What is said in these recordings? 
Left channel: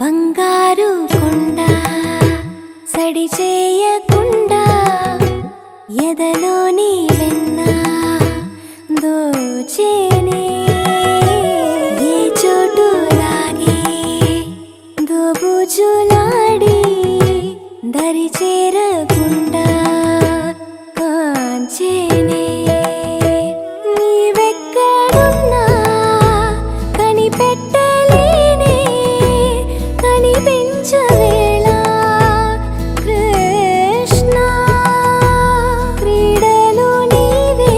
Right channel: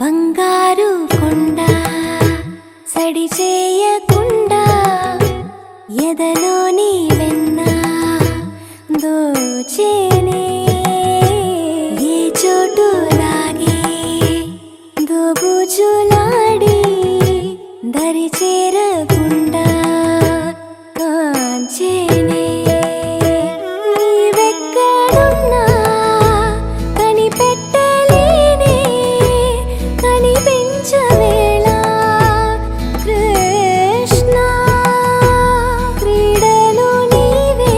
బంగారు కొండ సడి చేయకుండా ఎదలోని వెన్న దోచేనే ఏ చోటు లాగే దోబుజులాడి దరి చేరకుండా కాంచేనే నీవెక్కడున్నా కనిపెట్టలేనే కనిపించవేళ కృష్ణ క్రీడలు నీవే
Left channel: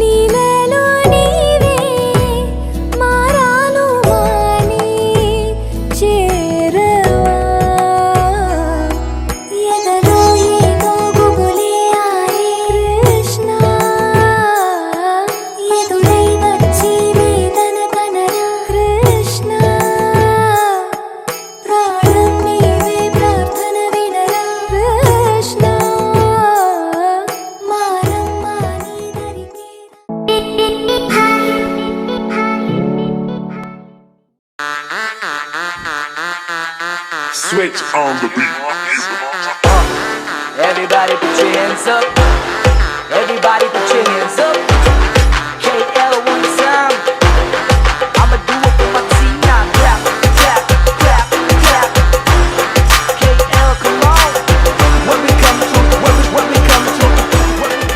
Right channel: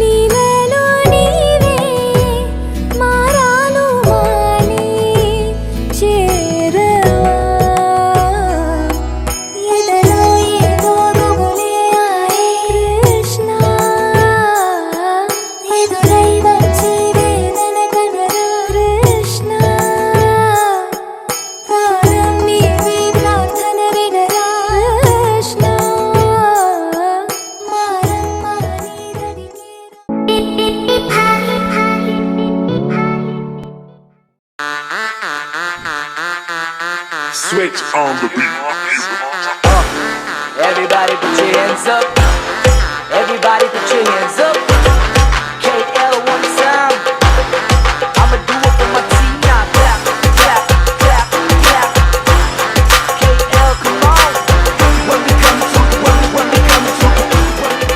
లీలలు నీవే మారాను మాని చేరవా ఎదలో ఏదో మొగలే ఆరే కృష్ణ ఎదురై వచ్చి వేదన కనరా కృష్ణ ప్రాణం నీవే ప్రార్థన వినరా కృష్ణ మారం మాని Switch on the beat. Everybody put your hands up. Everybody put your hands up. KL one time. I'ma do it for my team now. Clap, clap, clap, clap. KL, come on. When we come to, when we come to, when we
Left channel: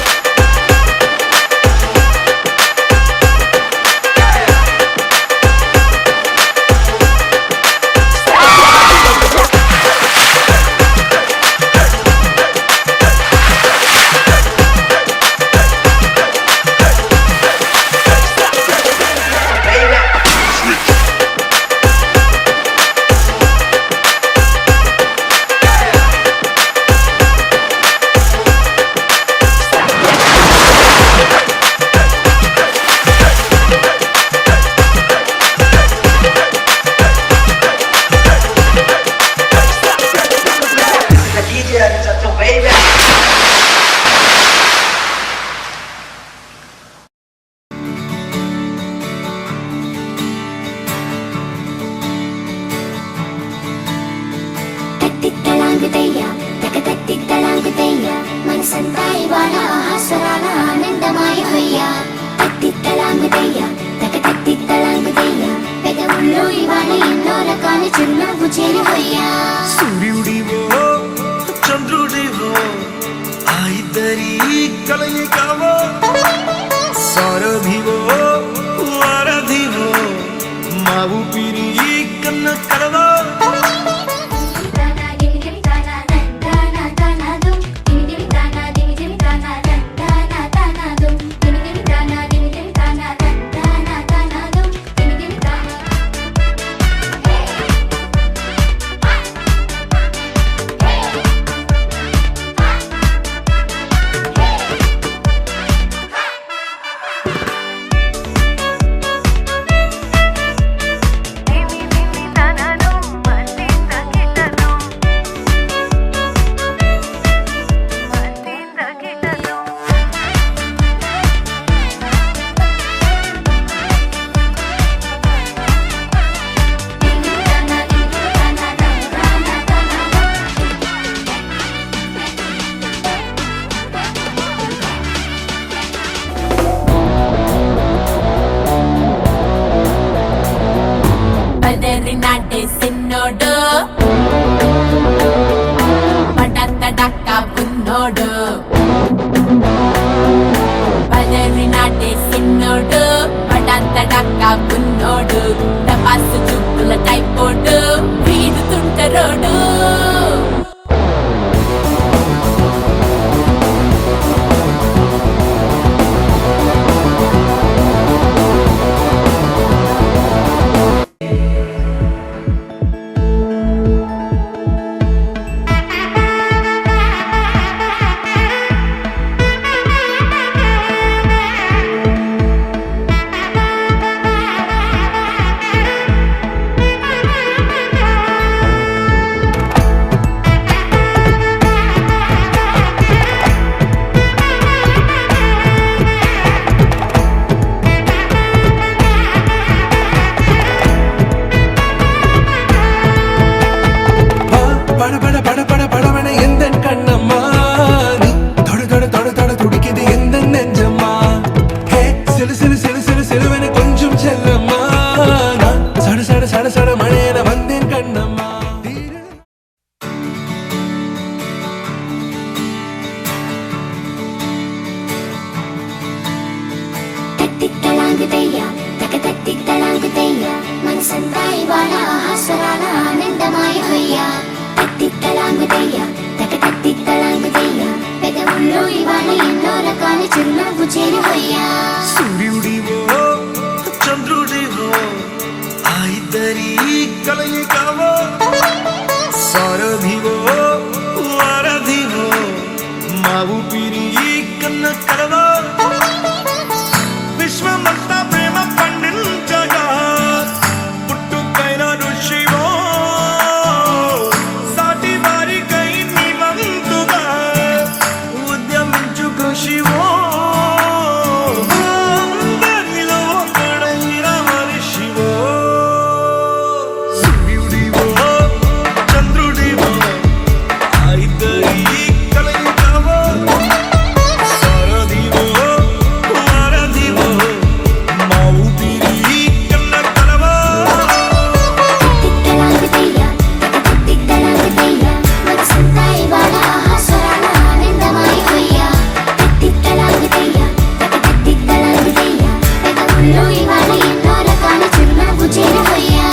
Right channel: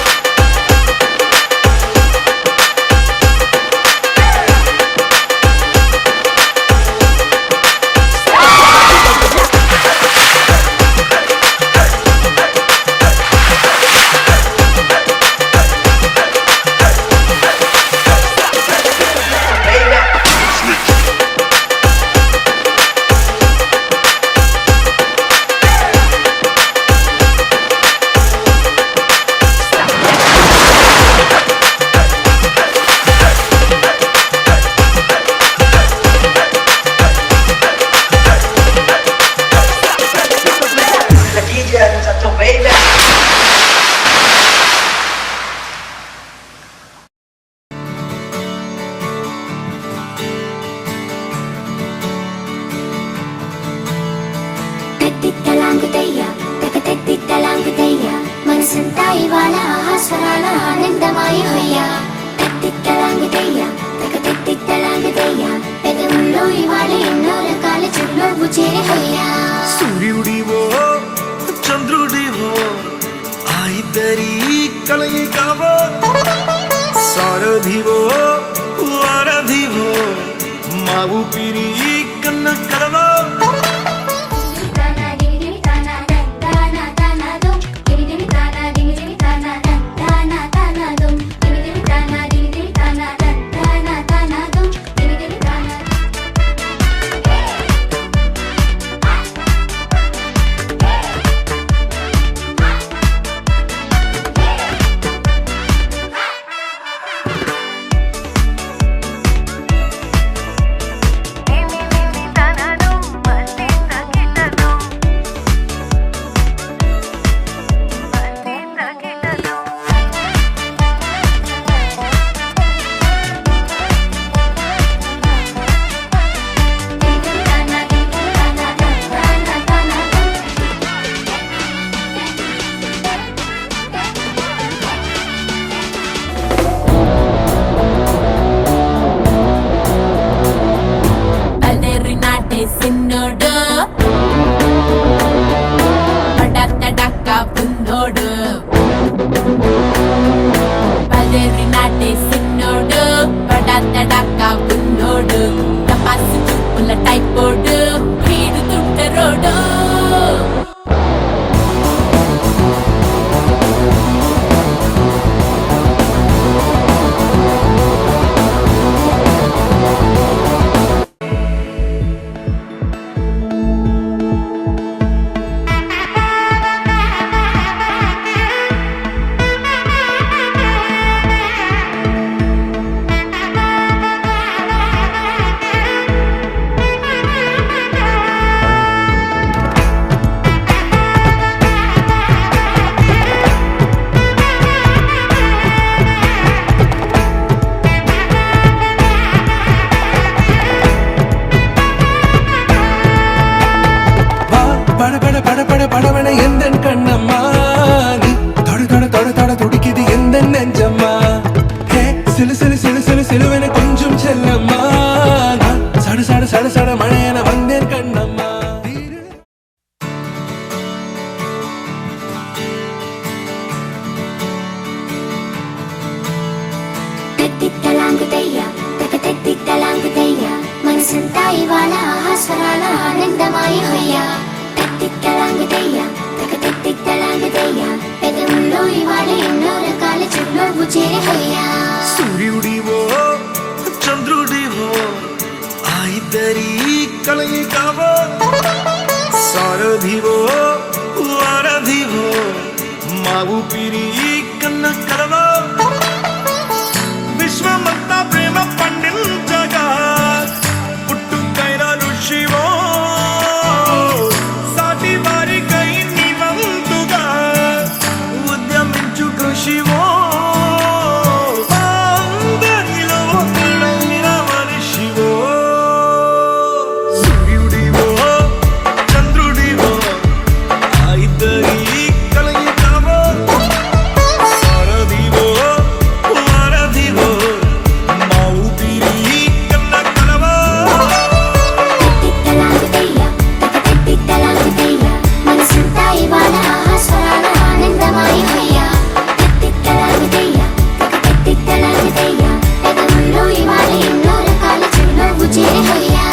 The DJ is at the baby. తత్తిత్తలాంగుతయ్యా తకతత్తిత్తలాంగుతయ్యా మనసంతా ఇవాళ ఆహాస్వరాల ఆనందమాయ హొయ్యా తత్తిత్తలాంగుతయ్యా తకతత్తిత్తలాంగుతయ్యా పెదవుల్లో ఇవాళ ఎన్నో రకాల చిరునవ్వు చేరి హొయ్యా సూర్యుడివో చంద్రుడివో ఆ ఇద్దరి కలయికవో సారథివో వారధివో మా ఊపిరి కన్న కలవో తనను తత్తిత్తలాంగుతయ్య మనసంతా ఇవాళ ఆహాస్వరాల ఆనందమాయ హొయ్యా తత్తిత్తలాంగుతయ్య తక తత్తిత్తలాంగుతయ్య పెదవుల్లో ఇవాళ ఎన్నో రకాల చిరునవ్వు చేరి హొయ్యా సూర్యుడివో చంద్రుడివో ఆ ఇద్దరి కలయికవో సారథివో వారధివో మా ఊపిరి కన్న కలవో విశ్వమంతా ప్రేమ పండించగా పుట్టుకైన ఋషివో సాటి వారికై నివంతుగా ఉద్యమించు కృషివో అందరిలో ఒకడైన మనిషివో సూర్యుడివో చంద్రుడివో ఆ ఇద్దరి కలయికవో సారథివో వారధివో మా ఊపిరి కన్న కలవో తత్తిత్తలాంగుతయ్య తక తత్తిత్తలాంగుతయ్య మనసంతా ఇవాళ ఆహాస్వరాల ఆనందమాయ హొయ్యా తత్తిత్తలాంగుతయ్య తక తత్తిత్తలాంగుతయ్య పెదవుల్లో ఇవాళ ఎన్నో రకాల చిరునవ్వు చేరి హొయ్యా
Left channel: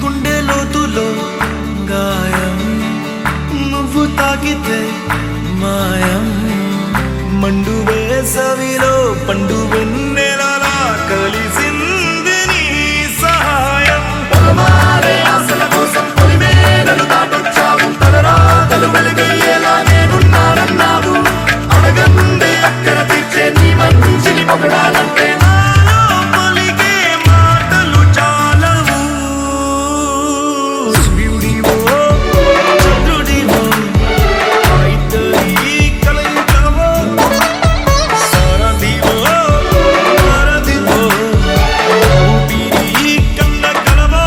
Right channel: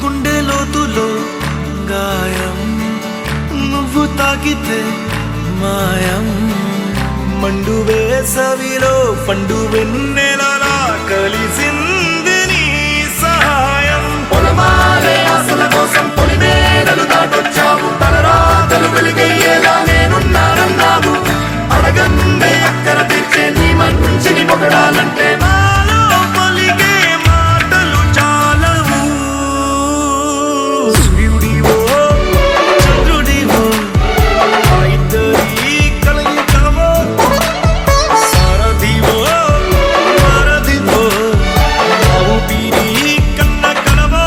గుండె లోతులో గాయం నువ్వు తాకితే మాయం మండు వేసవిలో పండు వెన్నెలలా కలిసింది నీ సహాయం పొలమారే ఆశల కోసం పొలిమేనలు దాటొచ్చావు తలరాతలు వెలుగయ్యేలా నేనున్నానన్నావు అడగందే అక్కర తీర్చే నీ మంచిని పొగడాలంటే నాలో పలికే మాటలు చాలవు సూర్యుడివో చంద్రుడివో ఆ ఇద్దరి కలయికవో సారథివో వారధివో మా ఊపిరి కన్న కలవో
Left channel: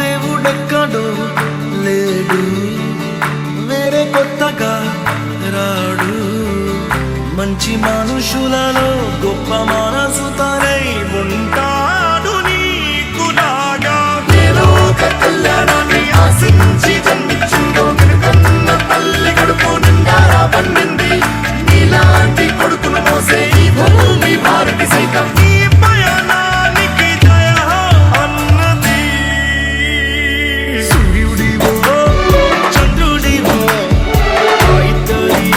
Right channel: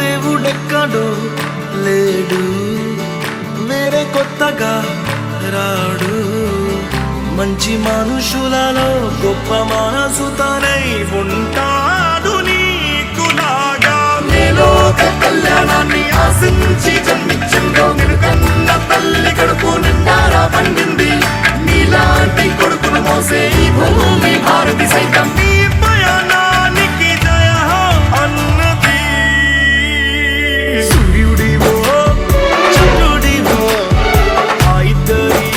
దేవుడెక్కడో లేడు వేరే కొత్తగా రాడు మంచి మనుషులలో గొప్ప మనసు తనై ఉంటాడు నీకులాగా లోక కళ్యాణాన్ని ఆశించి జన్మించిందో వెనుకన్న తల్లి కడుపు నిండారా పండింది నీలాంటి కొడుకును మోసే ఈ భూమి భారతి సైతం నీ పయనానికి జయ అన్నది సూర్యుడివో చంద్రుడివో ఆ ఇద్దరి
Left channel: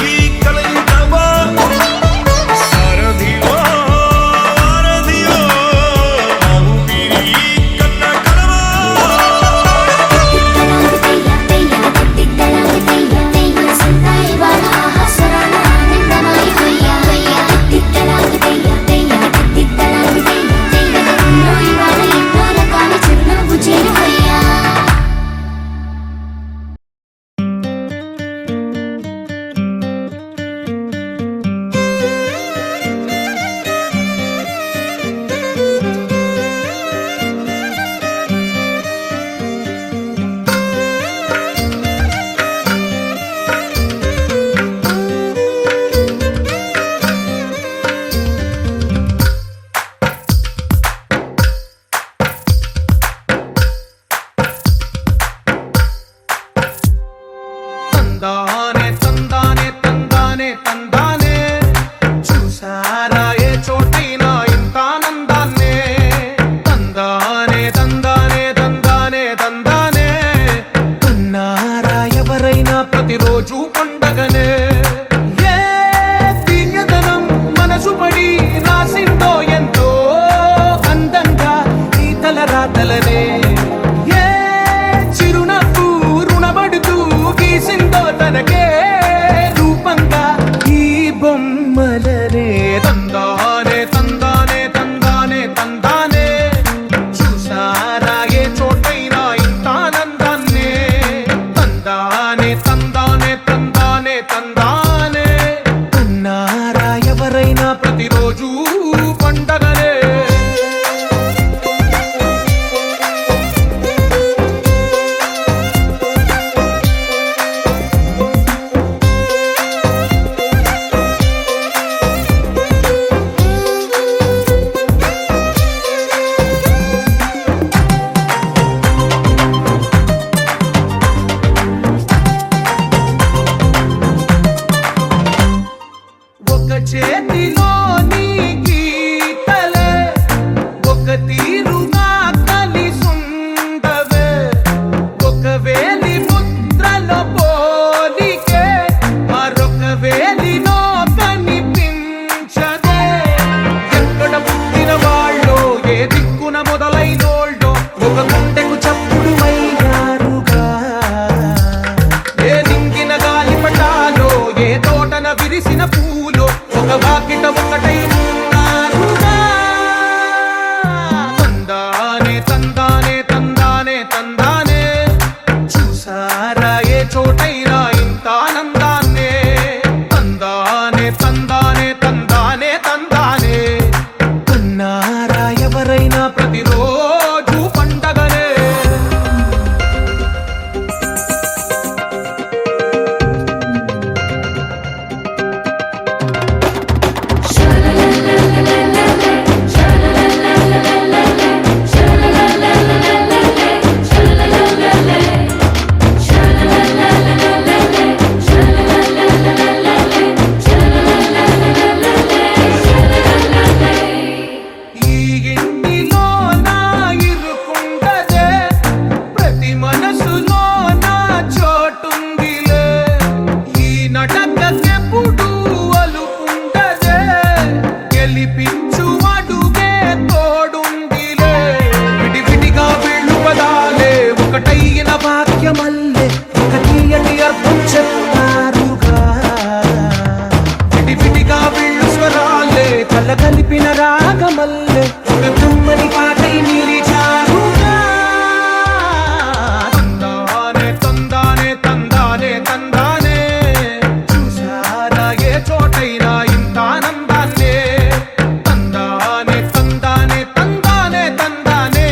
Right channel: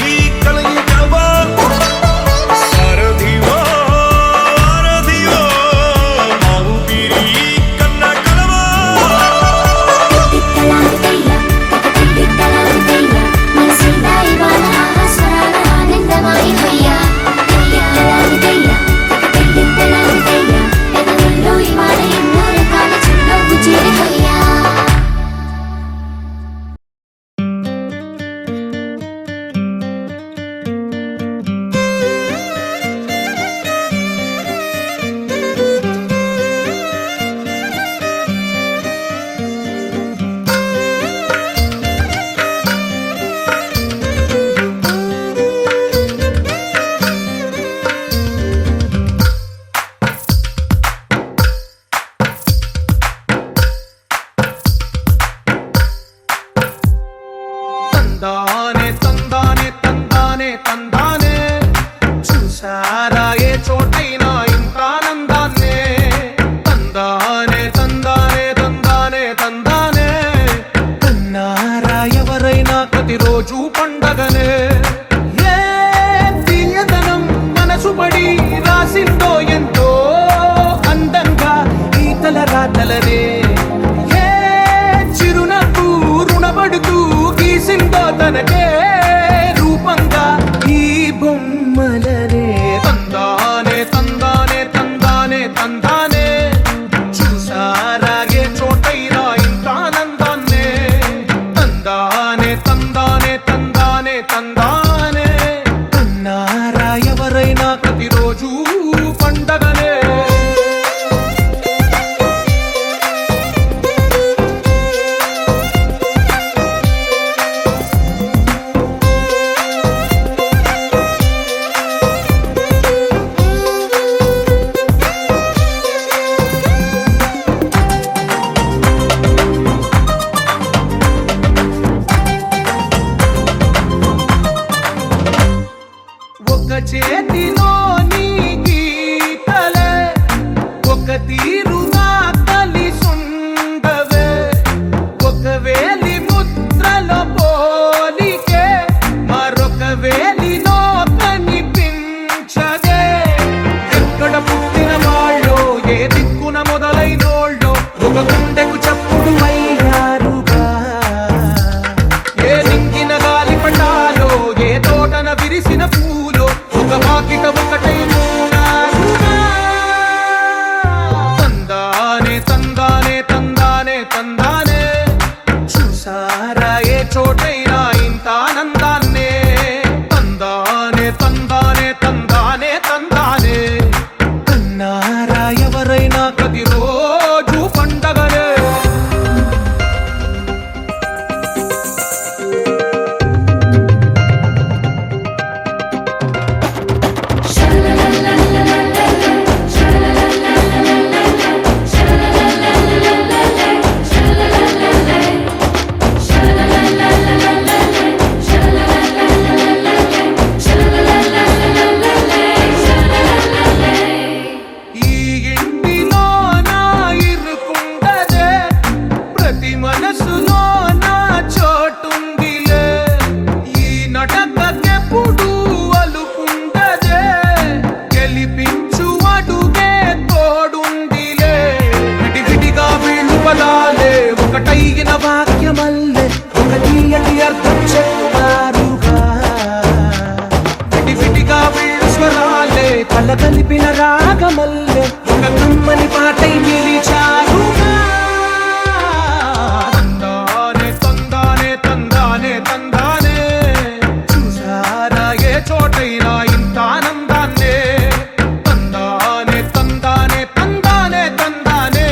కలయికవో సారథివో వారధివో మా ఊపిరి కన్న కలవో తందానే తందానే తందానే తందానే చూసారా ఏ చోటైనా ఇంత ప్రతిరోజు పండగనే. ఏ తీయదనం మనసు పడి రాసిందో ఎంతో అందంగా ఈ తల రాతలనే. ఏ చిరునవ్వు రుణపడుతూ గీసిందో తనకే రూపంగా ఈ బొమ్మలనే. తందానే తందానే తందానే తందానే చూసారా ఏ చోటైనా ఇంత ఆనందాన్నే. తందానే తందానే తందానే తందానే కన్నారా ఎవరైనా ప్రతిరోజు పండగనే. ఒక చేతిలోని గీతలే ఒక తీరుగా కలిసుండవే. ఒక వేలి ముద్రలో పోలికే మరొక వేలిలో కనిపించదే. ఎక్కడ పుట్టిన వాళ్ళో ఏ దిక్కున మొదలైనోళ్ళో ఒక గుండెకు చప్పుడు అయ్యారుగా. ఏ నింగిన గాలి పటాలో ఏ తోటన విరిసిన పూలో ఒక వాకిట ఒకటై ఉన్నారుగా. తందానే తందానే తందానే తందానే చూసారా ఏ చోటైనా ఇంత ఆనందాన్నే. తందానే తందానే తందానే తందానే కన్నారా ఎవరైనా ప్రతిరోజు పండగనే. ఈ ఇంటిలో నా ఇరుకుండదే ప్రతి మనసులో నా చోటుందిలే. ఈ నటకెప్పుడు అలుకుండదే గెలిపించు అడుగే తోడుందిలే. విడివిడిగా వీళ్ళు పదాలే ఒకటైన వాక్యమల్లే ఒక తీయటి అర్థం చెప్పారుగా. విడివిడిగా వీళ్ళు స్వరాలే కల కలిపిన రాగమల్లే ఒక కమ్మని పాటై నిలిచారుగా. తందానే తందానే తందానే తందానే చూసారా ఏ చోటైనా ఇంత ఆనందాన్నే. తందానే తందానే తందానే తందానే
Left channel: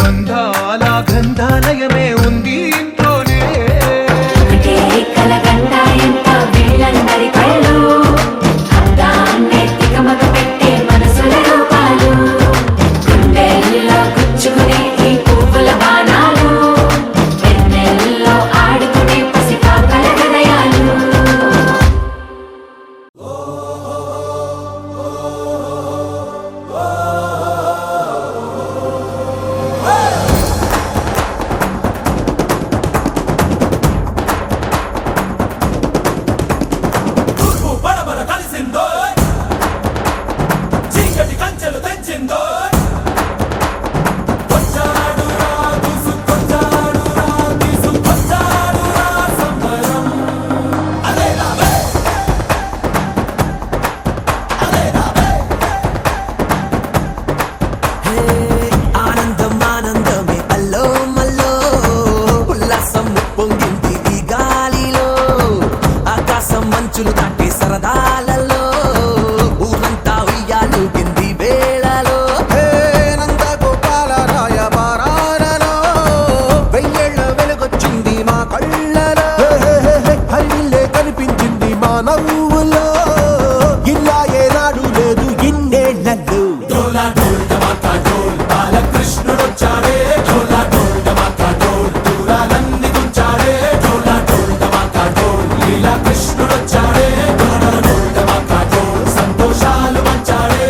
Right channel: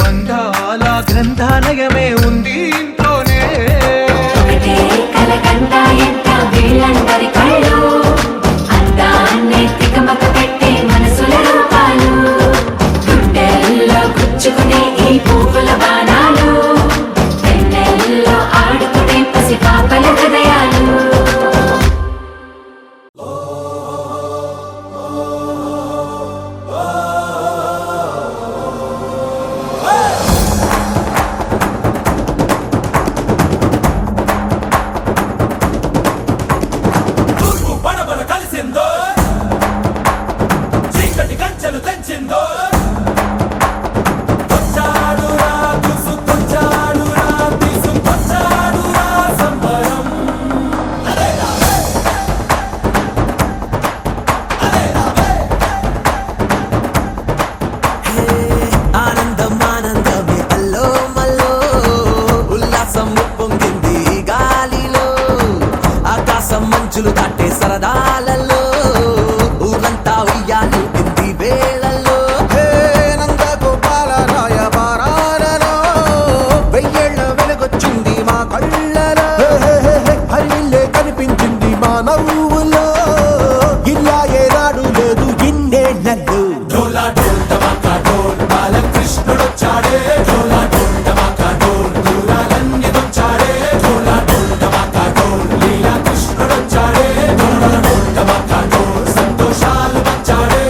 బంధాల గ్రంథాలయమే ఉంది ఇంట్లోనే. ఒకటే కలకండ ఎంత వీళ్ళందరి కళ్ళు అందాన్నే తికమక పెట్టే మనసుల రూపాలు. గుండెల్లో గుచ్చుకునే ఈ పువ్వుల బాణాలు వెన్నెల్లో ఆడుకునే పసిపాపల హృదయాలు. బడబడ కలిసిందో చీకటి కంచెలు తెచ్చిందో. వచ్చాడురా దూసుకొచ్చాడురా తీసుకొచ్చాడురా సంబరం. ఆనందం ఆనందమే అల్లో మల్లో ఉల్లాసం పొంగింది గాలిలో. ఆకాశం మంచులు దాటే సరదాలలో ఊరంతా ఉయ్యాలుంది వేళలో. నందగోపాల రాయ బారాలలో వెయ్యేళ్ల వెలుగొచ్చింది మా కళ్ళలో. హరివిల్లే కనిపించింది మా నవ్వులో. ఇలా ఏనాడు లేదు ఇన్నేళ్లలో. డోలా డోల్ టమాకా డోల్ బాలకృష్ణుడొచ్చాడే. డోలా డోల్ టమాకా డోల్ దూరాలన్నీ వచ్చాడే. డోలా డోల్ టమాకా డోల్ లీలా కృష్ణుడొచ్చాడే. డోలా డోల్ టమాకా డోల్ సంతోషాలు వచ్చాడే.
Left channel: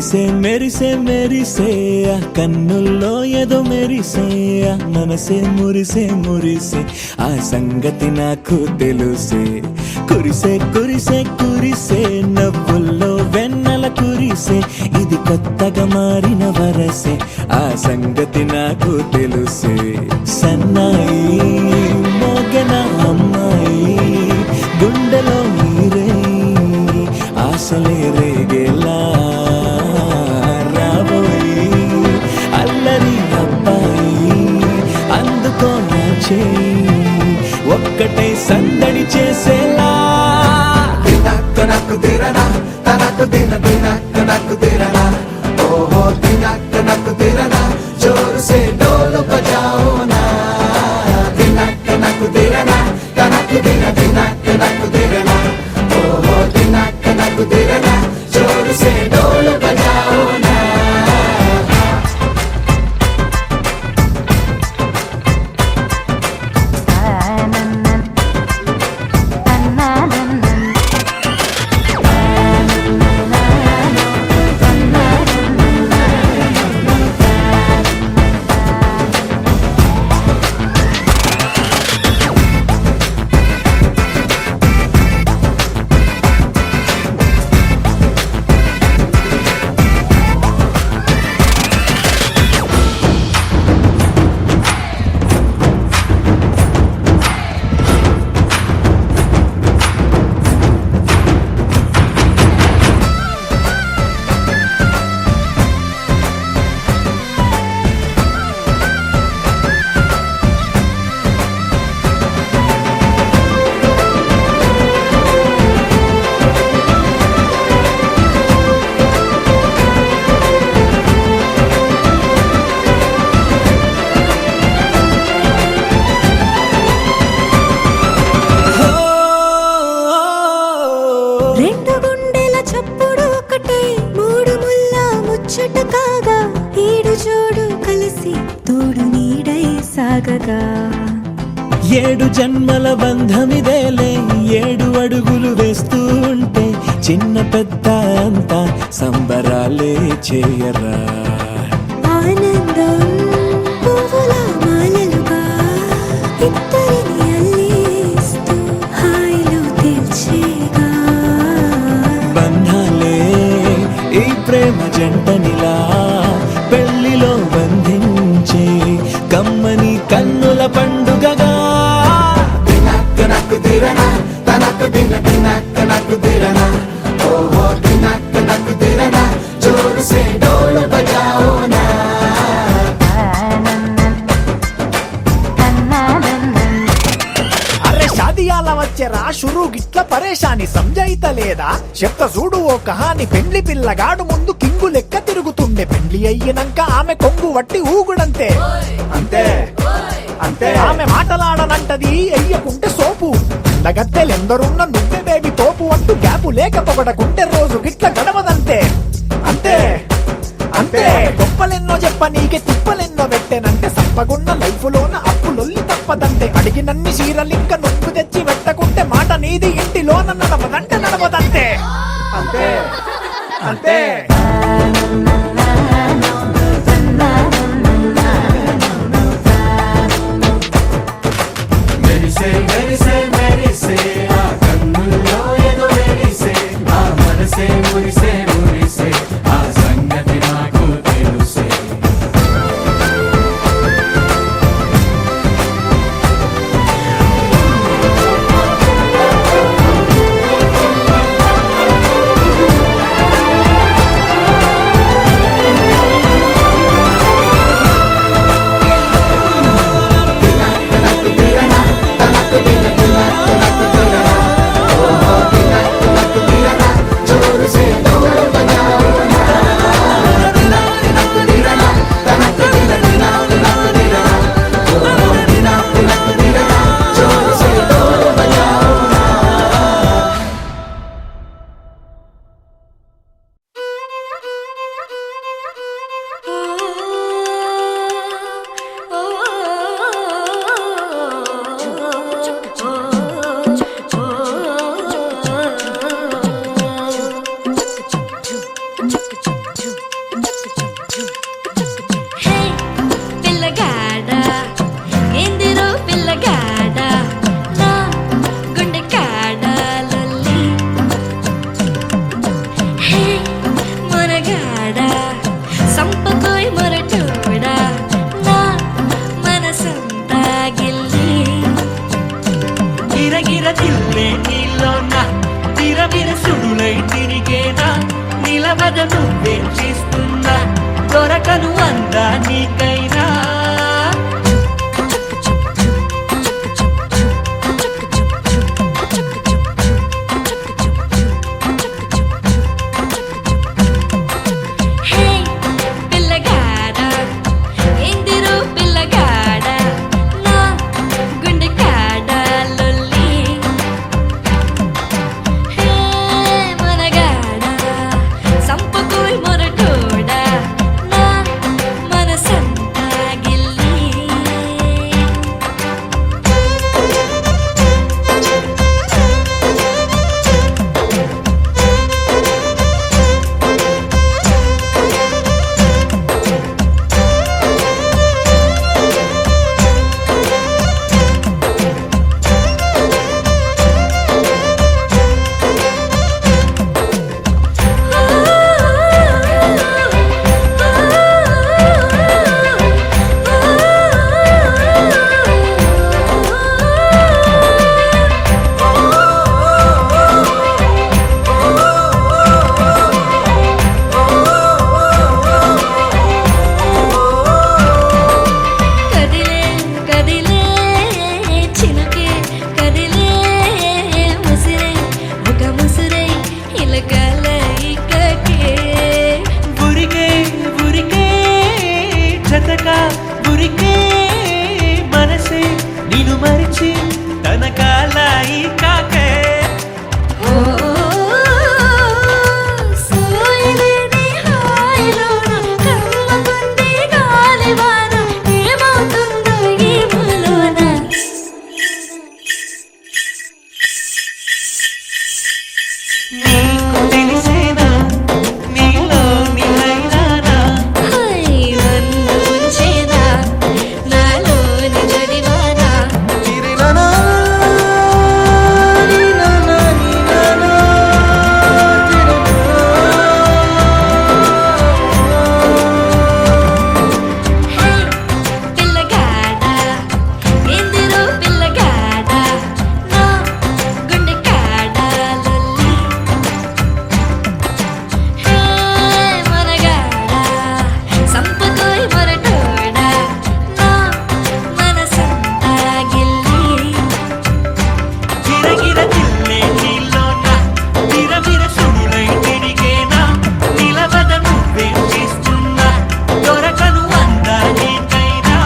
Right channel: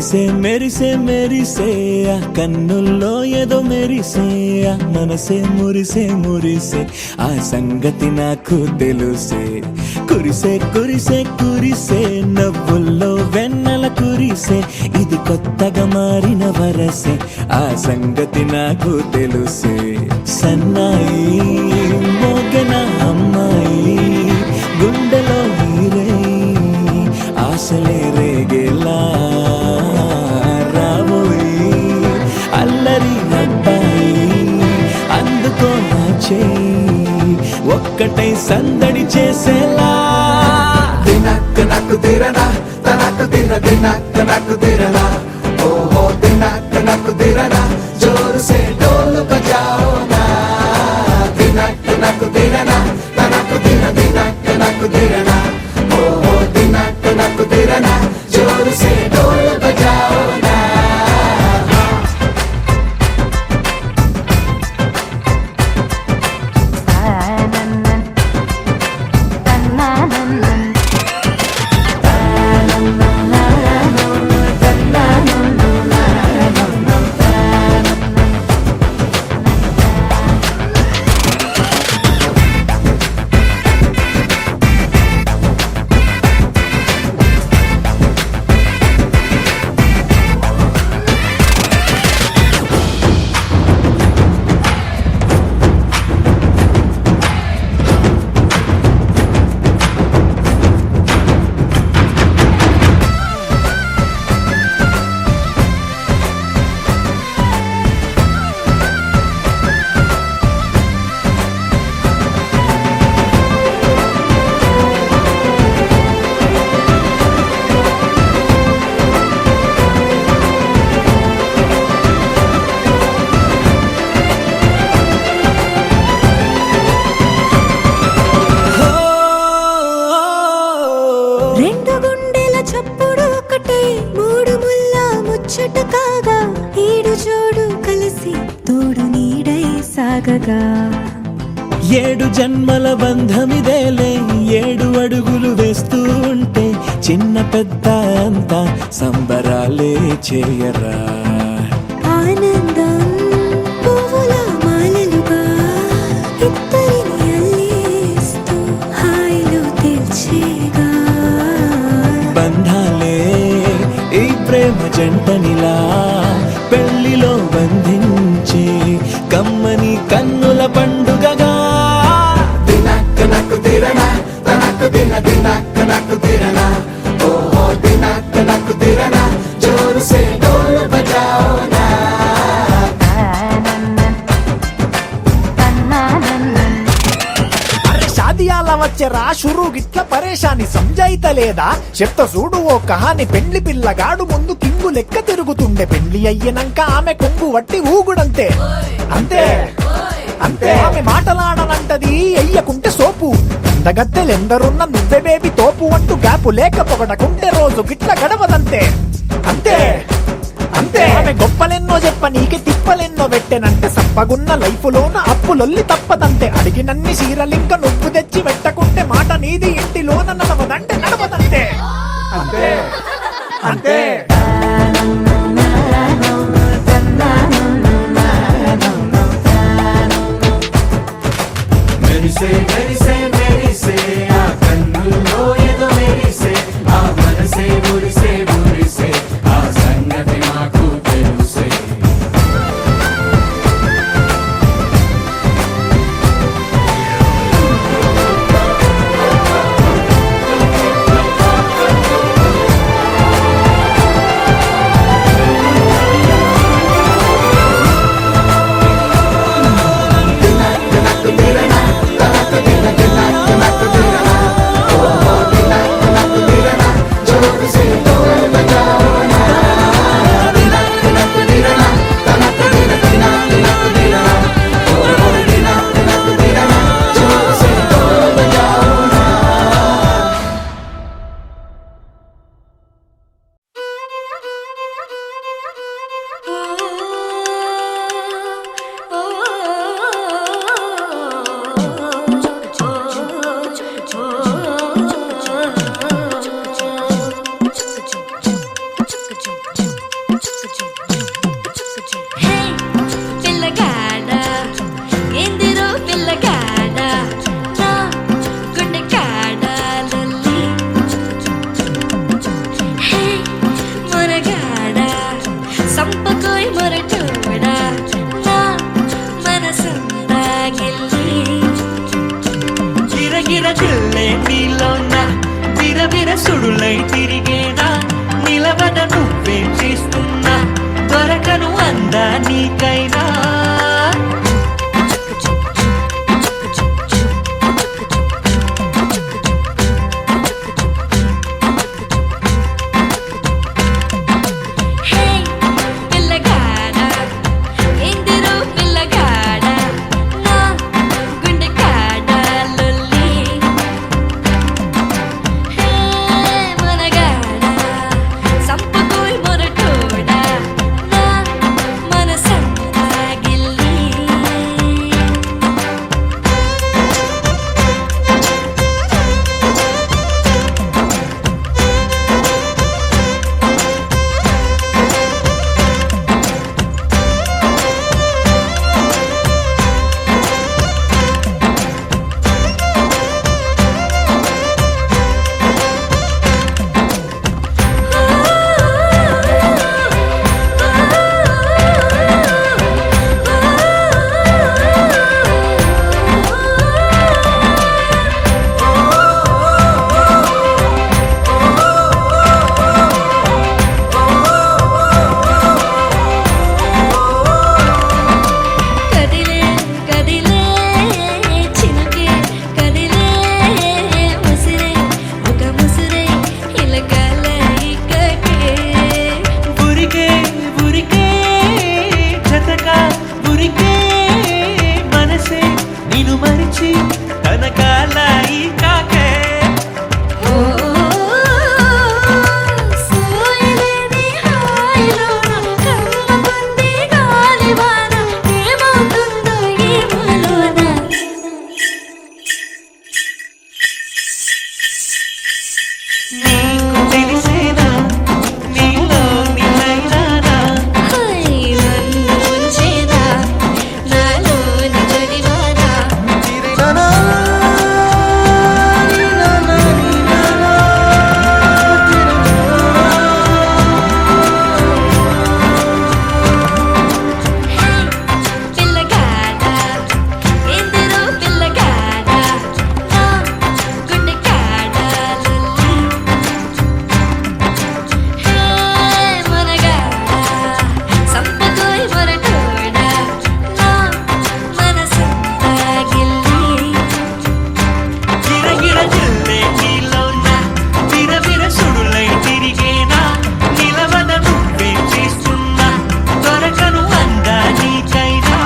మెరిసే మెరిసే మెరిసే ఆ కన్నుల్లో ఏదో మెరిసే ఆ మనసే మురిసే మురిసే ఆ సంగతి నాకు తెలుసే కురిసే కురిసే కురిసే నవ్వుల్లో వెన్నెల కురిసే ఇది కొత్తగా మారిన వరసే ఆ సంగతి నాకు తెలుసే సన్నాయి మోగన అమ్మాయి గుండెలో ఈరే ఆశలే రేగేలా రాబోయి అల్లరి అబ్బాయి అందుకో నా చేయి ఒక్కటై సందడి చేసేలా దినక్క నాకు దిరనా తనకు దిన దినక్క నాకు దిరనా ఓహో దినక్క నాకు దిరనా జోరు సే డోలు బజాओ నా దినక్క నాకు దిరనా తనకు దిన దినక్క నాకు దిరనా ఓహో దినక్క నాకు దిరనా జోరు సే డోలు బజాओ నా రెండు గుండెల చప్పుడు ఒకటే మూడు ముల్ల ముచ్చట కాగా ఈడు జోడు కలిసి తోడు నీడై సాగగా ఏడు జన్మల బంధమిదేలే ఏడు అడుగులు వేస్తూ ఉంటే చిన్న పెద్ద అంతా సంబరాలే చేయరా ఆనందం పువ్వుల మాలలుగా ఇద్దరిని అల్లేస్తూ హాయిలో తేల్చేగా బంధాలే ఈ ప్రేమ జంటనిలా పెళ్లిలో బంధించి కమ్మని కన్నుల పండుగగా దినక్క నాకు దిరనా తనకు దిన దినక్క నాకు దిరనా ఓహో దినక్క నాకు దిరనా జోరు సే డోలు బజాओ నా అరే షాదియాల వచ్చెరా షురు గిట్ల పరేషాని సంజాయితలేదా చెప్త చూడు ఓ కహాని పెండ్లి పిల్లగాడు ముందు కింగు లెక్క తిరుగుతుండే పెండ్లి అయ్యినంక ఆమె కొంగు వట్టి ఊగుడంతే అంతే అంతే ఆమె మాటలాడనంటది అయ్యకుంటే సోపు గద్దెలెందరున్న నువ్వే బేబీ తోపు అంటూ గ్యాపు లేక పొగడకుంటే రోజు గిట్ల గడవదంతే అంతే అంతే ఆమె గొప్పలెన్నో చెప్ప నీకే తిప్పలెన్నో పెట్టెనంటే సప్పగున్న లైఫ్ లోన అప్పులొల్లి తప్పదంతే అడిగినన్ని చీరలింక నువ్వు తెచ్చి పెట్టకుంటే మాట నీది ఇంటిలోన నడవదంటే నడవదంతే అంతే అంతే మెరిసే మెరిసే మెరిసే ఆ కన్నుల్లో ఏదో మెరిసే ఆ ఉందా నీకైనా హే పిల్లగాడా ఎందిరో పిల్లగాడా నా గుండె కాడా లొల్లి హే మనగాడా సంపకోయ్ మొరటోడా నా మనసంతా గిల్లి కదిలే కదిలే చినుకే కదిలే ముసిరే ఒక ముసిరే ఇలకల ఇక్కకే బురికే బురికే జతగా బురికే మనసే నిన్ను మరిచి తన కాలాయి కాకే ఓ సోయలేని హాయిలోన కమ్మకుంది గాలివాన ఏమవుతుందో ఏమోలోన నీకు తెలిసేనా నీలో నిలైనానా హై నన్ను ఉంచేనా నాలోని జడివానా హే పిల్లగాడా ఎందిరో పిల్లగాడా నా గుండె కాడా లొల్లి హే మనగాడా సంపకోయ్ మొరటోడా నా మనసంతా గిల్లి గిరగిర జిల్లే నీలోన విరవిర సుడులై తిరిగేనా నిలవద నువ్వే చేస్తున్నా దొరకను అందా నీకైనా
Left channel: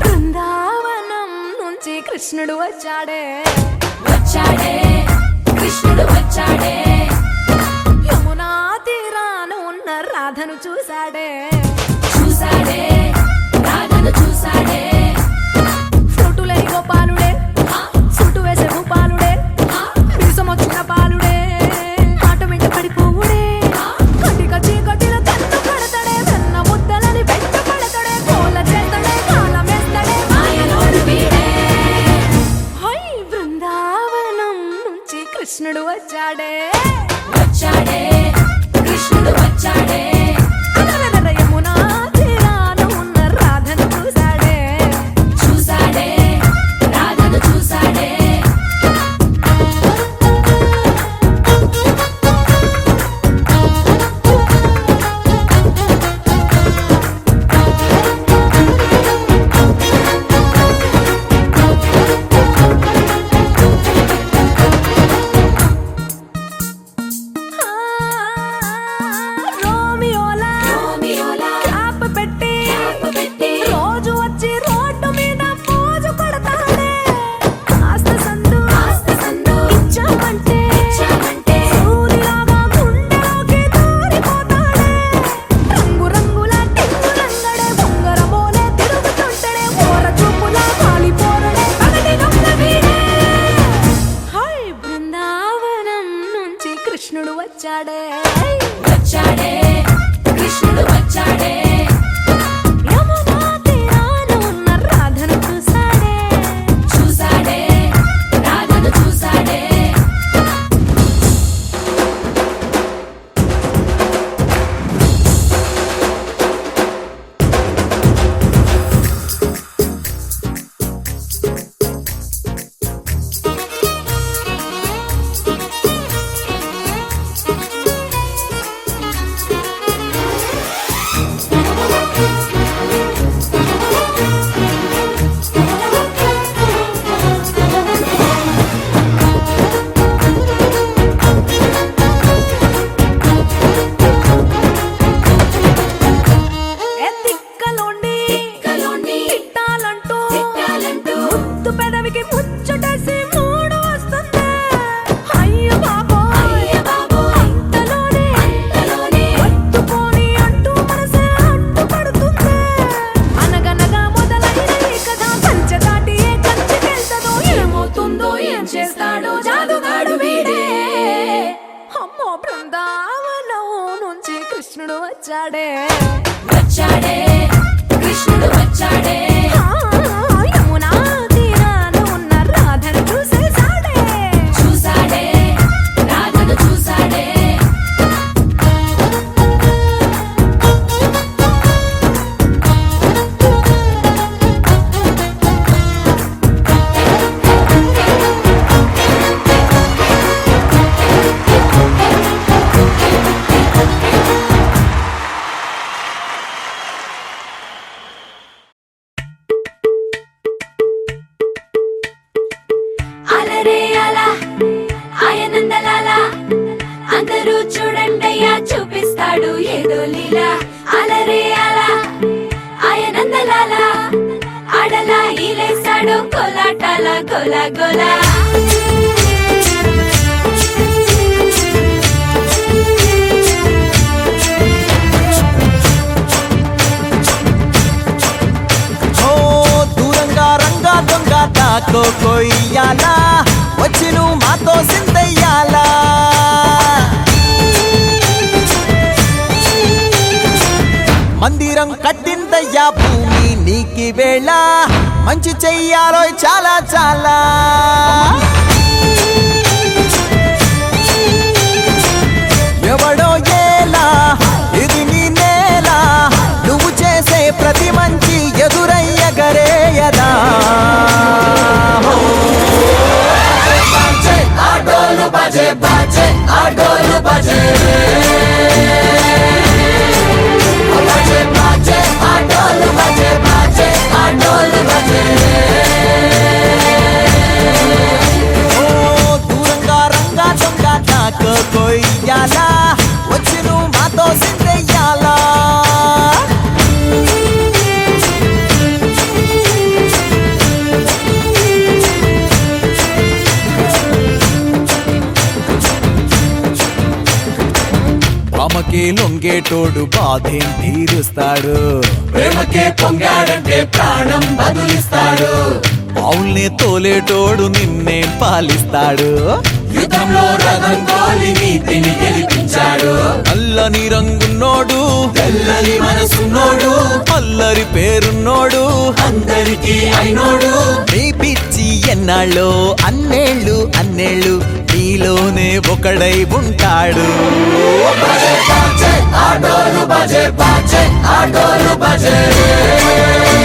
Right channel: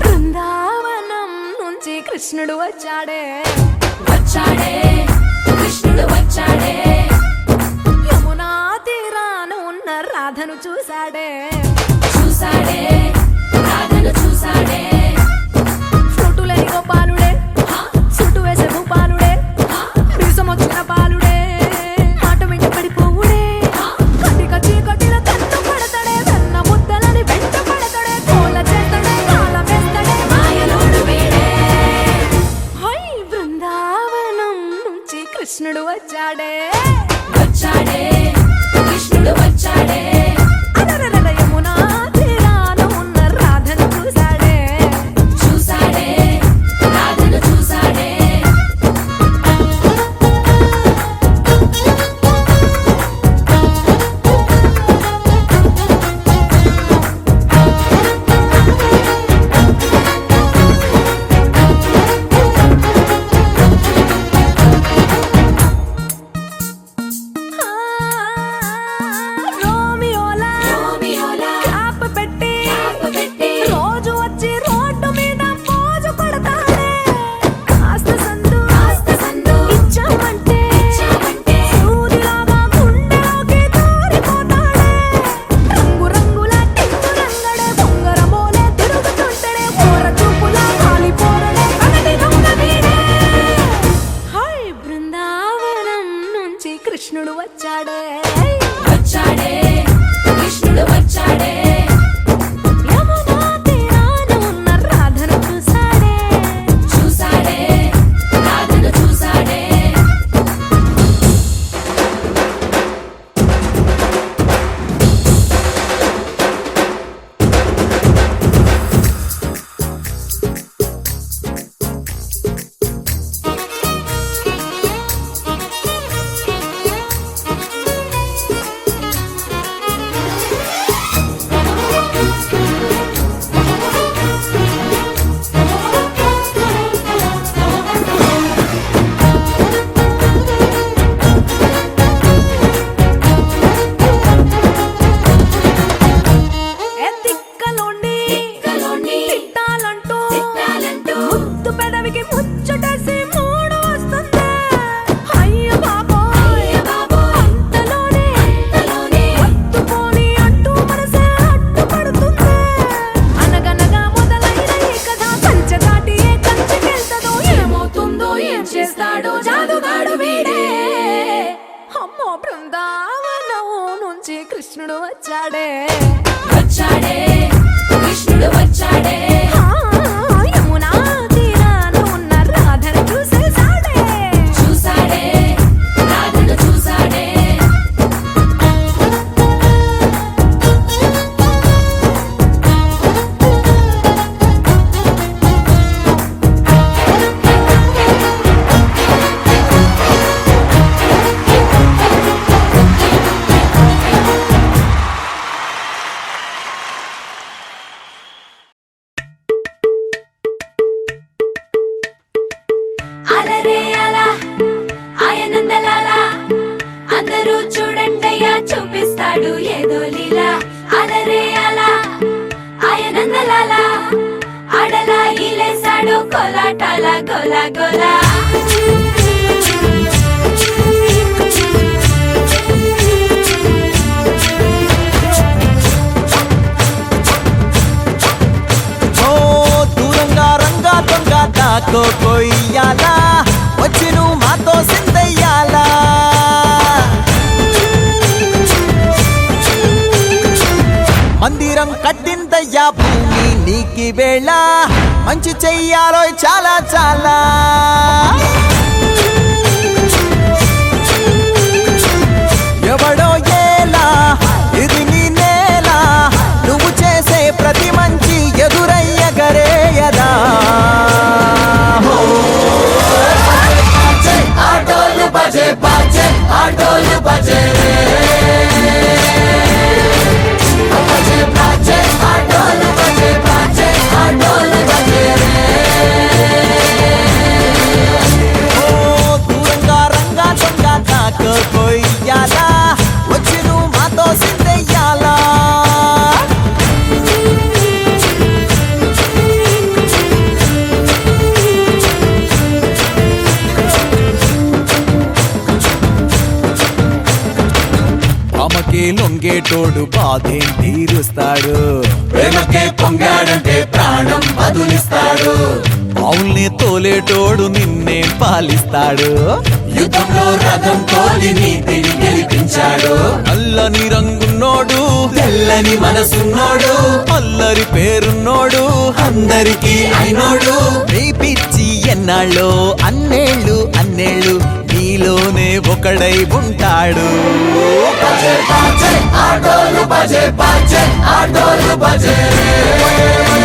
బృందావనం నుంచి కృష్ణుడు వచ్చాడే యమునా తీరాన ఉన్న రాధను చూశాడే ఫ్లూటులేని గోపాలుడే సుటు వేసే భూపాలుడే వీసమొచ్చిన పాలుడే మాట వెంట పడిపోవుడే కటిక చీకటిలో కన్ను కడతాడే వెన్న ముద్దలని వెంట పడతాడే కోల చేస్తాడే కాలమేస్తాడే మాయలోడు వీడే హై బృందావనం నుంచి కృష్ణుడు వచ్చాడే అలరలర యమునా తీరాన ఉన్న రాధను చూశాడే వచ్చాడే వచ్చాడే కృష్ణుడు వచ్చాడే ఆ, యమునా తీరాన ఉన్న రాధను చూసేసాడే చూసాడే రాధను చూసాడే అలరే అలా ఆయనందలాల అందరూ చూడండయ్యా చూపిస్తాడు ఏదో లీలా అలరే అలా ఆయనందలాల ఆడలా ఈలేసాడు కోలాటాల గోలా గోలా ఓ దూరంగా రంగా దొంగ దాకో కొయ్యాలా వచ్చి నువ్వు మాతో సిందయ్యాలా మందిరం కట్టిందయ్యా భూమి నీకి వేళ మంచి చెయ్యాలో చాలా చాలా ఎవడో ఏలా ఇది నీ నేల నువ్వు చేసే ప్రతి మంచి ఎదురయ్యగరేయదా హో ఆటోలు బజే బాజే ఆటోలు బజే బజే బాజే ఆటోలు బజే బాజే ఆటోలు బజే ఓ దూరంగా రంగా దొంగ నాకు కొయ్యాలా వచ్చి నువ్వు మాతో సిందెయ్యాలా ఆమెకే లొంగేటోడు బాధేం తీరుస్తాడు ప్రేమకే పొంగాడంటే ప్రాణం బదులిస్తాడు అవుల్ని తోలేటోడు నిన్నేం పాలిస్తాడు యుద్ధంలో రథం తోలి నీతిని గెలిపించాడు నల్లని రంగున్నోడు తెల్లని మనసున్నోడు అల్లరి పేరున్నోడు అందరికీ అయినోడు మీ పిచ్చి ఎన్నాళ్ళో అన్నేళ్ళు అన్నేళ్ళు నీలోనే ఒకడై ఉంటాడు బజే బాజే ఆటోలు బజే బాజే ఆటోలు బజే బజే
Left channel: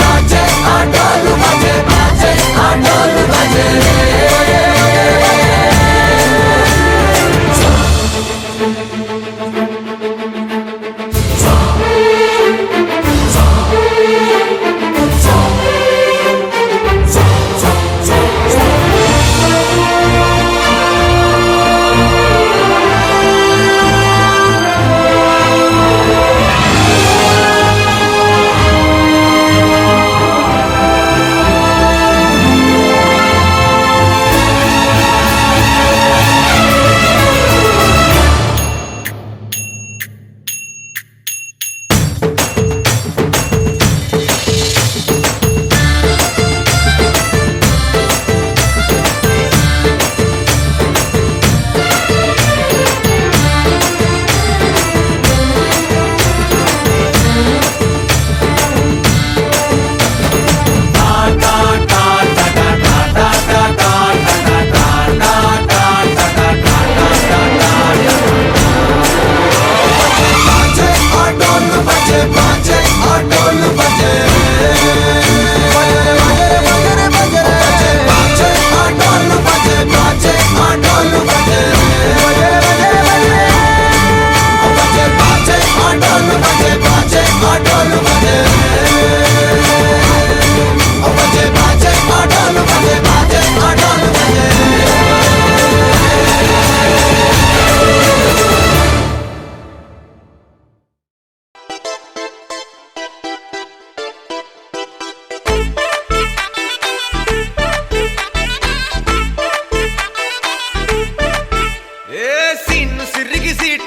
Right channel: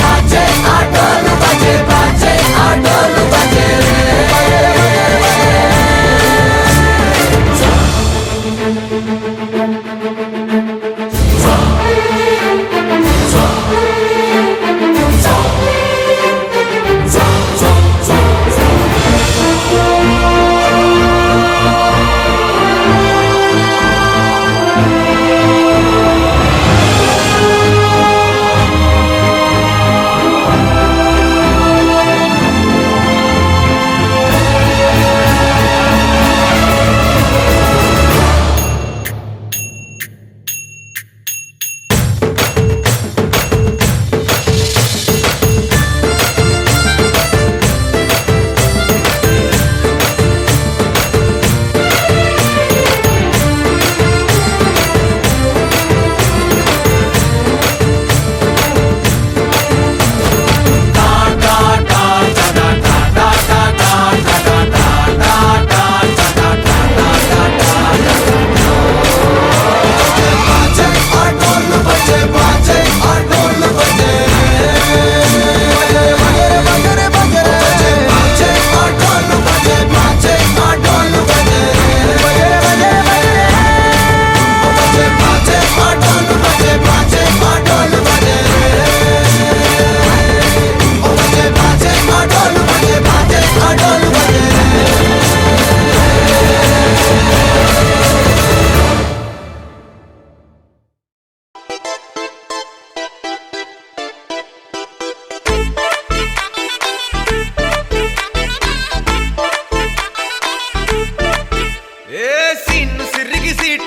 బాజే ఆటోలు బజే బాజే ఆటోలు బజే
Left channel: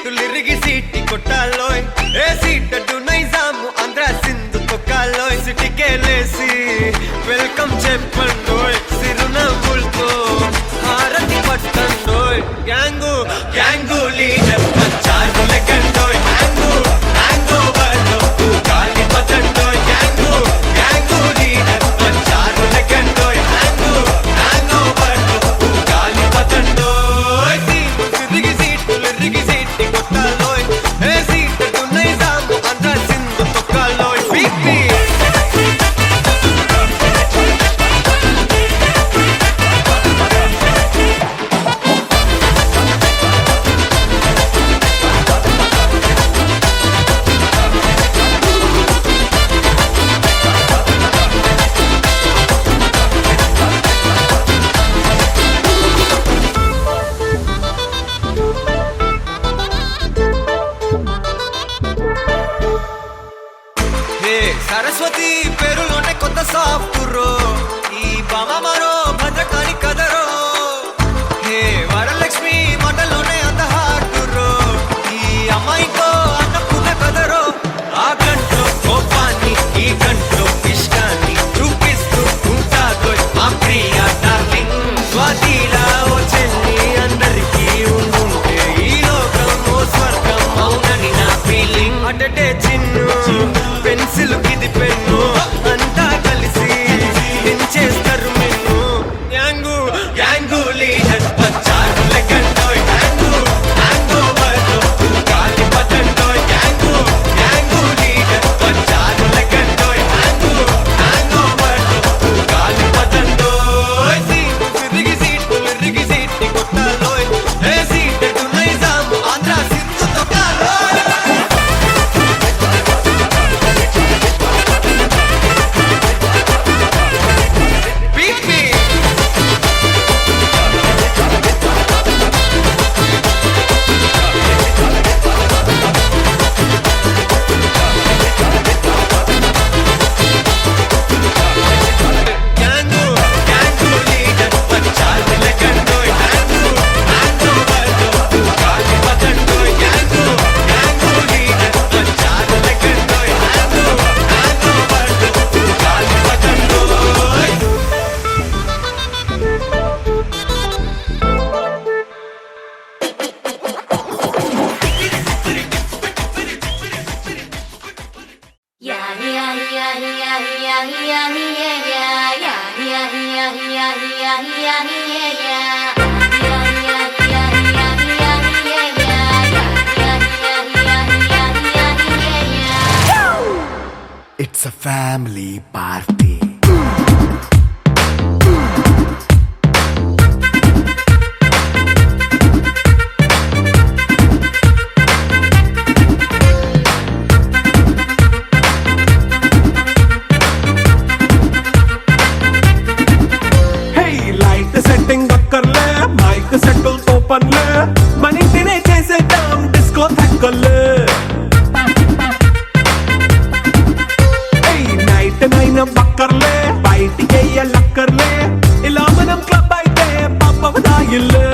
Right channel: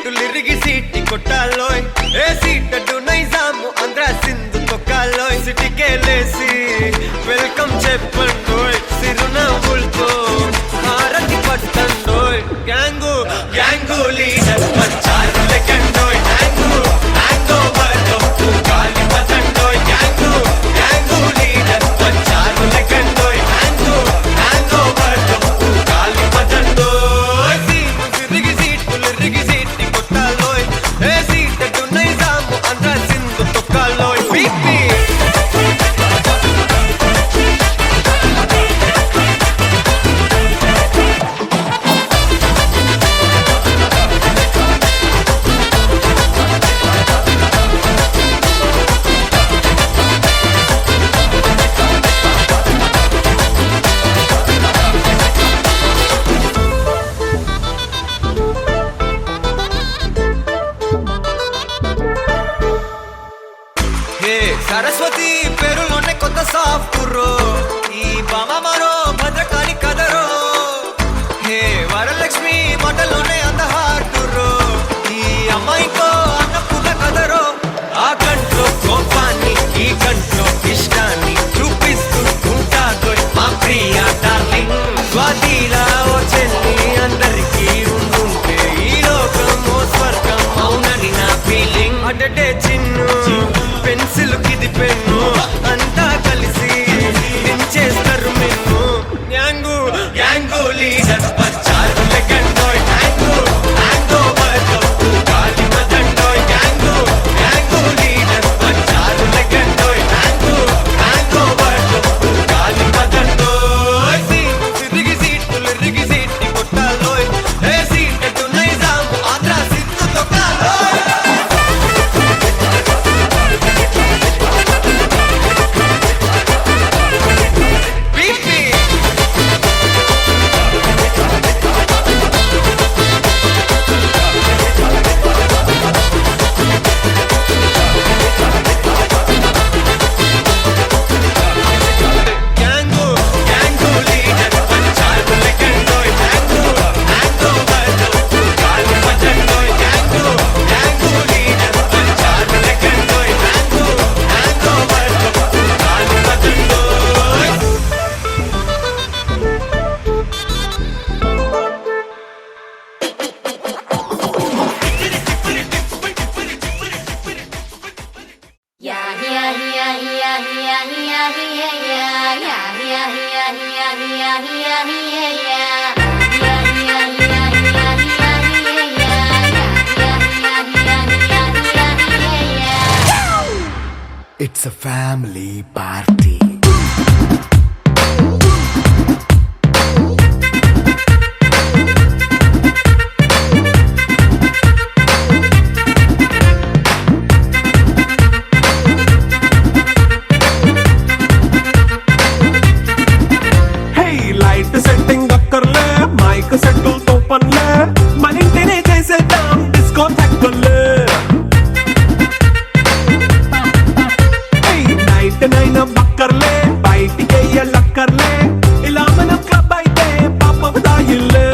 లిరిగి సీటి కొట్టాలోయ్ ఏ సీటడు నైజాము ఆంధ్ర సింధు తొక్కాలోయ్ సిటీకే లేసి వెల్కమ్ చెప్పండోయ్ సిరునవ్వులతో హారతి పట్టండోయ్ గ్యాంగు లీడర్ సరస్వతి పేరులోనే కొత్త సాఫ్ట్వేర్ ఈ బామ మరో భద్రకాళి కదరో హే వరలక్ష్మి మాటలోనే అంత హార్డురో ఈ అమ్మాయితో అన్నపూర్ణ కదరో ఆ కంట్లో కోపాన్ని ఈ కంట్లో ఇష్టాన్ని చూపిస్తూ ఉంటాగో మా ప్రియ డార్లింగ్ స్వాతిలా ఓ చెల్లి అందరికీ ఉండుంటే ఈ లోకం ఓ స్వర్గం అవునని నా ఫీలింగ్ అటటే చిన్ను పెన్సిల్ కిది పెన్ను అంతా కలిసి దించేస్తారు మెన్ను గ్యాంగు గ్యాంగు లీడర్ వచ్చారు లెక్కండోయ్ హ్యాంగు హ్యాంగో బర్లో గాలి పతండోయ్ గ్యాంగు గ్యాంగు లీడర్ వచ్చారు లెక్కండోయ్ హ్యాంగు హ్యాంగో బర్లో గాలి పతండోయ్ సిరిగి సీట్లు కొట్టాలోయ్ ఏ సీట్ నైజాం ఆంధ్ర సింధు తొట్టాలోయ్ బీపీ గ్యాంగు గ్యాంగు లీడర్ వచ్చారు లెక్కండోయ్ హ్యాంగు హ్యాంగో బర్లో గాలి పతండోయ్ గ్యాంగు గ్యాంగు లీడర్ వచ్చారు లెక్కండోయ్ హ్యాంగు హ్యాంగో బర్లో గాలి పతండోయ్ It's a family party. Hey light setting అక్కర్లే మైక్ సెట్టుల్ తో పనిలే మన ఇంటినే చేసేద్దాం డిస్కో థక్కర్లే నైట్ నైన్ బక్కర్లే బయటికి లక్కర్లే ఇలా మనం క్లబ్ అయితే పాప దాయిల్లే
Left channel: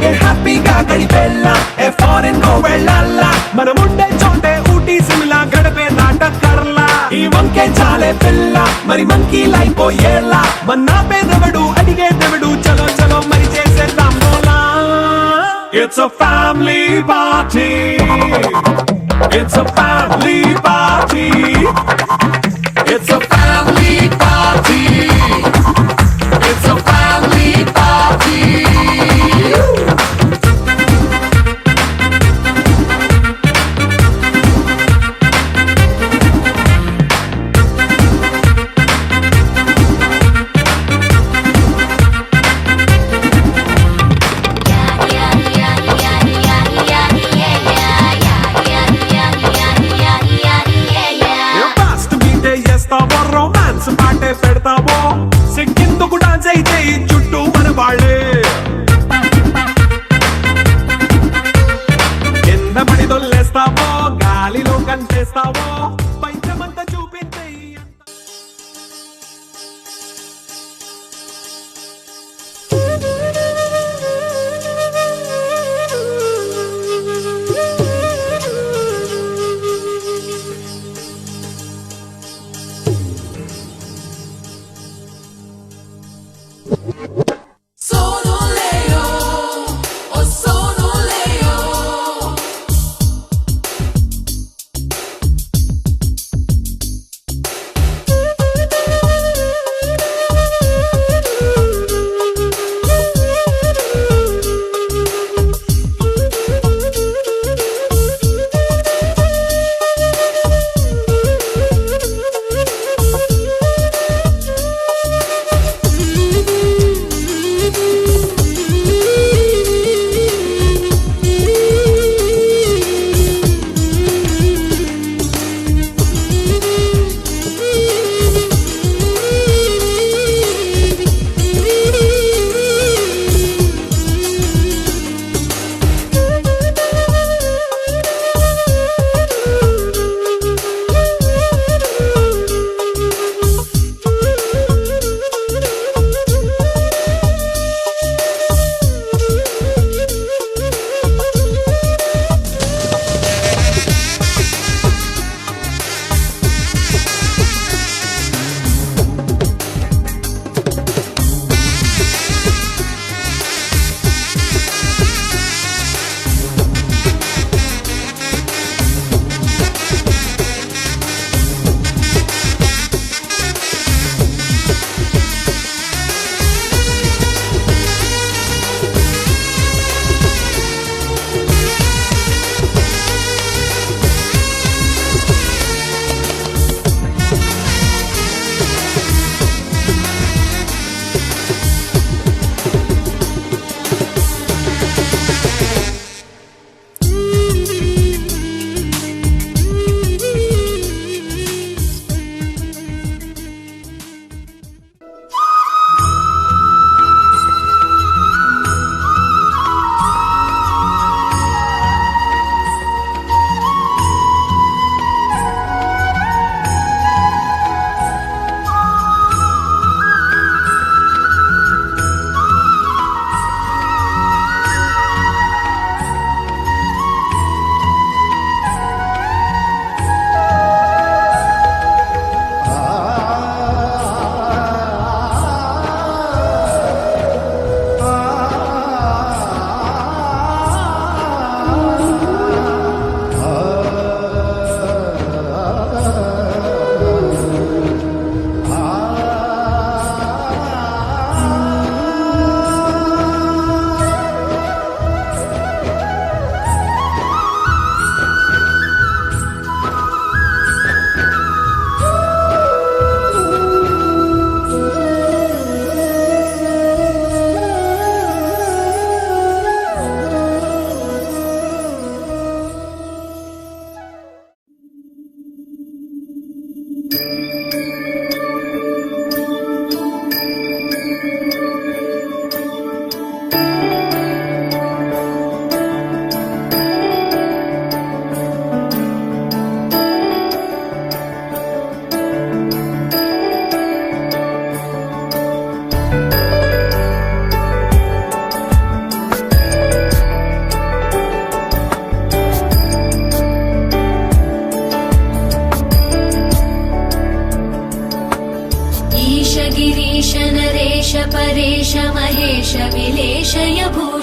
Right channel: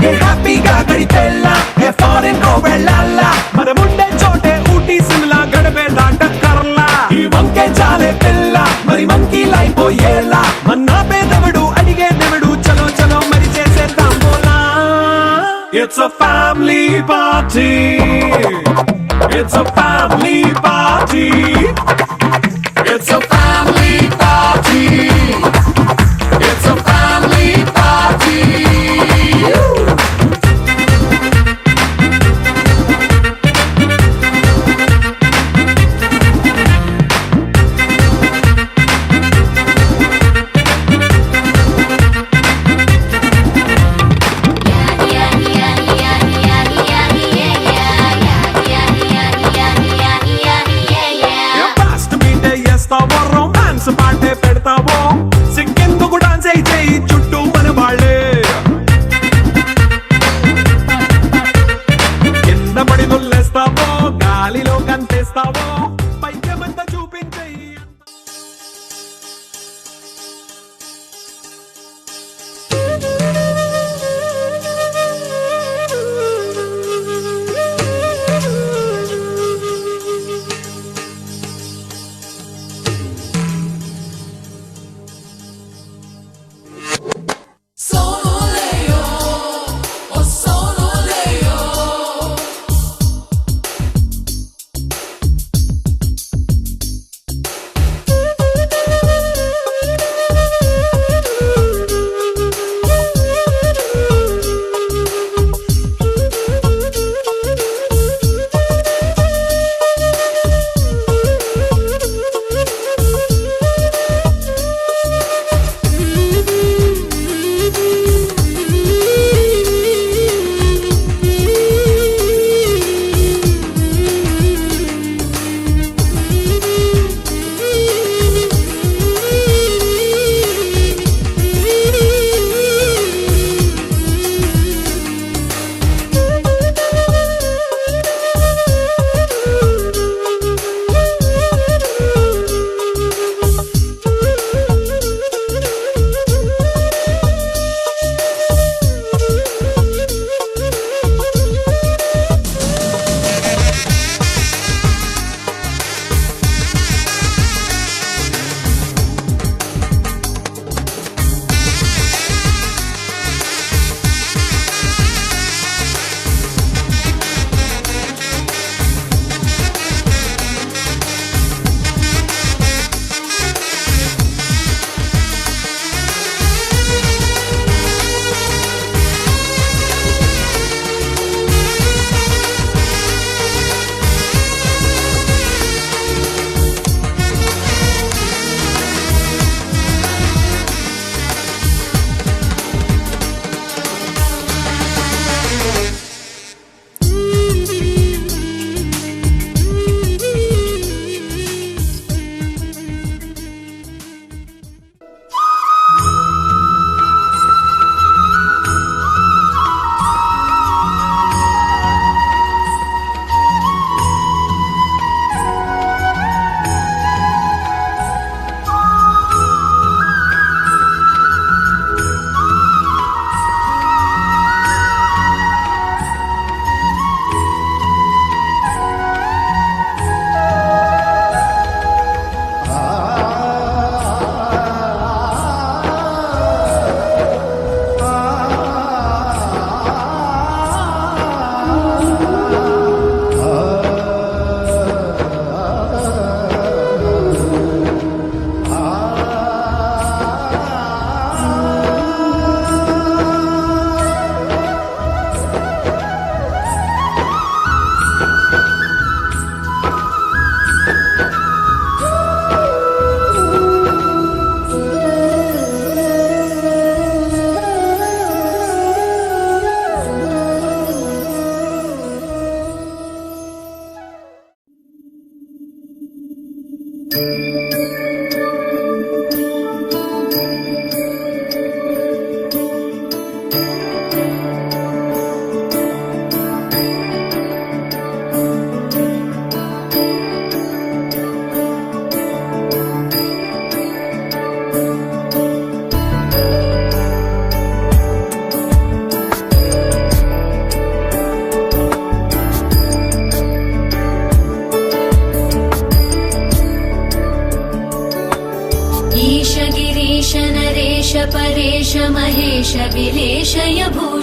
ఏ హ్యాపీగా గడిపెళ్ళ ఏ ఫారెన్ కో వెళ్ళాల మనం ఉండే చోటే ఊటీ సిమ్లా గడిపే దాటక్కర్లా ఈ వంకే చాలే పిల్ల మరి మనకి లైఫ్ ఏళ్ళ మన్నా పేదవడు అడిగే దేవుడు చలో చలో మరి చేసేద్దాం బోలా it's a family party It's a family party. It's a family party. It's a family party.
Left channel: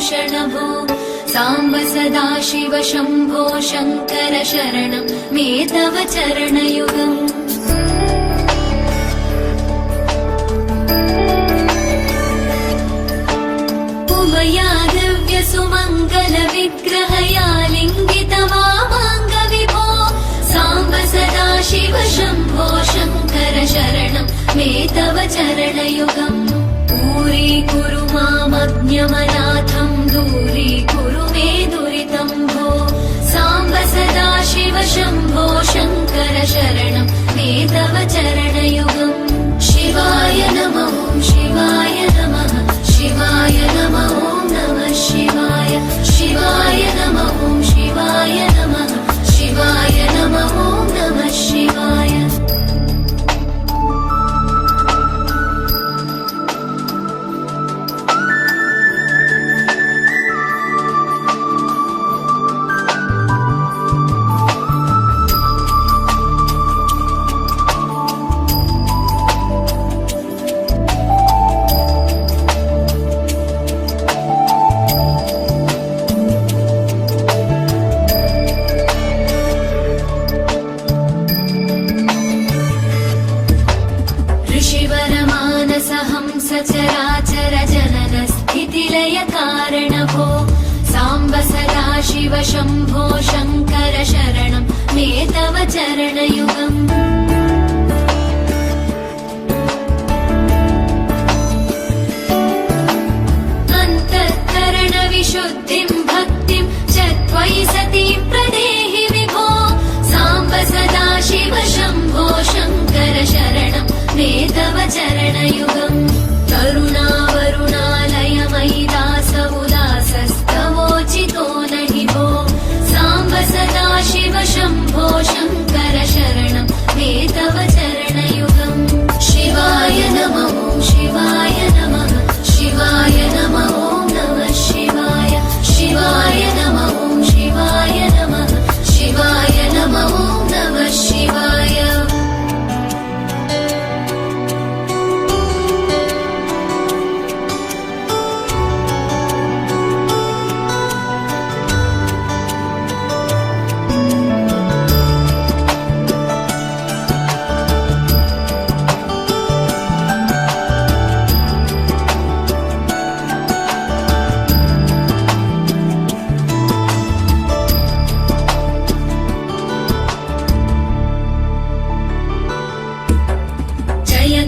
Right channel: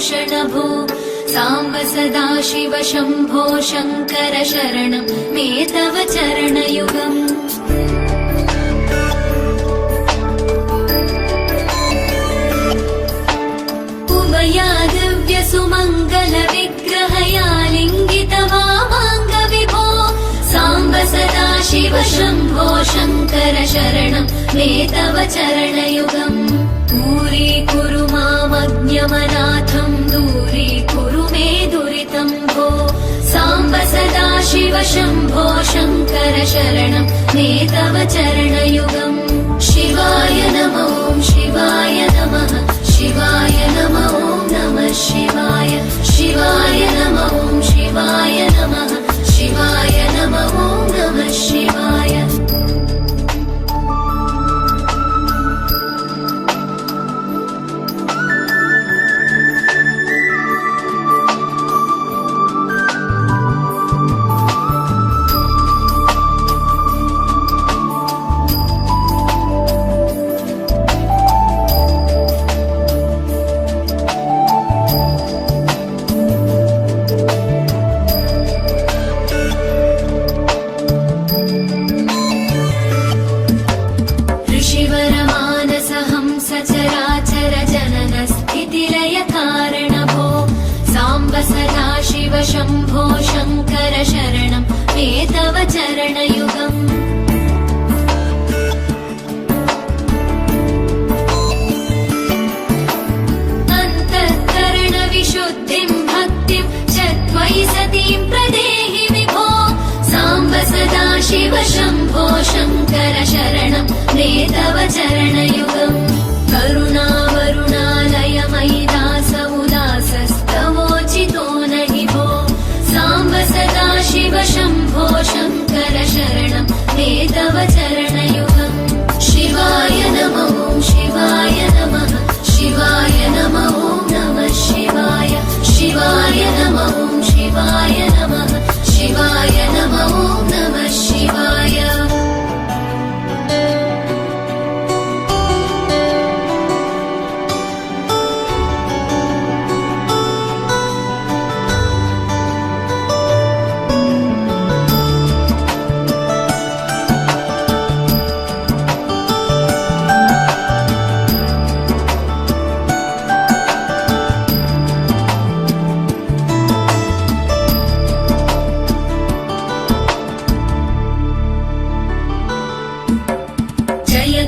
Bhushan भो साम्ब सदा शिव शम्भो शङ्कर शरणं मे तव चरणयुगम् उमया दिव्य सुमङ्गल विग्रहया लिङ्गित वामाङ्ग विभो साम्ब सदा शिव शम्भो शङ्कर शरणं मे तव चरणयुगम् दूरीकुरु मामज्ञमनाथं दूरीकुरु मे दुरितं भो साम्ब सदा शिव शम्भो शङ्कर शरणं मे तव चरणयुगम् शिवाय नमो शिवाय नमः शिवाय नमो नमः शिवाय शिवाय नमो शिवाय नमः शिवाय नमो नमः शिवाय सचराचर जनन स्थितिलय कारण भो साम्ब सदा शिव शम्भो शङ्कर शरणं मे तव चरणयुगम् अन्तःकरण विशुद्धिं भक्तिं च त्वयि सतीं प्रदेहि विभो साम्ब सदा शिव शम्भो शङ्कर शरणं मे तव चरणयुगम् करुणावरुणालय मयि दास उदासस्तवोचितो नहि भो साम्ब सदा शिव शम्भो शङ्कर शरणं मे तव चरणयुगम् शिवाय नमो शिवाय नमः शिवाय नमो नमः शिवाय शिवाय नमो शिवाय नमः शिवाय नमो नमः शिवाय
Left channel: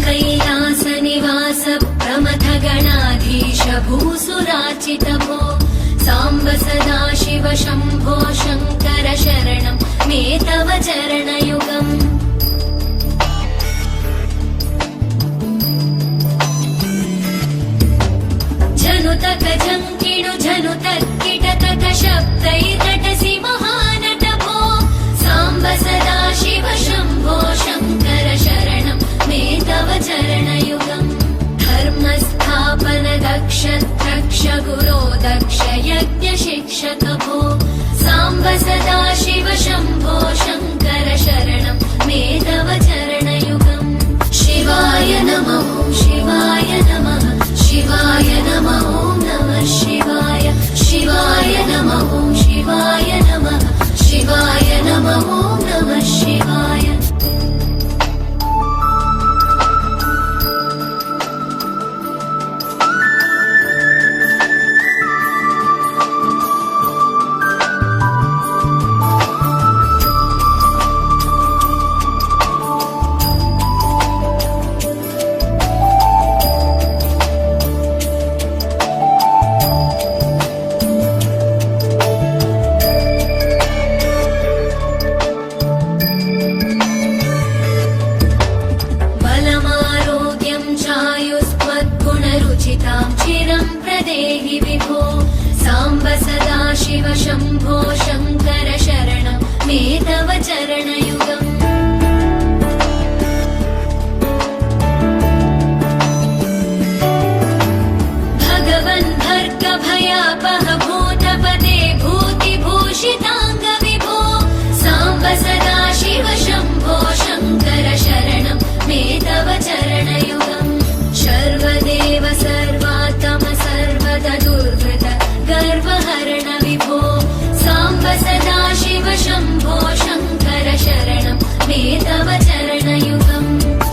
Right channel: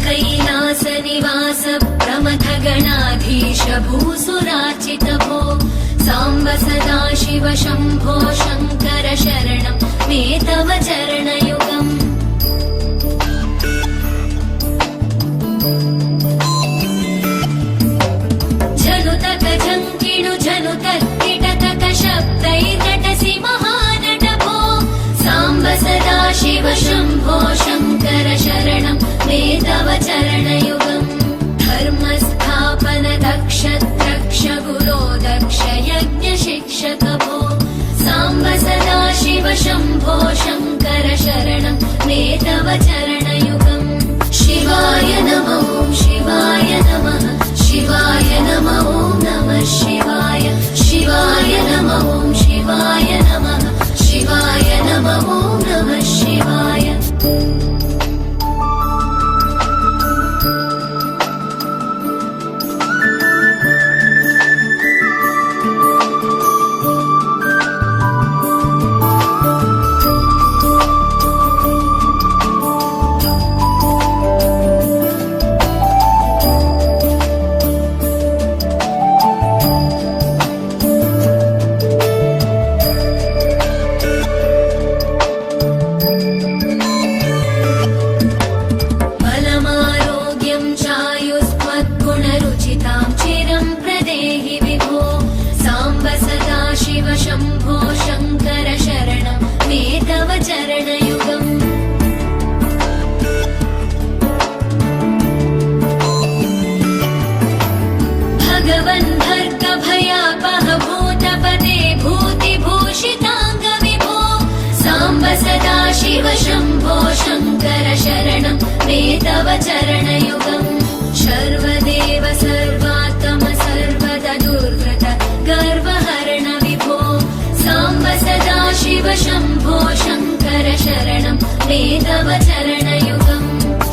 कैलास निवास प्रमथ गणाधीश भूसुराचित भो साम्ब सदा शिव शम्भो शङ्कर शरणं मे तव चरणयुगम् जनुतक जङ्किणु जनुतक्किटकक शब्दैर्नटसि महानट भो साम्ब सदा शिव शम्भो शङ्कर शरणं मे तव चरणयुगम् धर्मस्थापन दक्ष द्रक्ष गुरो दक्ष यज्ञ शिक्षक भो साम्ब सदा शिव शम्भो शङ्कर शरणं मे तव चरणयुगम् शिवाय नमो शिवाय नमः शिवाय नमो नमः शिवाय शिवाय नमो शिवाय नमः शिवाय नमो नमः शिवाय गुणरुचितां चिरं प्रदेहि विभो साम्ब सदा शिव शम्भो शङ्कर शरणं मे तव चरणयुगम् भगवन् भर्ग भयापह भूतपते भूतिभूषिताङ्ग विभो साम्ब सदा शिव शम्भो शङ्कर शरणं मे तव चरणयुगम् सर्वदेव सर्वात्म सर्वदा दुर्वृत शम्भो शङ्कर शरणं मे तव चरणयुगम्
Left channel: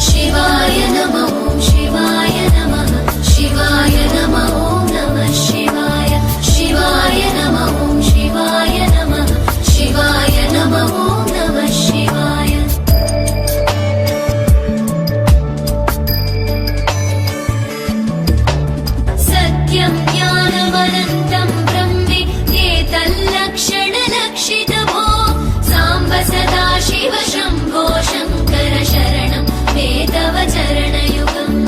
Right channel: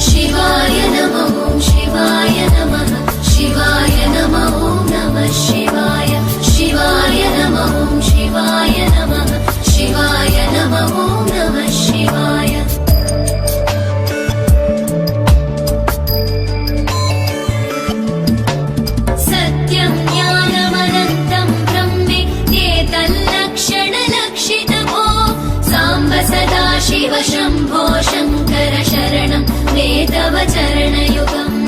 शिवाय नमः ॐ शिवाय नमः शिवाय नमः ॐ नमः शिवाय शिवाय नमः ॐ शिवाय नमः शिवाय नमः ॐ नमः शिवाय सत्यं ज्ञानमनन्तं ब्रह्मेतल्लक्षणलक्षितभो साम्ब सदा शिव शम्भो शङ्कर शरणं मे तव चरणयुगम्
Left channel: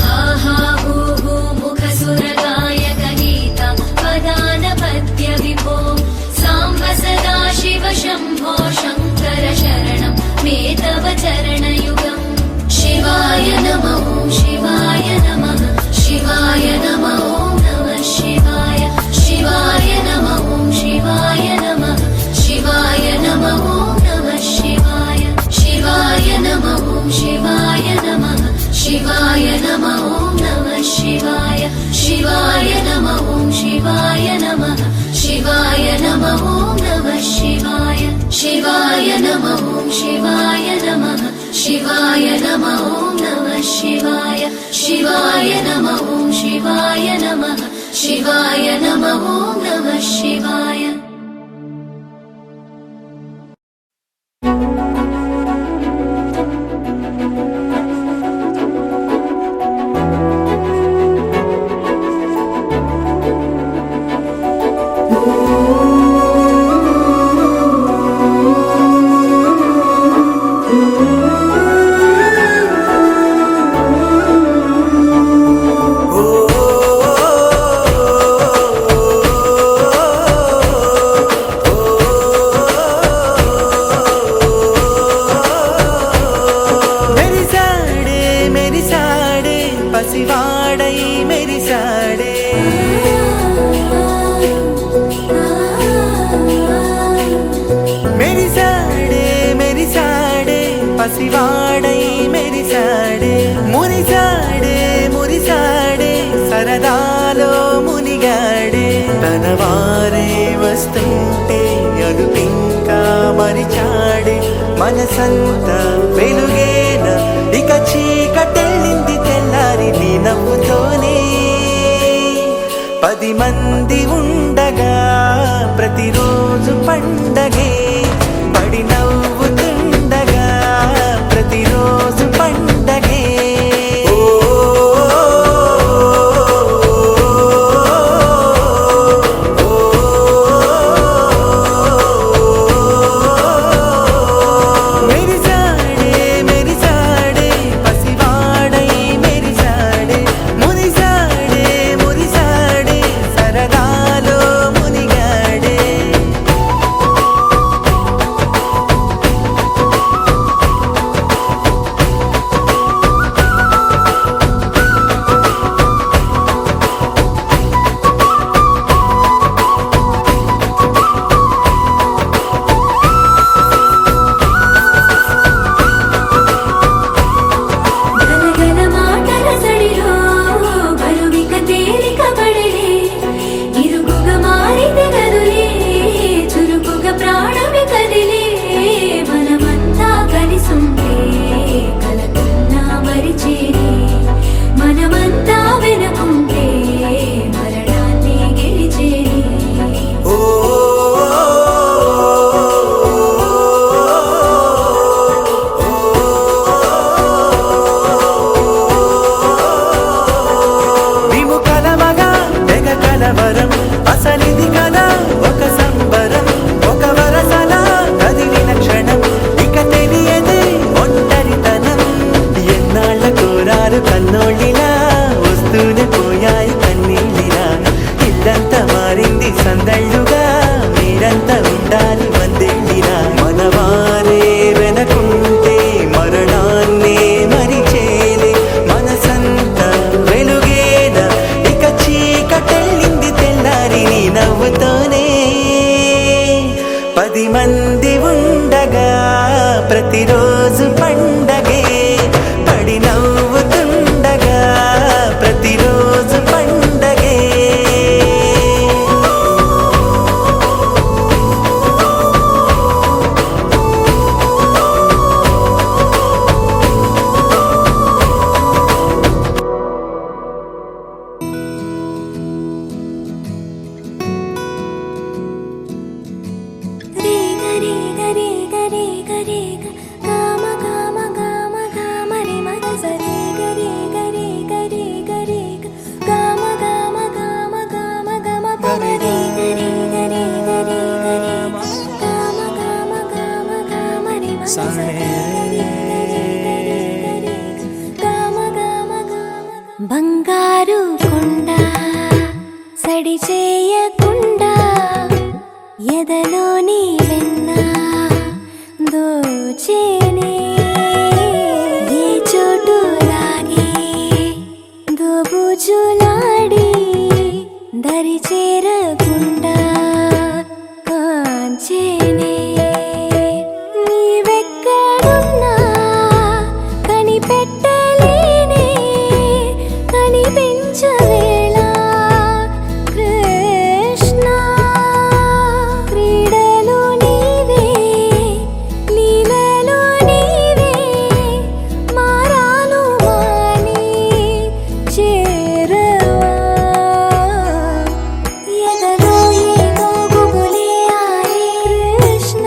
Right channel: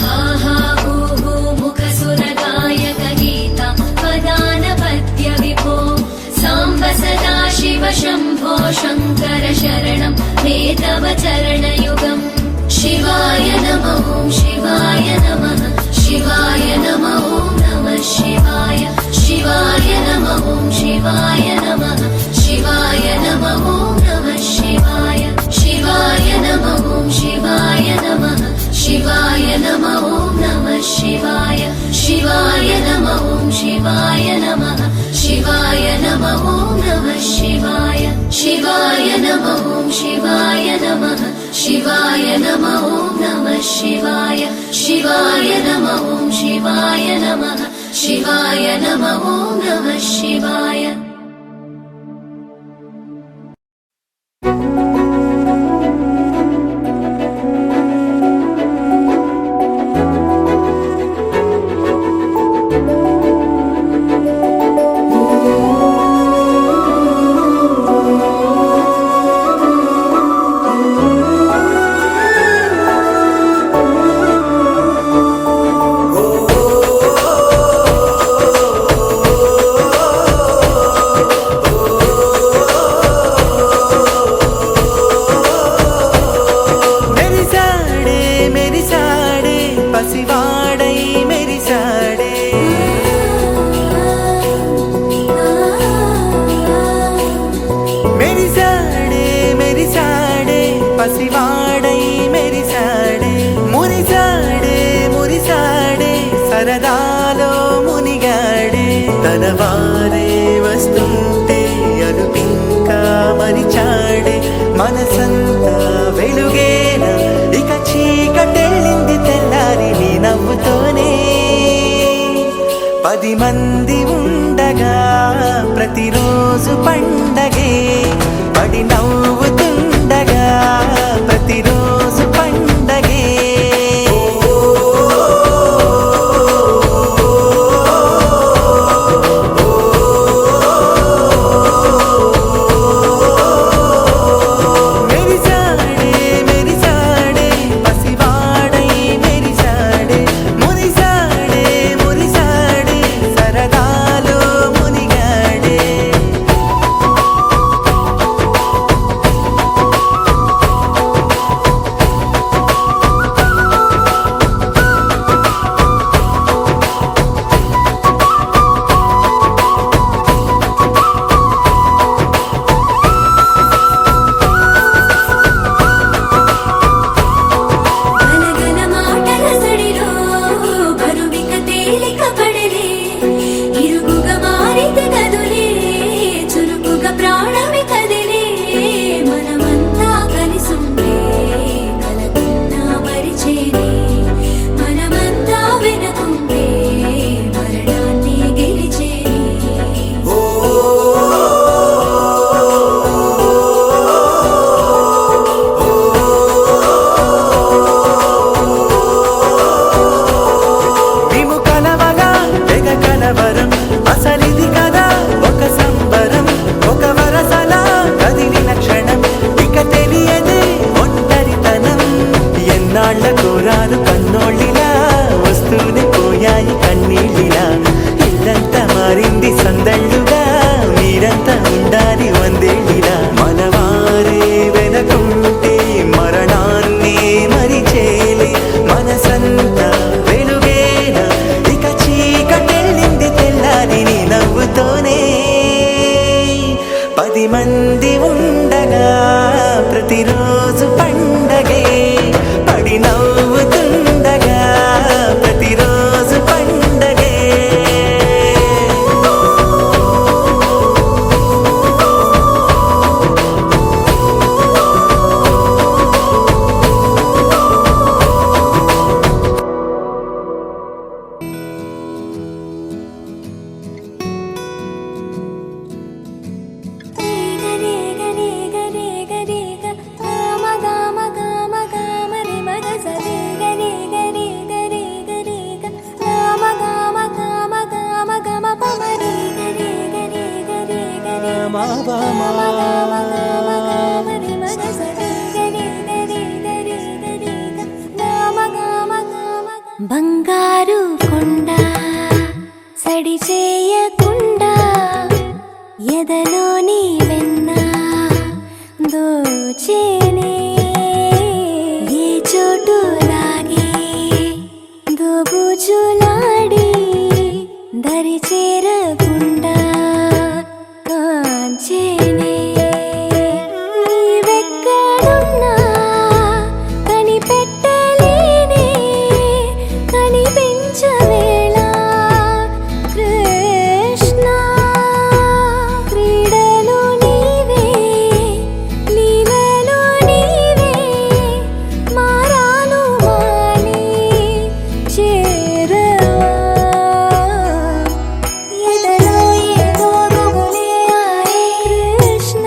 हा हा हू हू मुखसुरगायक गीतं पदानपत्य विभो साम्ब सदा शिव शम्भो शङ्कर शरणं मे तव चरणयुगम् शिवाय नमः ॐ शिवाय नमः शिवाय नमः ॐ नमः शिवाय शिवाय नमः ॐ शिवाय नमः शिवाय नमः ॐ नमः शिवाय शिवाय नमः ॐ शिवाय नमः शिवाय नमः ॐ नमः शिवाय शिवाय नमः ॐ शिवाय नमः शिवाय नमः ॐ नमः शिवाय शिवाय नमः ॐ शिवाय नमः शिवाय नमः ॐ नमः शिवाय शिवाय नमः ॐ शिवाय नमः शिवाय नमः ॐ नमः शिवाय పసివాడై మెరిసాడే మెరిసాడే మెరిసాడే పసివాడై మెరిసాడే మురిసాడే మురిసాడే సరదాలో మునిగాడే తనవారే వస్తుంటే అదుపింకా మరిచాడే మనసంతా వెలుగేన ఇక చీకటెళ్ళింది తెల్లారి నీ నవ్వుతోనే 10 మంది ఉండగా ప్రతిరోజు పండగే పడి నవ్వుతుండగా ప్రతిరోజు పండగే ఓ ఎదలోని వెన్న దోచేనే ఏ చోటు లాగే దోబుచులాడి దరి చేరకుండా కాంచేనే నీవెక్కడున్నా కనిపెట్టలేనే కనిపించవేళ కృష్ణ క్రీడలు నీవే లీలలో నీవే మారాను మాని చేరవా ఎదలో ఏమో మొగలే ఆరే కృష్ణ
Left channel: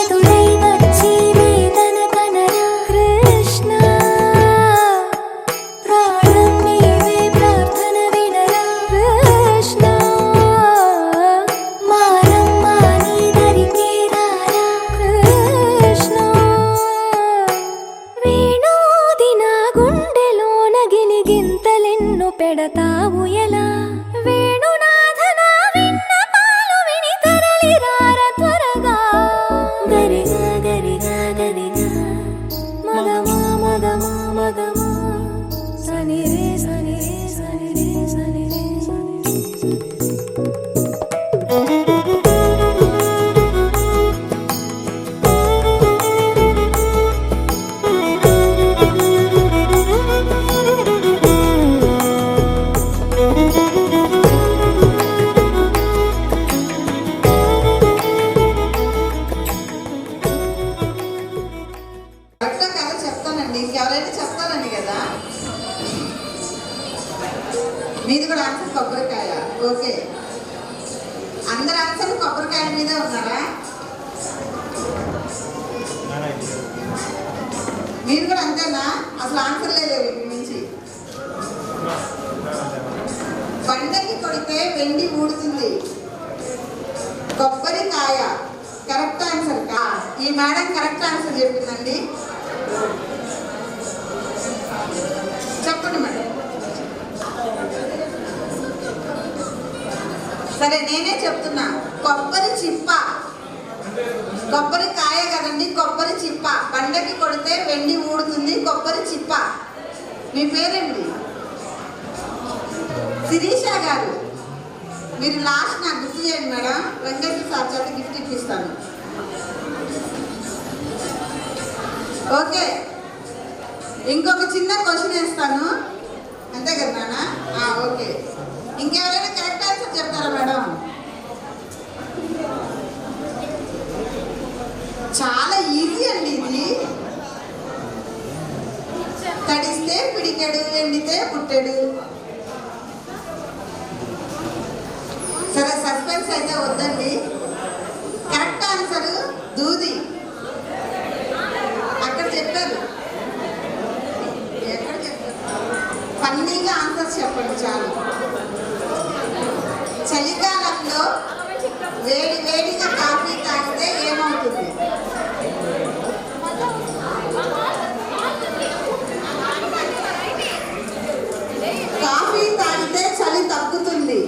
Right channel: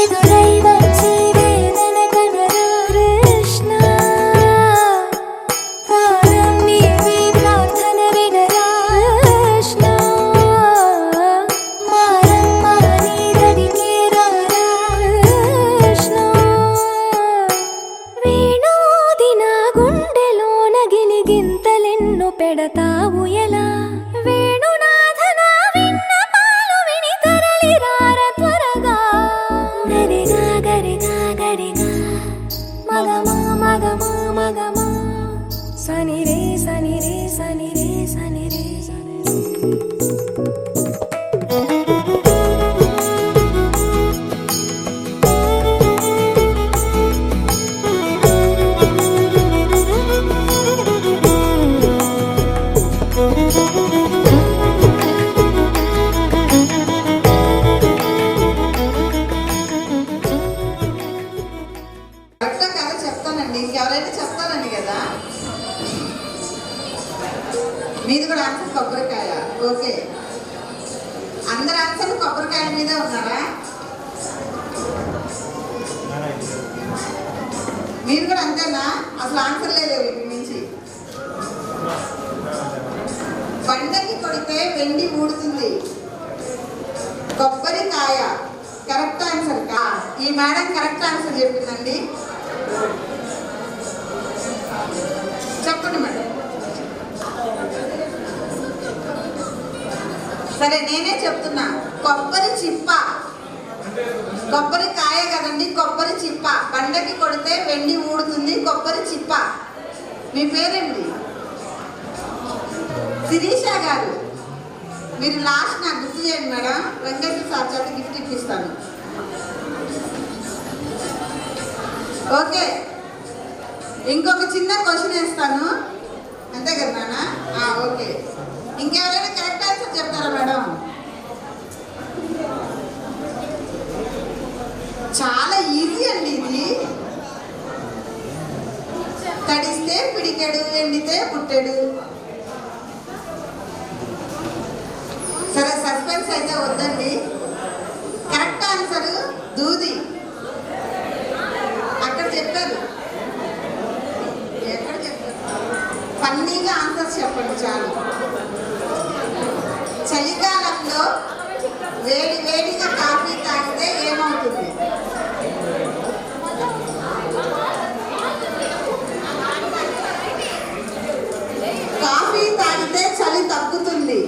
ఎదురై వచ్చి వేదన కనరా కృష్ణ ప్రాణం నీవే ప్రార్థన వినరా కృష్ణ మారం మాని దరికి రారా కృష్ణ వేణోది నా గుండెలోన గిలిగింతలెన్ను పెడతావు ఎలా వేణునాథ నా విన్నపాలు విని తరలి రార త్వరగా గరిగా గరిగా గరిగా మగమా మగమా మగమా సని రే సని రే సని రే సని రే సని కరెక్టా కదా చెప్తానండి. ఇంకెవరైనా చెప్తానండి కదా. మీది కూడా ఆన్సర్ కొబ్బరికాయ. ఓకే, అందరు ఆన్సర్ కొబ్బరికాయ మీదే ఉన్నారా? మీరు కూడా అంతేనా? అసలు ఆన్సర్ లేదు వీటి నుంచి. బండకి కొడితే వెండి ఊడుతుంది, కొబ్బరికాయ కరెక్ట్ ఆన్సర్. ఈ మేడం కరెక్ట్ ఆన్సర్ చెప్పిందండి. చెప్పండి మేడం. సరే నేనే చెప్తున్నా. కొబ్బరి చిప్ప, కొబ్బరికాయ కదండి, కొబ్బరి చిప్ప. బండకి కొడితే వెండి ఊడుతుంది, కొబ్బరి చిప్ప. మీ పేరేంటి? శిరీష గారు. మీరు లాస్ట్ నాకు గుర్తు చేయండి మేడం. వెంకటేశ్వర సార్ చేత గిఫ్ట్ ఇప్పిస్తాను. ఓకే, ఇంకొక చిన్న క్వశ్చన్ వేస్తాను, అంతే కదా నాన్న? ఓకే, ఇంకెవరైనా కరెక్ట్ ఆన్సర్ చెప్తారా మేడం? చాలా ఈజీ అండి ఇది. తడిస్తే పిడికెడు, ఎండితే పుట్టెడు. సరే సస్పెన్స్ అయితే వద్దండి. కరెక్ట్ ఆన్సర్ దూది. అక్కడ చెప్పారు, ఎక్కడ చెప్పారు? ఫన్నీగా ఆన్సర్స్ చెప్పండి చాలు. చలికాలంలో వేడి వేడిగా కాఫీ తాగితే ఏమవుతుంది? కాఫీ తాగితే చలి తగ్గుతుంది.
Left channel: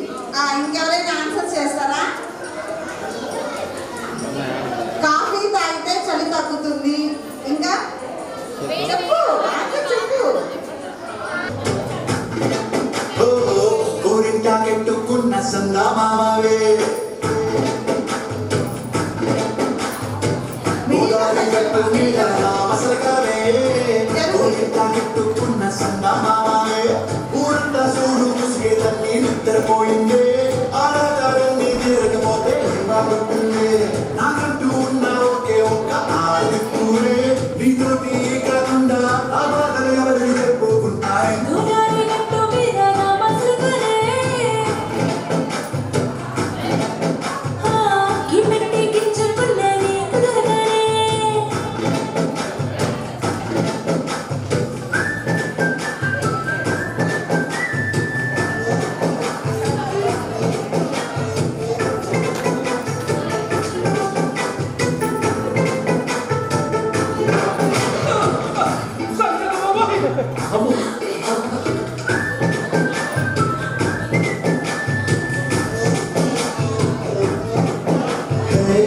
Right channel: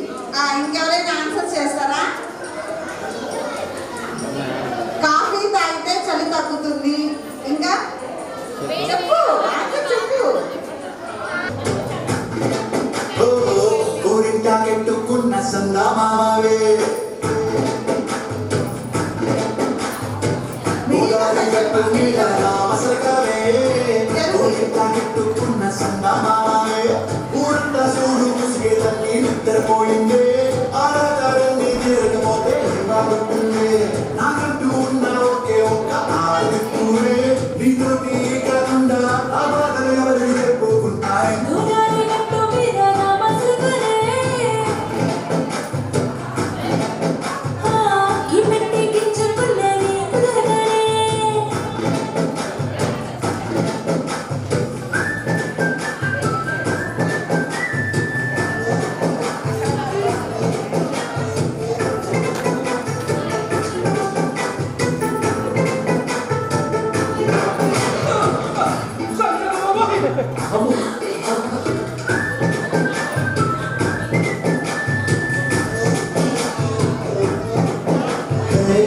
ఇంకెవరైనా ఆన్సర్ చేస్తారా? కాఫీ తాగితే చలి తగ్గుతుంది. ఇంకా చెప్పు, ఆన్సర్ చెప్పు. కెట్టుకున్న సందమావే కెట్టుకున్న సందమావే ఊరంతా చూడు ముసిగేదన్నీ నిద్రపోయిందే. ఆరాధారాన్ని తీరకపోతే బాగుంటుంది. నాకంటూ ఉన్న ఒకే ఒక్క ఆదిత్తువే. నీతోటి కాకుండా ఆ బాధలు ఎవరు చెప్పుకుంటాయి?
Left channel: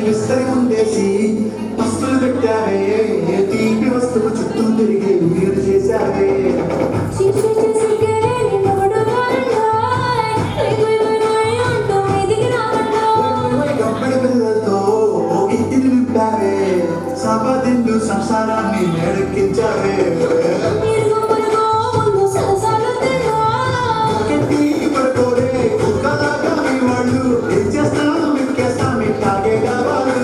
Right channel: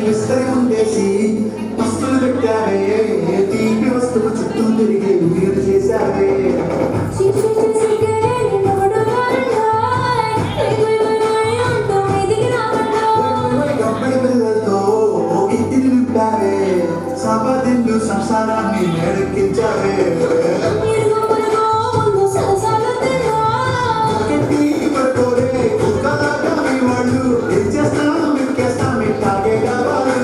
విస్తరి ఉండేసి పస్తులు పెట్టావే తీపి వస్తువు చుట్టూ తిరిగి వీరు చేశావే గబ్బడి పిల్లలతో ఇంటిని నింపావే సభదిండు సంసారాన్ని నేడెక్కించావే పడుకోరే కుక్కలాగా మీ వాళ్ళు ఏం చేస్తాం ఎక్కేస్తాం ఇట్లాగే కావాలి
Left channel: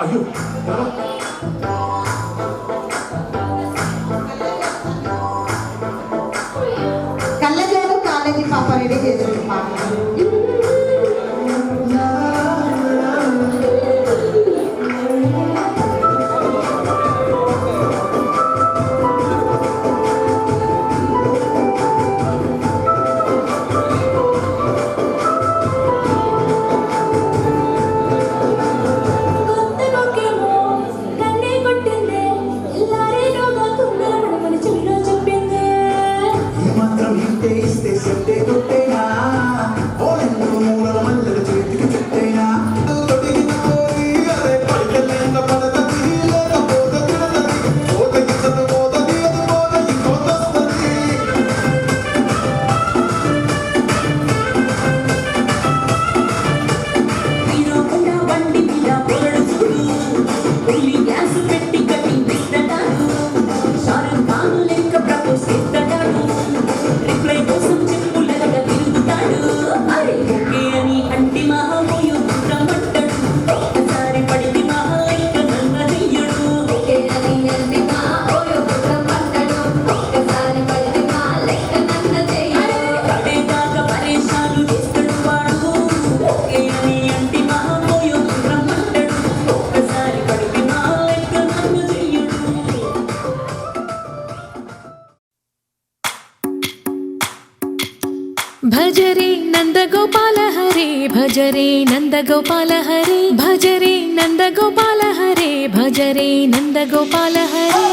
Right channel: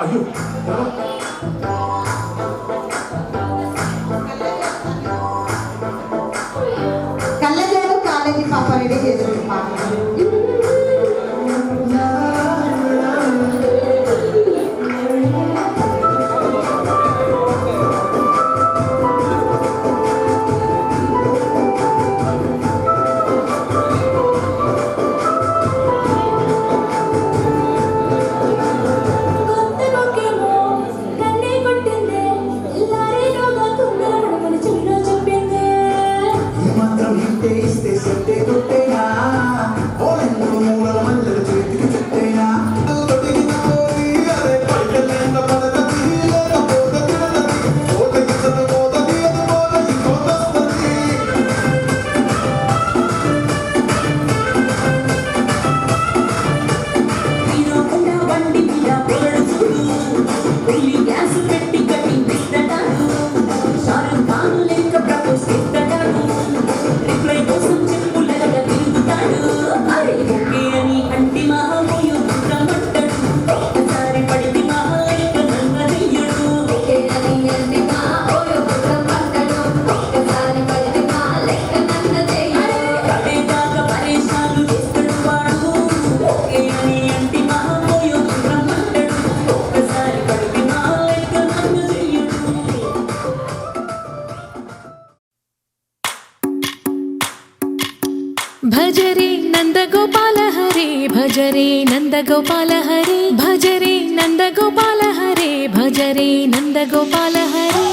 అయ్యో కళ్ళజోడు కాలేజీ పాప రెడీ చేసిన పాట ఈ మాత్రం ఇంటే ఇస్తే సెట్టే కొట్టేనా ఓ ఎందుకు మూలల మల్లెల చేతికి చుట్టేనా అరే పడకలేక పడతది లేకపోతే తిడతది పోతది చదువుతది అది పోతది పోతొస్తది భజరే నందగోపాల హరే భజరే నందగోపాల హరే భజరే నందగోపాల హరే భజరే నందగోపాల హరే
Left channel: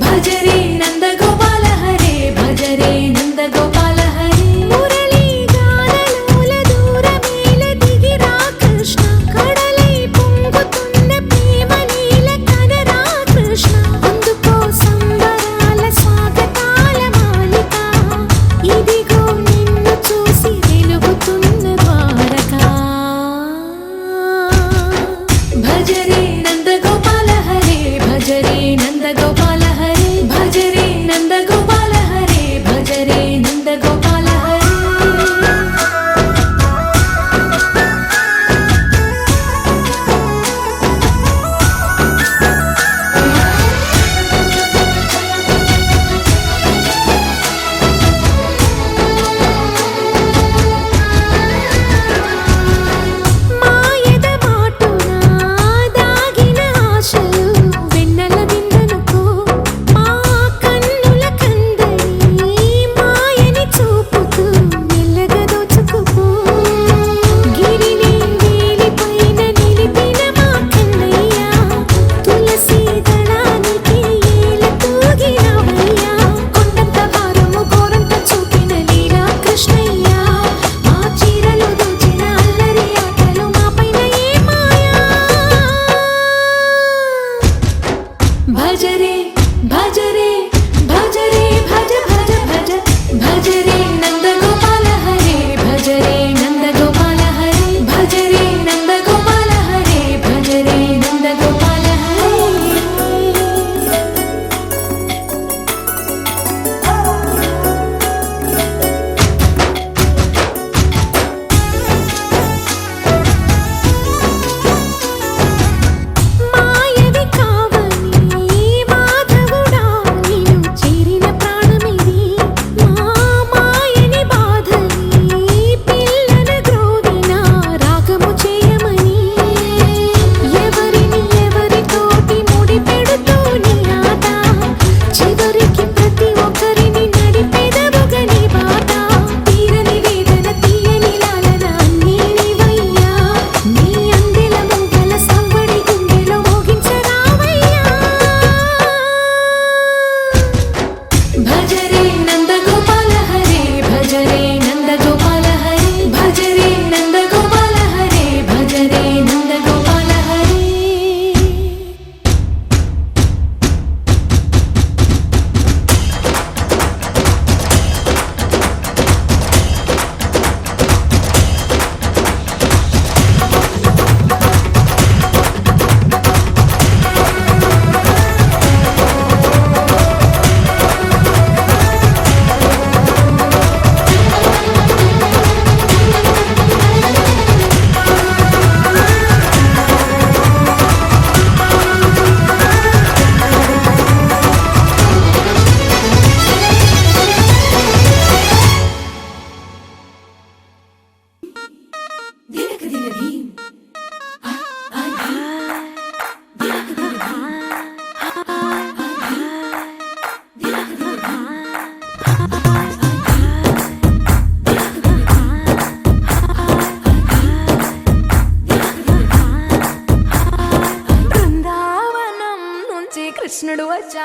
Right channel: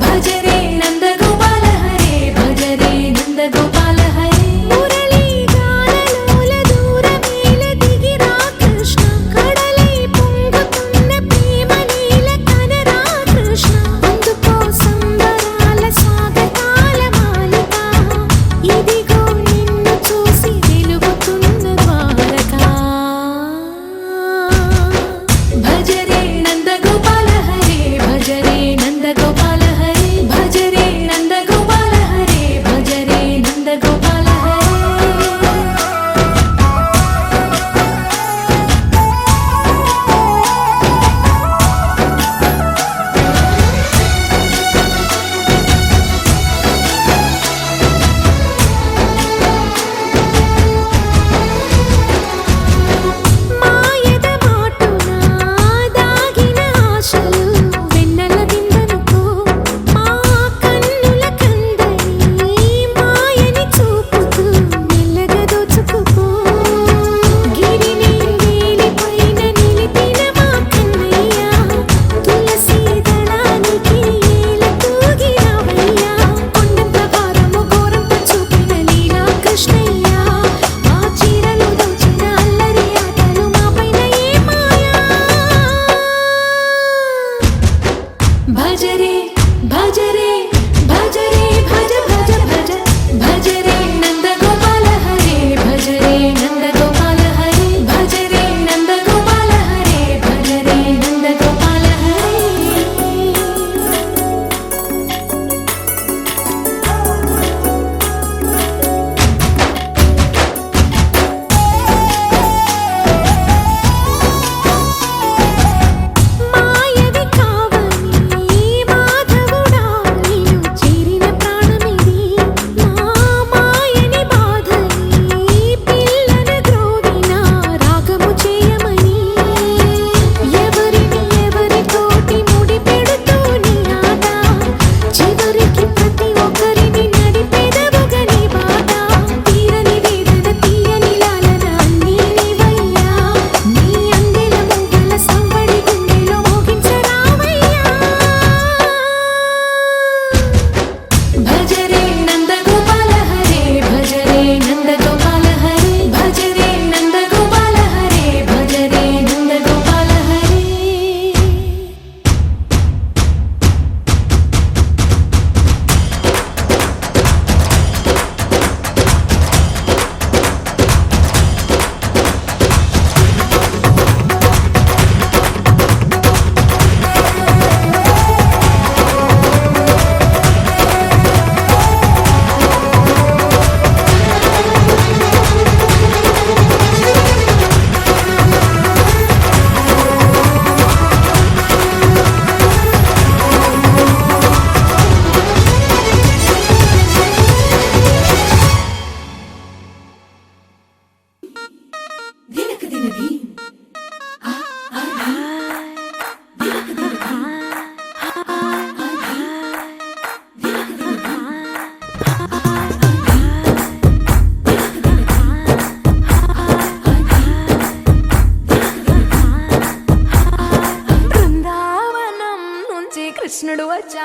భజరే నందగోపాల హరే భజరే నందగోపాల హరే మురళీ గానలోల దూరమేల దిగిరా కృష్ణ కడలై పొంగుతున్న ప్రేమ లీల కనరా కృష్ణ అందుకో సంబరాల స్వాగతాల మాలిక ఇదిగో నిన్ను చూసి వెలుగుతున్న ద్వారకా భజరే నందగోపాల హరే భజరే నందగోపాల హరే భజరే నందగోపాల హరే భజరే నందగోపాల హరే మాయద మాటున దాగిన ఆశలు వెన్నెల దిందనుకో మా కన్నుల కందని మాయని చూపుతూ మెల్లగా దోచుకుపో గిరిని వేలిపైన నిలిపిన మా కన్నయ్య తులసి దళానికి ఏల తూగినవయ్యా కొండంత భారము గోరంత చూపిన లీలా కృష్ణయ్య మా చీరలు దోచిన అల్లరి ఆటలు మా పైన ఏ మాయా భజరే భజరే భజరే భజ భజ భజ భజరే నందగోపాల హరే భజరే నందగోపాల హరే భజరే నందగోపాల హరే భజరే నందగోపాల హరే మాయవి కావని మాధవుడా నీవు చేరిన ప్రాణమిది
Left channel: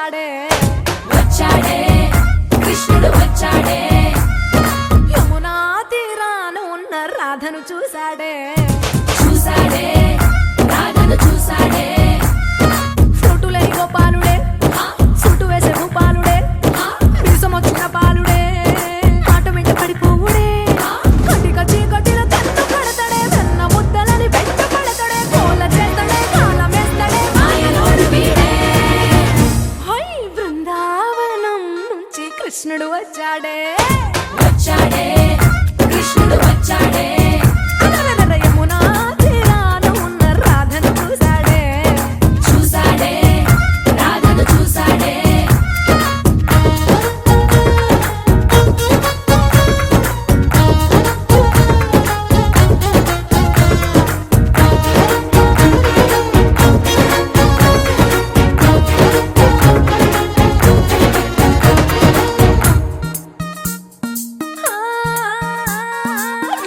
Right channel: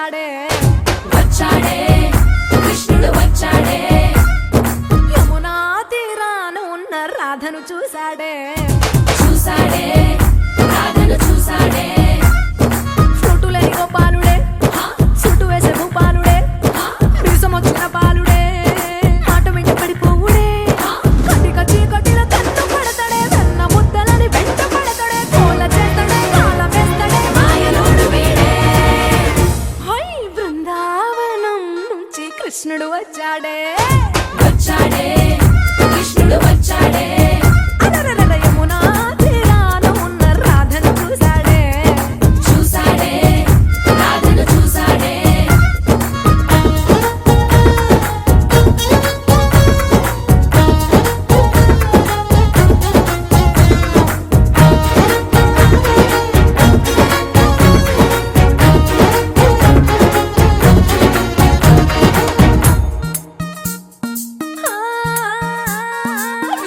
చూసాడే వచ్చాడే కృష్ణుడు వచ్చాడే యమునా తీరాన ఉన్న రాధను చూసాడే చూసాడే రాధను చూసాడే ఫ్లూటులని గోపాలుడే సుటు వేసే భూపాలుడే వీసమొచ్చిన పాలుడే మాట వెంట పడిపోవుడే కటిక చీకటిలో కన్ను కడతాడే వెన్న ముద్దలని వెంట పడతాడే కోల చేస్తాడే కాలమేస్తాడే మాయలోడు వీడే హై బృందావనం నుంచి కృష్ణుడు వచ్చాడే వచ్చాడే కృష్ణుడు వచ్చాడే అలరల యమునా తీరాన ఉన్న రాధను చూసాడే చూసాడే రాధను చూసాడే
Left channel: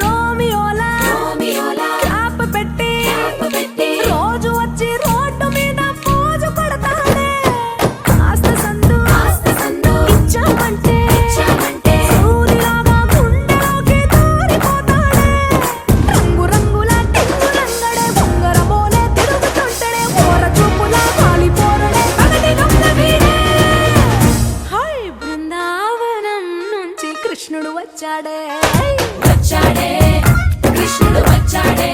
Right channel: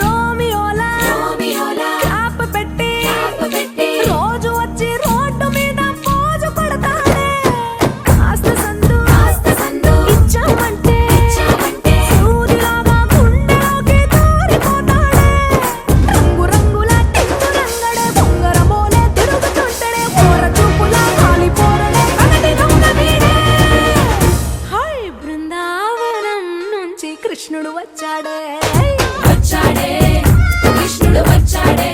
రోమియోలా క్లాప్ పెట్టి రోజు వచ్చి రోడ్డు మీద పోజు కొడతాడే కాస్త సందు ఇచ్చామంటే సూదిలాగా గుండెలోకి దూరిపోతాడే రంగు రంగుల టింగు రంగడే బొంగరమోలే తిరుగుతుంటాడే ఓర చూపులా కాలిపోరడే పగటి దొంగ వీడే హై బృందావనం నుంచి కృష్ణుడు వచ్చాడే వచ్చాడే కృష్ణుడు వచ్చాడే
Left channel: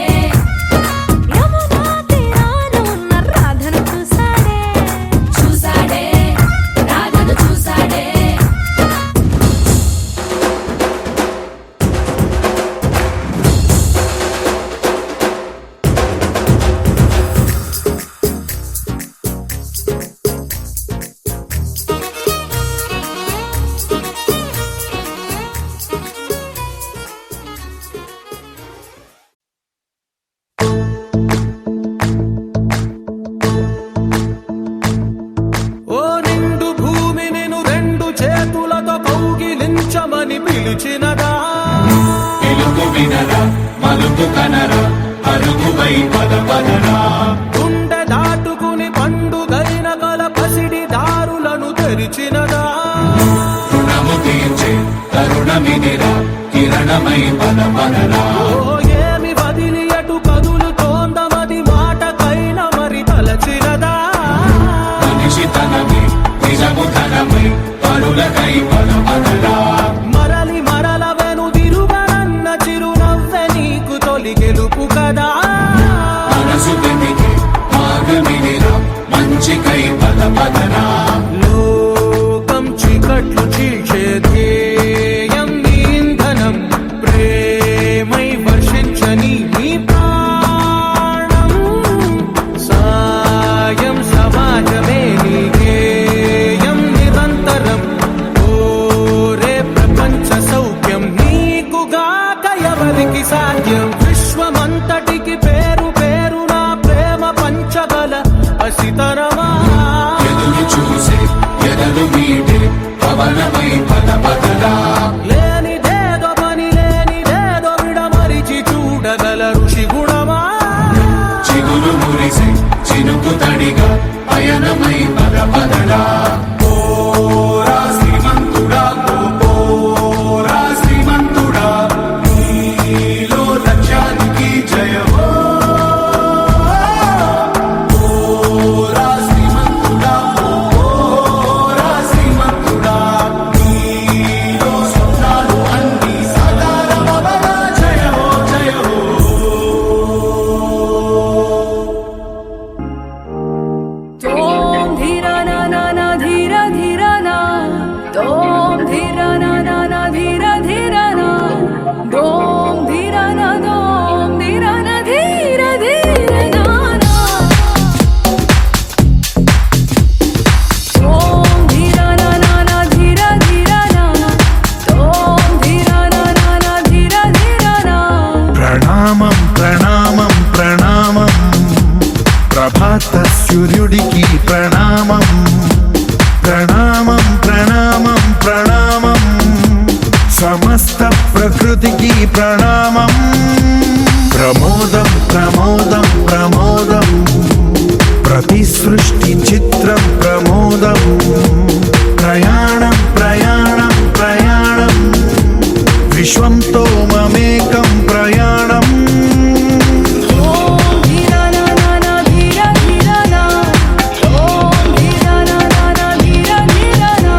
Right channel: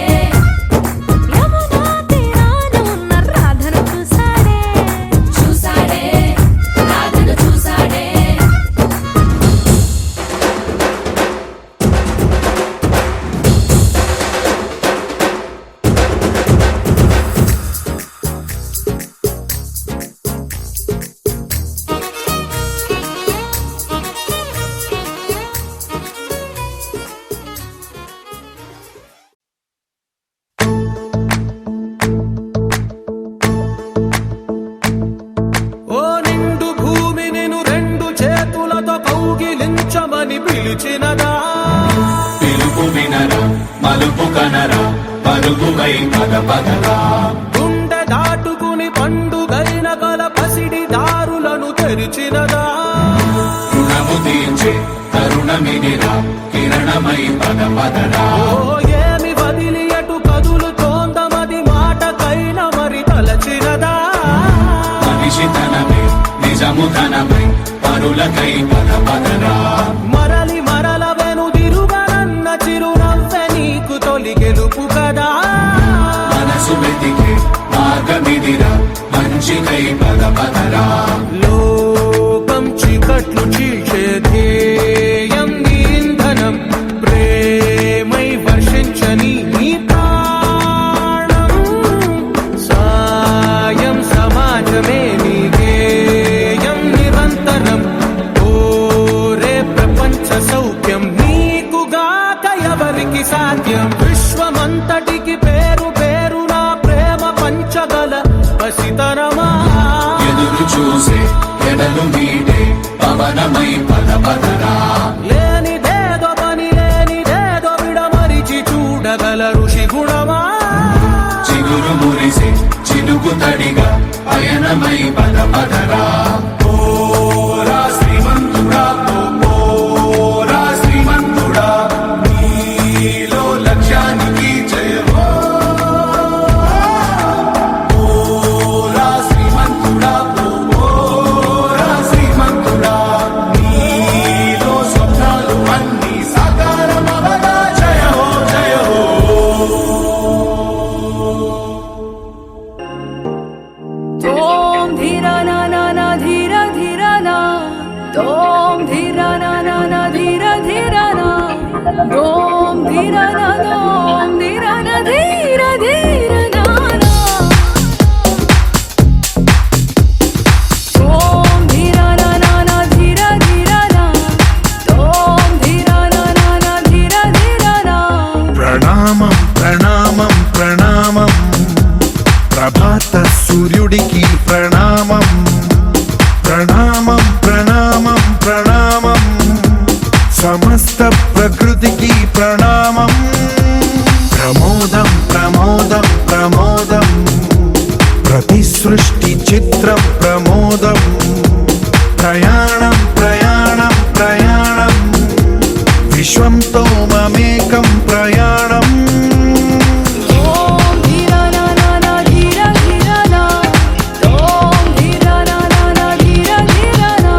యమునా తీరాన ఉన్న రాధను చూసాడే చూసాడే రాధను చూసాడే ఓ నిండు భూమి నేను రెండు చేతులతో కౌగిలించమని పిలిచినదా పిలుపు వినరా మలుపు కనరా పరుగువై పద పదరా గుండె దాటుకుని పండుగైన కల పసిడి దారులను తెరిచినదా రుణము తీర్చే కరుణమినిరా కిరణమై పద పదరా ఓ ఏమి వదిలి అటు కదులుతోందమది మాటకైన మరి తలచినదా మనిషితనమే నిజము ధనమే పరులకై పద పదరా మరలి మరల వెనుదిరుగనన్న చిరునవ్వె నీకు తొలి గెలుపు కదా మనసు వెతికే మార్గమినిరా మంచికై పద పదరా లోకం చీకట్లు చీల్చే ధ్యేయం నీ ఇంధనం ప్రేమై వర్షించని నీ ప్రాణం సాయం సమాజమే నీ గేయం నిరంతరం ఓరే ప్రపంచ సౌఖ్యం నీకుగాక ఎవరికి సాధ్యం విశ్వమంతటికి పేరు పేరు నా ప్రేమ పంచగల పసితనమా ఎదురు చూసే ఎదలు మీటే పవనమై పద పదరా లేనిదేదో పని లేనిదేదో విడమరిచి చూడగల ఋషి గుణమా చిగురు మురిసే చినుకు తడిగా పయనమై పద పదరా ఓరా శ్రీమంతుడా ఓరా శ్రీమంతుడా నీలో లక్ష్యానికి జయమో ఓరా శ్రీమంతుడా ఓరా శ్రీమంతుడా నీలో స్వప్నాలు అన్నీ సాకారమవగా జయమో జయమో తోం ధీర నా నా నా ధీర ధీర నా తోం ధీర నా నా నా ధీర ధీర నా దోం ధీర నా దోం ధీర నా ధీర ధీర నా నా తోం ధీర నా నా నా ధీర ధీర నా తోం ధీర నా నా నా ధీర ధీర నా ప్రణామం ప్రణామం ప్రణామం ప్రభాత సూర్యుడికి ప్రణామం ప్రణామం ప్రణామం ప్రణామం సమస్త ప్రకృతికి ప్రణామం ప్రమోదం ప్రమోదం ప్రమోదం ప్రతి సృష్టి చిత్రం ప్రమోదం ప్రయాణం ప్రయాణం ప్రయాణం విశ్వంతో మమేకం ప్రయాణం ఓం ధీరా నా నా నా ధీరా ధీరా నా ఓం ధీరా నా నా నా ధీరా ధీరా నా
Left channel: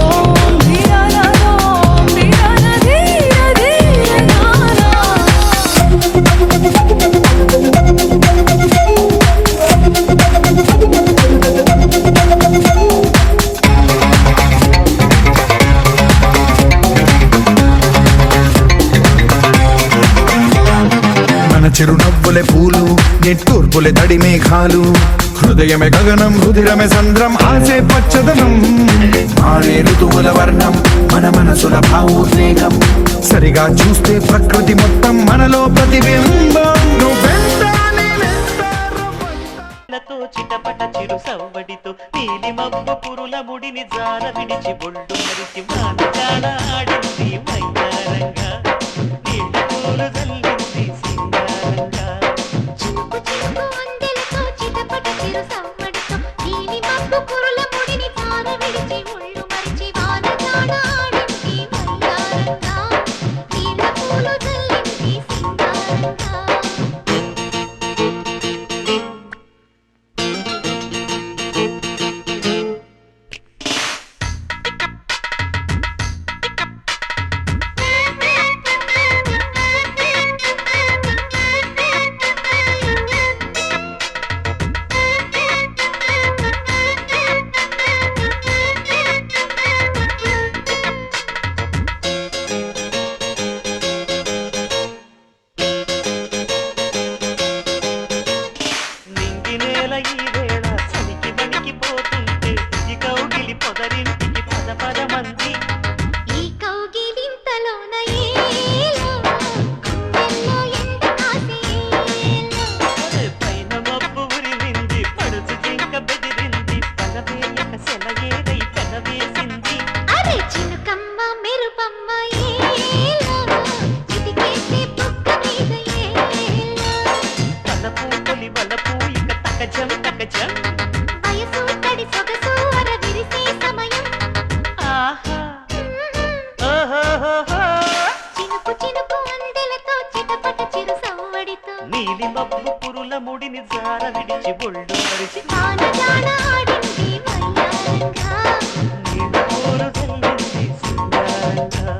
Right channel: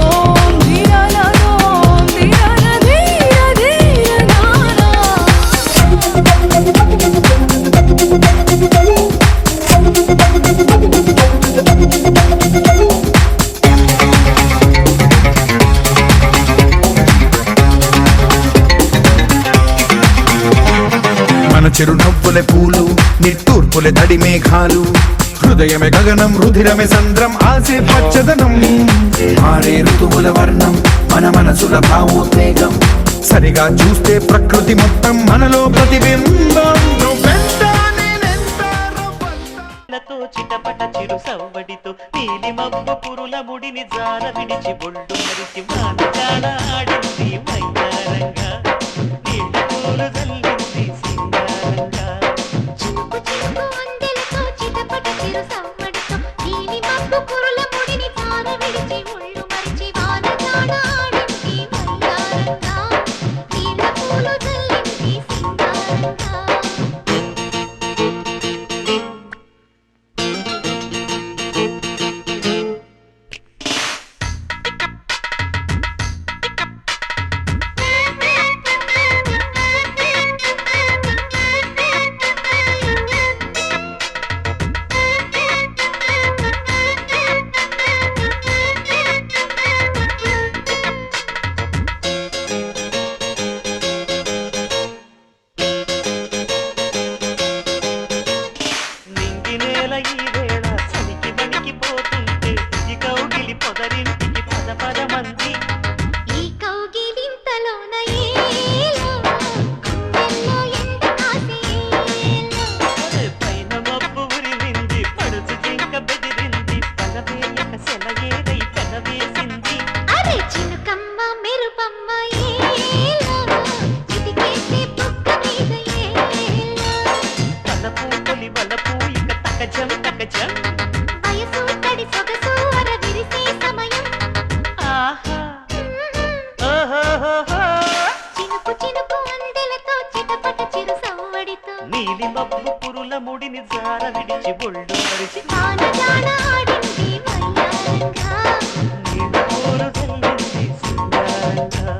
ఓం ధీరా నా ఓం ధీరా నా ధీరా ధీరా నా నా మన చిరునవ్వులే పూలు నిట్టూర్పులే తడి మేఘాలు హృదయమే గగనం రుధిరమే సంద్రం ఆసే పచ్చదనం మారే ఋతువుల వర్ణం మన మనసుల భావోద్వేగం సరిగా చూస్తే ప్రకృతి మొత్తం మనలో ప్రతిబింబం నువ్వెంత నేనెంత లతో చిటపట చిరు సవ్వడితో నీలి మబ్బు పురుల ముడిని జార విడిచి బొళ్ళు మరిచి మానగాడ ఆడింది మైదారంగా నీళ్ళ పూలు జల్లింది సింగారంగా చినుకు చినుకు అందెలతో చిటపట చిరు సవ్వడితో నీలి మబ్బు కురుల ముడిని తార విడిచి ముళ్ళు మరిచి వానగాడ ఆడింది వయ్యారంగా నీళ్ళ పూలు జల్లింది సింగారంగా నింగి నేల ఈ వేళ చలికి వణికిపోతుంటే ఈ కౌగిలి పొదరింటికి పద పద మంది ఈ కౌగిలింతలోన ఏలో గుండెల్లో ఎండ కాసేలో పైన మబ్బు ఉరిమింది పడుచు జింక బెదిరింది పగవేయక సెలయేరై పెనవేసింది అరే చినుకమ్మ మెరుపమ్మ ఏలో చిటికేసే బుగ్గ మీద ఏలో తలపు తొలి వలపు ఇక తకజం తకజం వయసు తడి సొగసు అర విరిసే సమయం ఆహా ఓహోహోహో. చినుకు చినుకు అందెలతో చిటపట చిరు సవ్వడితో నీలి మబ్బు పురుల ముడిని జార విడిచి బొళ్ళు మరిచి వానగాడ ఆడింది వయ్యారంగా నీళ్ళ పూలు జల్లింది సింగారంగా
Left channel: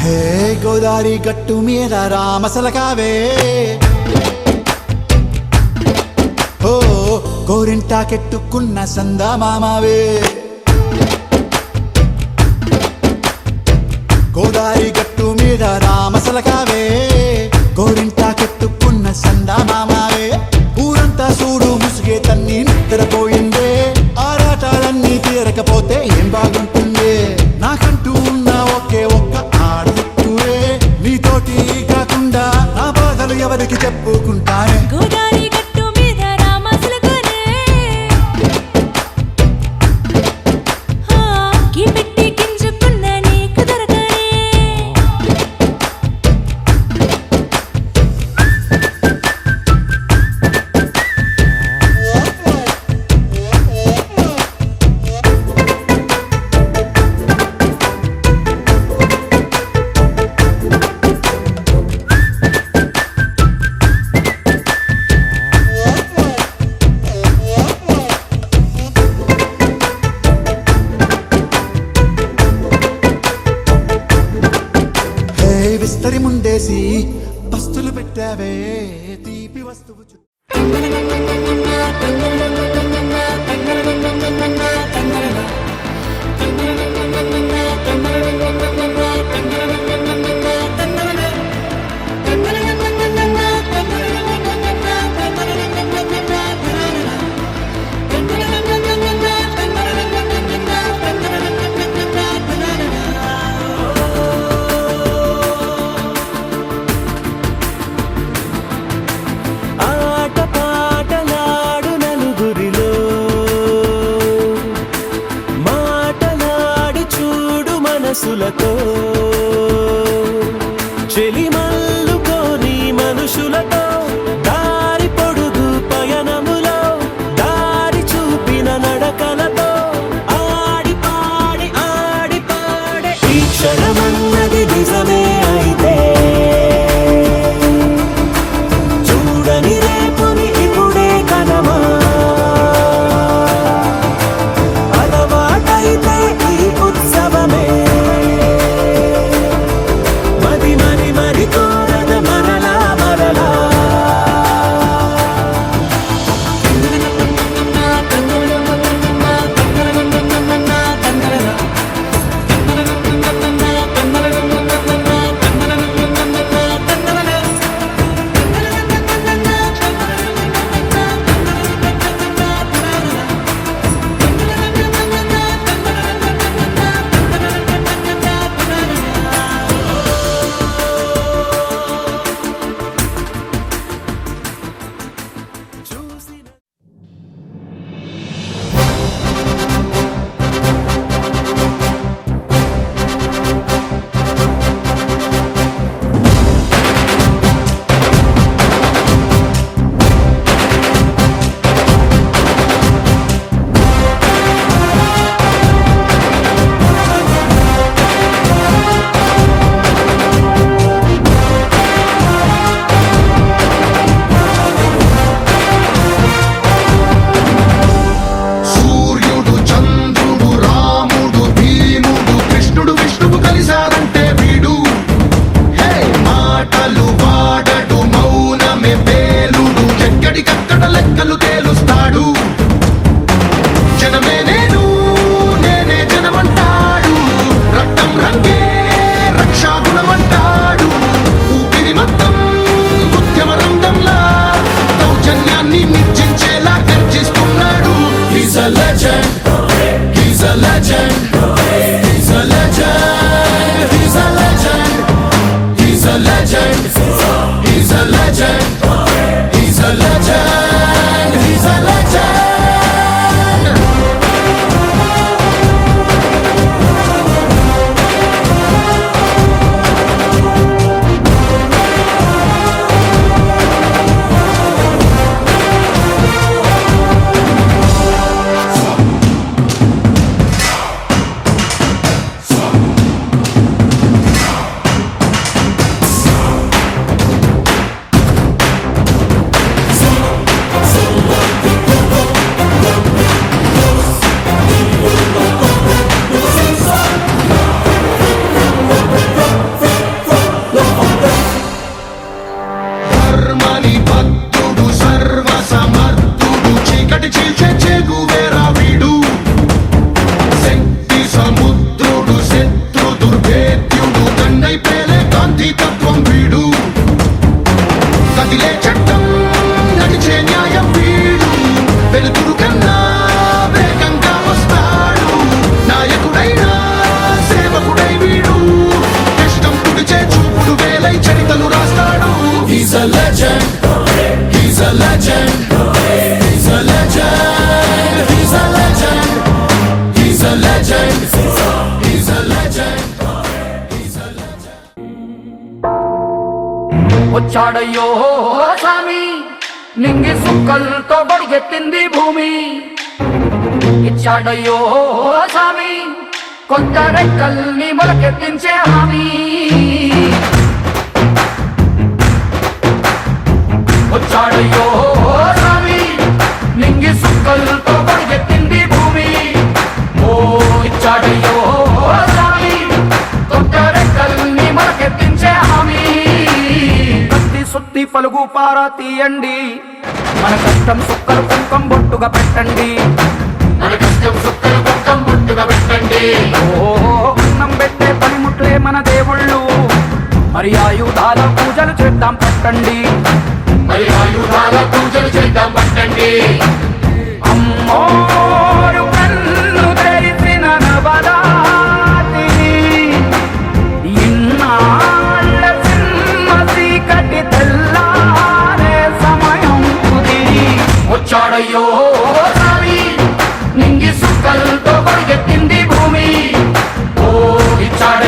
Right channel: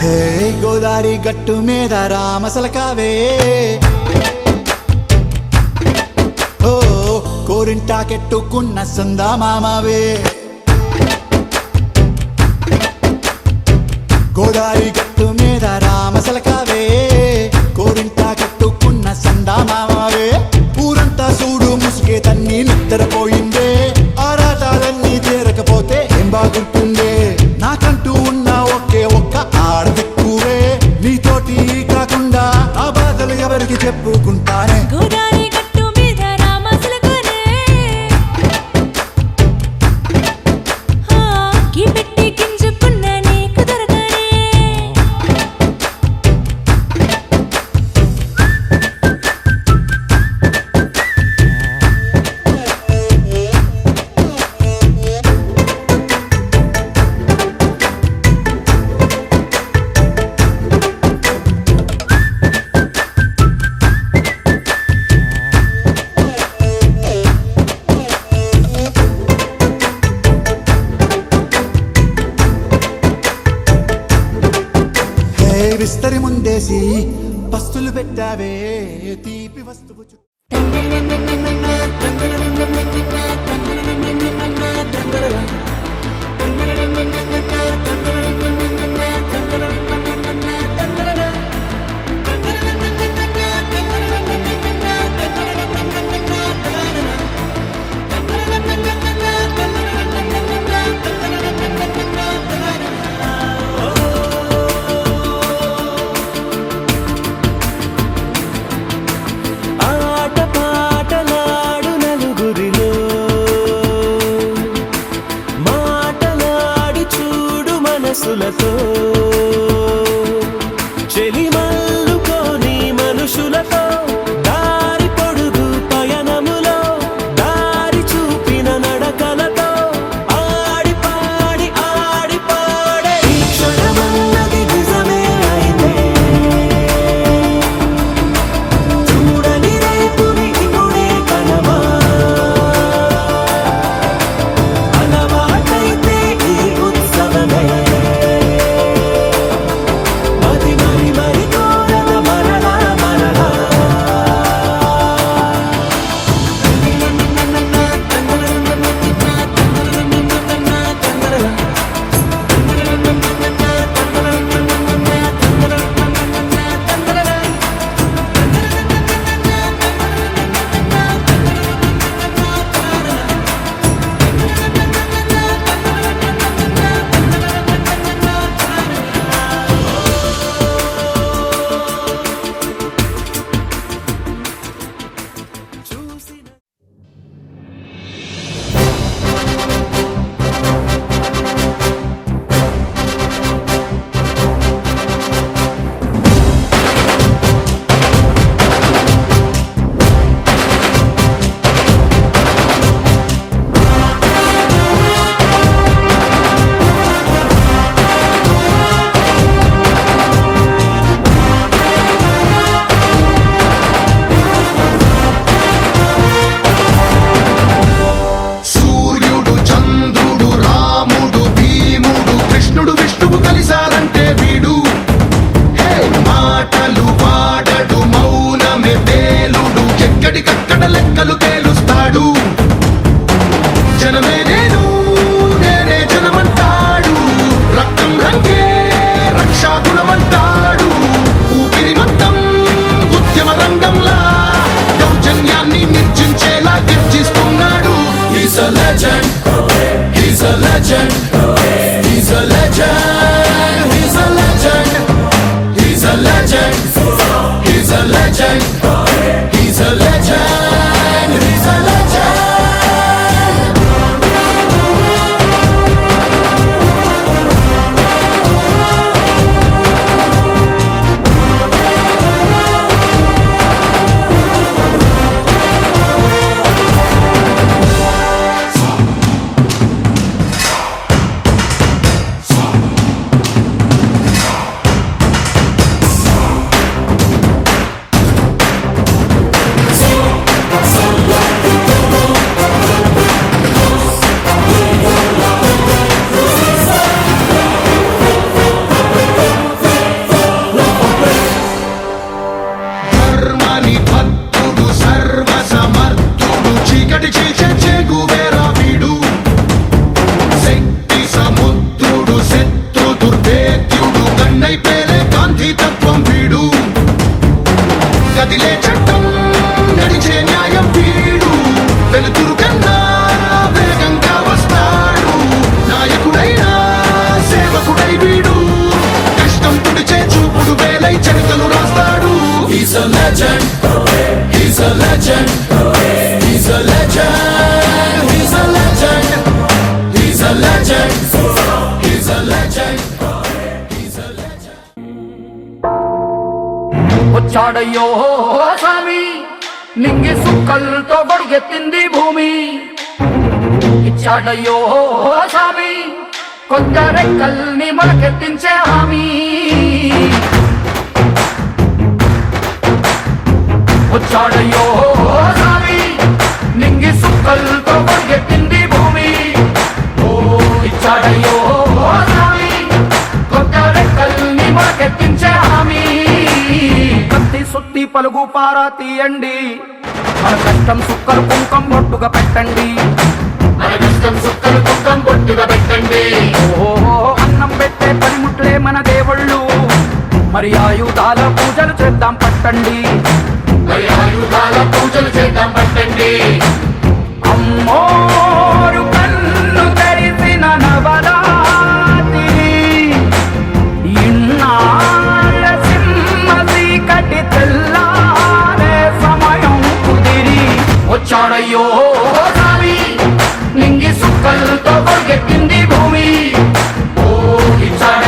హే గోదారి గట్టు మీద రామసలకావే ఓ కోరింటాకెట్టుకున్న సందా మామావే గోదారి గట్టు మీద రామసలకావే కోరింటాకెట్టుకున్న సందా మామావే ఊరంతా చూడు ముసుగే తన్ని నిద్రపోయిందే ఆరాటాలన్నీ తీరకపోతే ఏం బాగుంటుందే నాకంటూ ఉన్న ఒకే ఒక్క ఆడదిక్కురే నీతోటి కాకుండా ఆ బాధలు ఎవరికి చెప్పుకుంటారే గోదారి గట్టు మీద రామసులకనే కీ పెట్టి గింజుకున్న నీకు దొరకనే విస్తరి ముందేసి పస్తులు పెట్టావే తీపి వస్తువు మనసులతో చెలిమల్లుకోని మనుషులతో దారి పొడుగు పయనములో దారి చూపిన నడకలతో ఆడి పాడి ఈ క్షణమన్నది నిజమే అయితే చూడని రేపుని ఇప్పుడే కనమా అలవాటైతే ఈ ఉత్సవమే మరి కోరద మరలా మరలా సూర్యుడు చంద్రుడు రాముడు భీముడు కృష్ణుడు విష్ణువు కలిశారంటే వీడు హే మాటలు వాడడు మౌనమే పేలుడు ఎక్కడికక్కడ లెక్కలు తేలుస్తాడు జనమే నేనే జనమంటాడు రక్తం రంగే రక్షాగుణమంటాడు ఊపిరి మొత్తం ఉద్యమ రంగంలా దౌర్జన్యాన్ని నిర్జించేలా గర్జిస్తున్నాడు He's a legend. He's a legend. He's a legend. He's a legend. He's a legend. He's a legend. He's a legend. He's a legend. ధర్మని భక్తుడు సర్వ సమర్థుడు చీకటి చీల్చే చేగువేరా వీడు శక్తి సముద్రుడు శత్రు దుర్భేద్యుడు కన్నై పేలే కాంతి తత్వం వీడు కదిలే చట్టం నడిచే న్యాయం వీడు వెలుతురు కన్నా వేగంగా వస్తాడు నాయకుడైనా సేవకుడై వీడు కష్టం తుడిచే చూపుడు వేలై చరితలు రాస్తాడు He's a legend. He's a legend. He's a legend. He's a legend. He's a legend. He's a legend. He's a legend. వచ్చాడయ్యో స్వామి నింగి సుక్కలతో బడిగెత్తింది భూమి ఇచ్చాడయ్యో స్వామి కొత్త రెక్కల్ని మొలకెత్తించే హామీ వచ్చాడయ్యో స్వామి నింగి సుక్కలతో బడిగెత్తింది భూమి ఓ ఇచ్చాడయ్యో స్వామి కొత్త రెక్కల్ని మొలకెత్తించే హామీ కత్తి సుత్తి పలుగు పారా తీయండి మన కష్టం సుక్కలు కుంకం బొట్టుగా పెట్టండి ఓ అన్నం పెట్టే పనిముట్లే మన దేవుళ్ళు మరి ఆయుధాల పూజలు చేద్దాం పట్టండి అమ్మోరు కన్ను తెరిసిన నవరాత్రి ఇన్నాళ్ళ సింహ చీకటి తెల్లారే సమయం కుదిరి వచ్చాడయ్యో స్వామి నింగి సుక్కలతో పరిగెత్తింది భూమి ఓ ఇచ్చాడ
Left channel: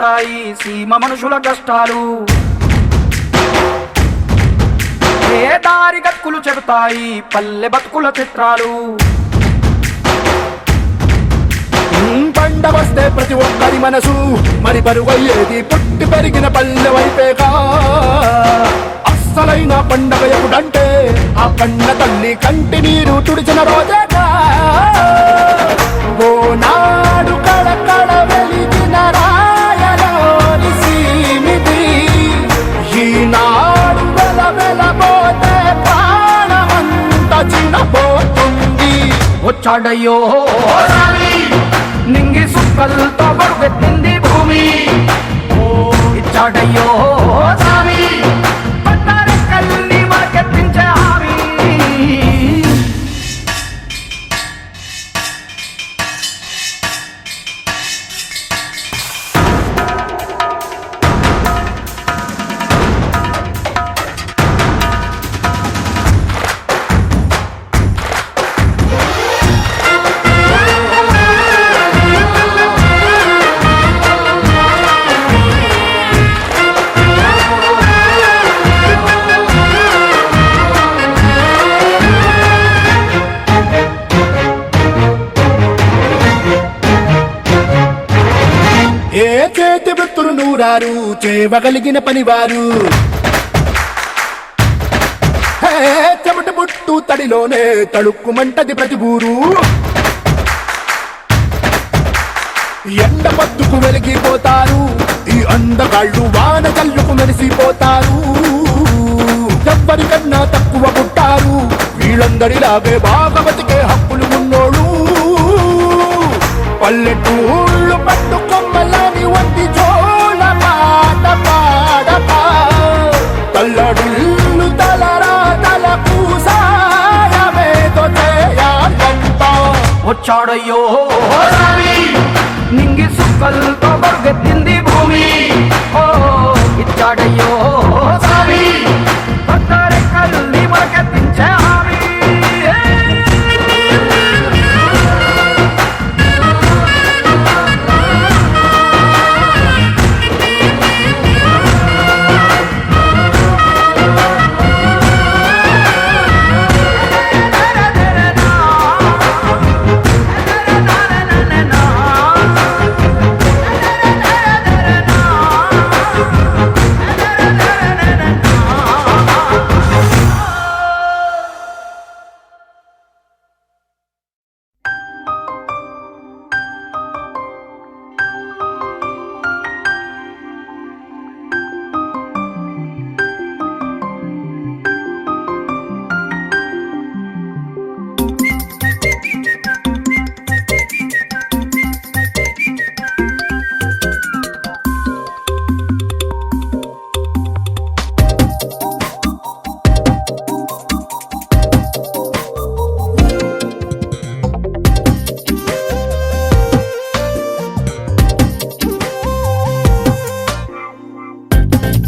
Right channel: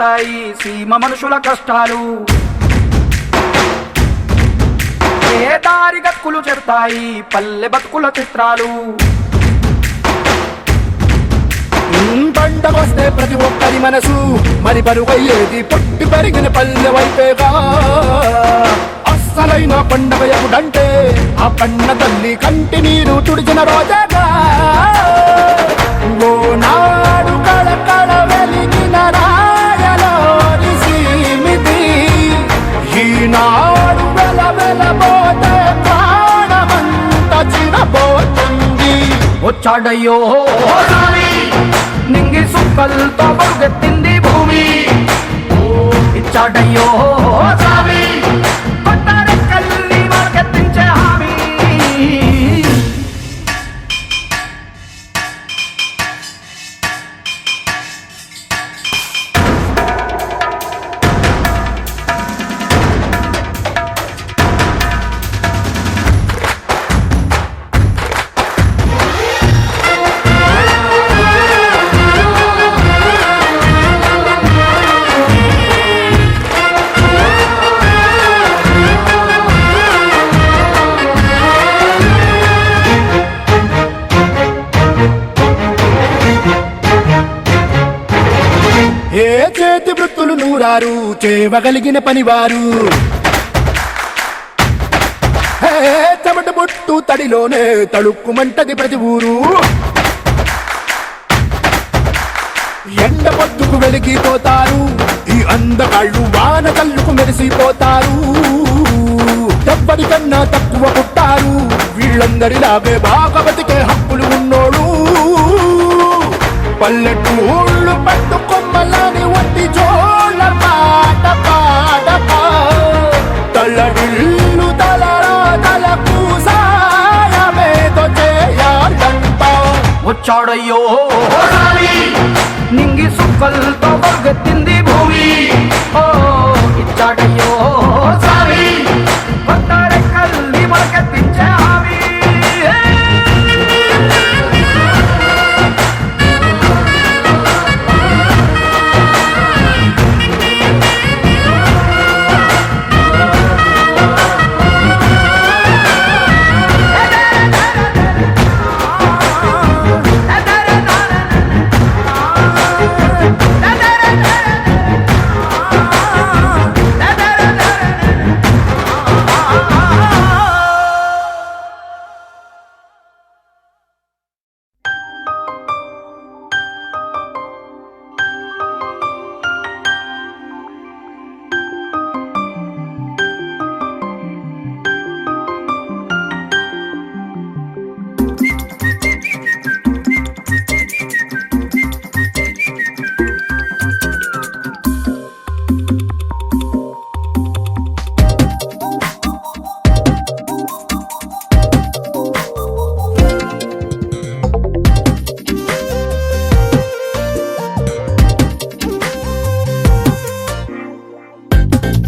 తీరుతాయి సీమ మనుషుల కష్టాలు. ఏ దారి గతుకులు చెబుతాయి పల్లె బతుకుల చిత్రాలు. పంట వస్తే ప్రతి ఒక్కరి మనసు మరి బరువయ్యేది పుట్టి పెరిగిన పల్లె వైపేగా. అస్సలైన పండగ ఎప్పుడంటే ఆ కన్న తల్లి కంటి నీరు తుడిచిన రోజేగా. ఓ నాడు కళకళ వెలిగిన రాయలోని సీమితి ఈనాడు వెలవెలబోతే ప్రాణమంతా చిన్నపోతుంది. వచ్చాడయ్యో నింగి సుక్కలతో బరుగెత్తింది భూమి. ఇచ్చాడయ్యో స్వామి కొట్టారెక్కల్ని మార్కెత్తించే హామీ. ఏ చేతి వృత్తులు నూరారు చేయగలిగిన పనివారు. చెమట పుట్టు తడిలోనే తడుక్కుమంటది ప్రతి ఊరు. ఎండ పట్టుకు వెలిగిపోతారు ఈ అందగాళ్ళు వాన కళ్ళుకు మెరిసిపోతారు. ఎవ్వరికన్నా తక్కువ పుట్టారు వీళ్ళందరిలాగే బాగా బతికే హక్కులు ఉన్నోడు. పల్లెటూళ్ళు పట్టు కొమ్మలని వంటి జోల పాట పాడక తల్లడిల్లు తలరాతలకు సాయమేదో చేయాలంట. వచ్చాడయ్యో నింగి సుక్కలతో బరుగెత్తింది భూమి. ఓ ఇచ్చాడయ్యో స్వామి కొత్తారెక్కల్ని మొలకెత్తించే హామీ.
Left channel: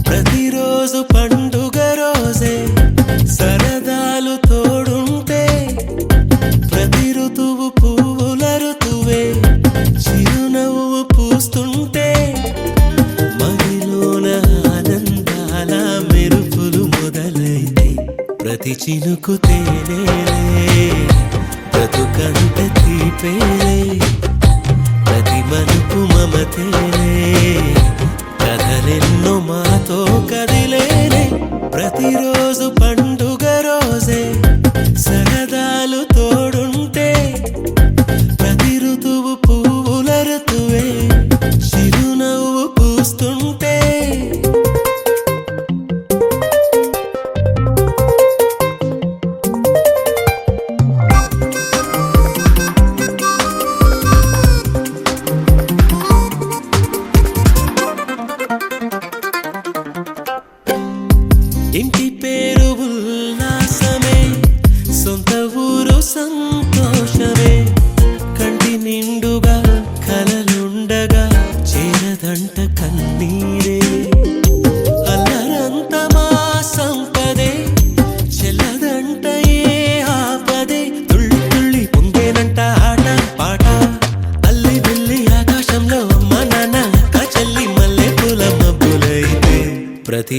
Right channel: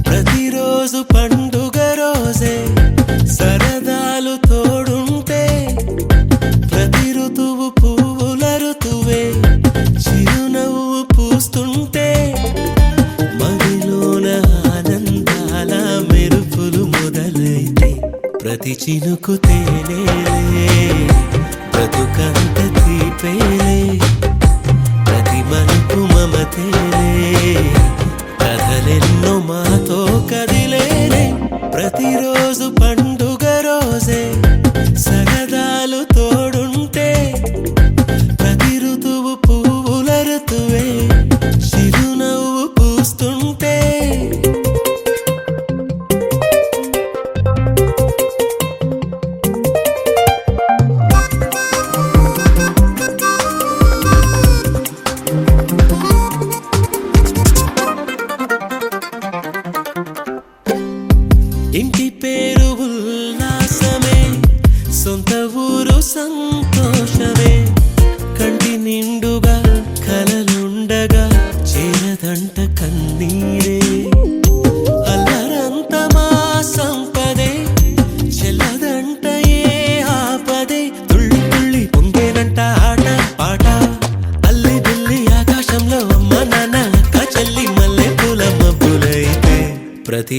ప్రతిరోజు పండుగ రోజే సరదాలు తోడుంటే ప్రతి ఋతువు పువ్వుల ఋతువే చిరునవ్వు పూస్తుంటే మదిలోన ఆనందాల మెరుపులు మొదలైతే ప్రతి చినుకు తేనేలే బ్రతుకంత తీపేలే ప్రతి మలుపు మమతేలే కథలెన్నో మాతో కదిలేనే. ప్రతిరోజు పండుగ రోజే సరదాలు తోడుంటే ప్రతి ఋతువు పువ్వుల ఋతువే చిరునవ్వు పూస్తుంటే ఇంటి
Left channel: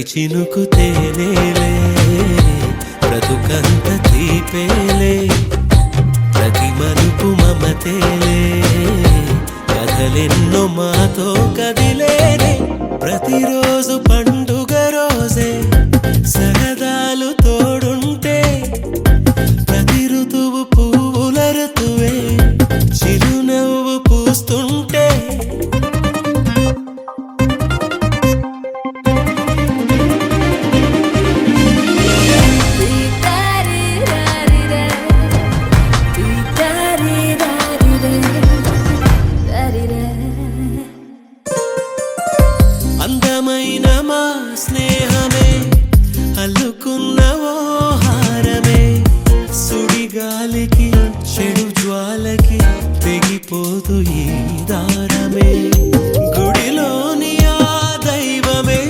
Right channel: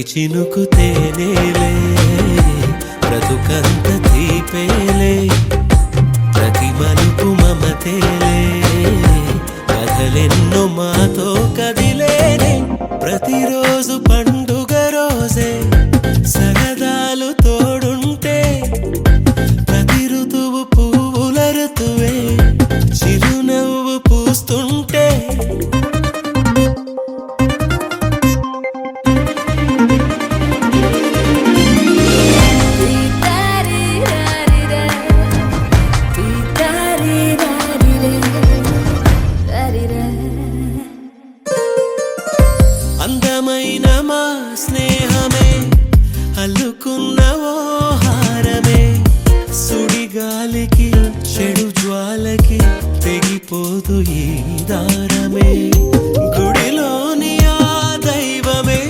చినుకు తేనేలే బ్రతుకంత తీపేలే ప్రతి మలుపు మమతేలే కథలెన్నో మాతో కదిలేనే ప్రతిరోజు పండుగ రోజే సరదాలు తోడుంటే ప్రతి ఋతువు పువ్వుల ఋతువే చిరునవ్వు పూస్తుంటే అందమైన మా స్నేహమే అల్లుకున్న ఓ హారమే సుడిగాలికి చెడు జ్వాలకి తెగిపోదు ఈ దారమే గుడిలోని ఆ దైవమే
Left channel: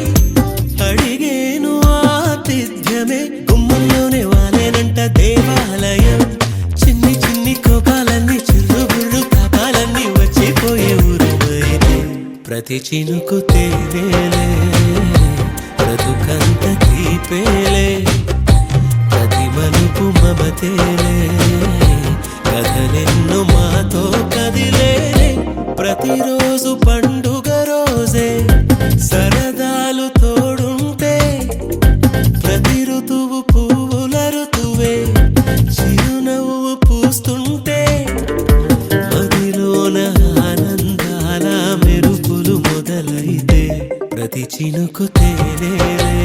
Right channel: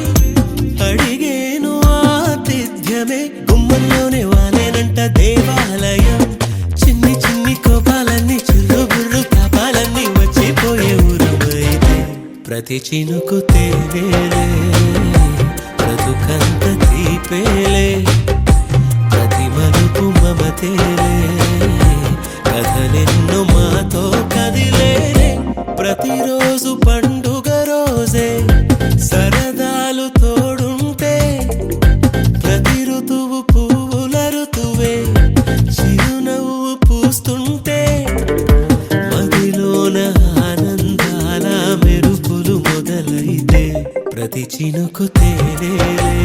అడిగేను ఆతిథ్యమే గుమ్మంలోనే వాలేనంట దేవాలయం చిన్ని చిన్ని కోపాలన్నీ చిరుబుర్రు తాపాలన్నీ వచ్చిపోయే ఊరుమైతే ప్రతి చినుకు తేనేలే బ్రతుకంత తీపేలే ప్రతి మలుపు మమతేలే కథలెన్నో మాతో కదిలేనే ప్రతిరోజు పండుగ రోజే సరదాలు తోడుంటే ప్రతి ఋతువు పువ్వుల ఋతువే చిరునవ్వు పూస్తుంటే మదిలోన ఆనందాల మెరుపులు మొదలైతే ప్రతి చినుకు తేనేలే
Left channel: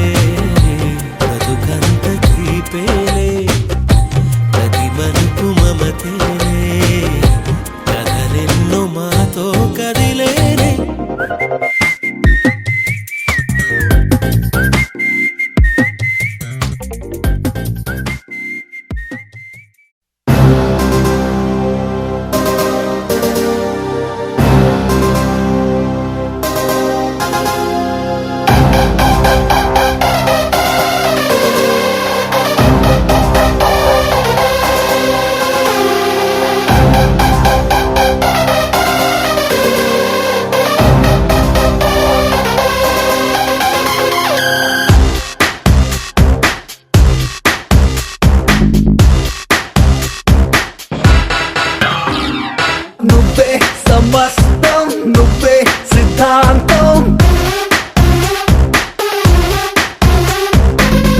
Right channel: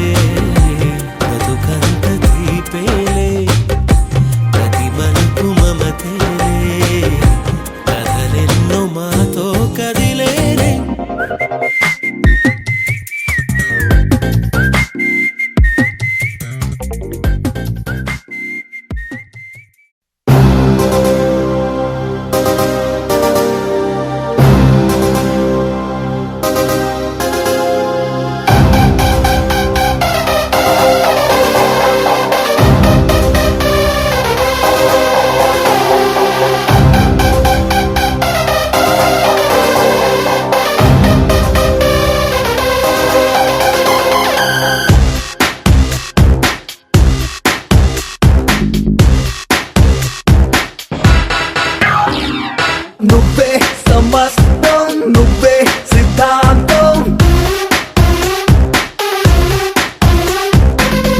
బ్రతుకంత తీపేలే ప్రతి మలుపు మమతేలే కథలెన్నో మాతో కదిలేనే నువ్వే సమస్తం నువ్వే సిద్ధాంతం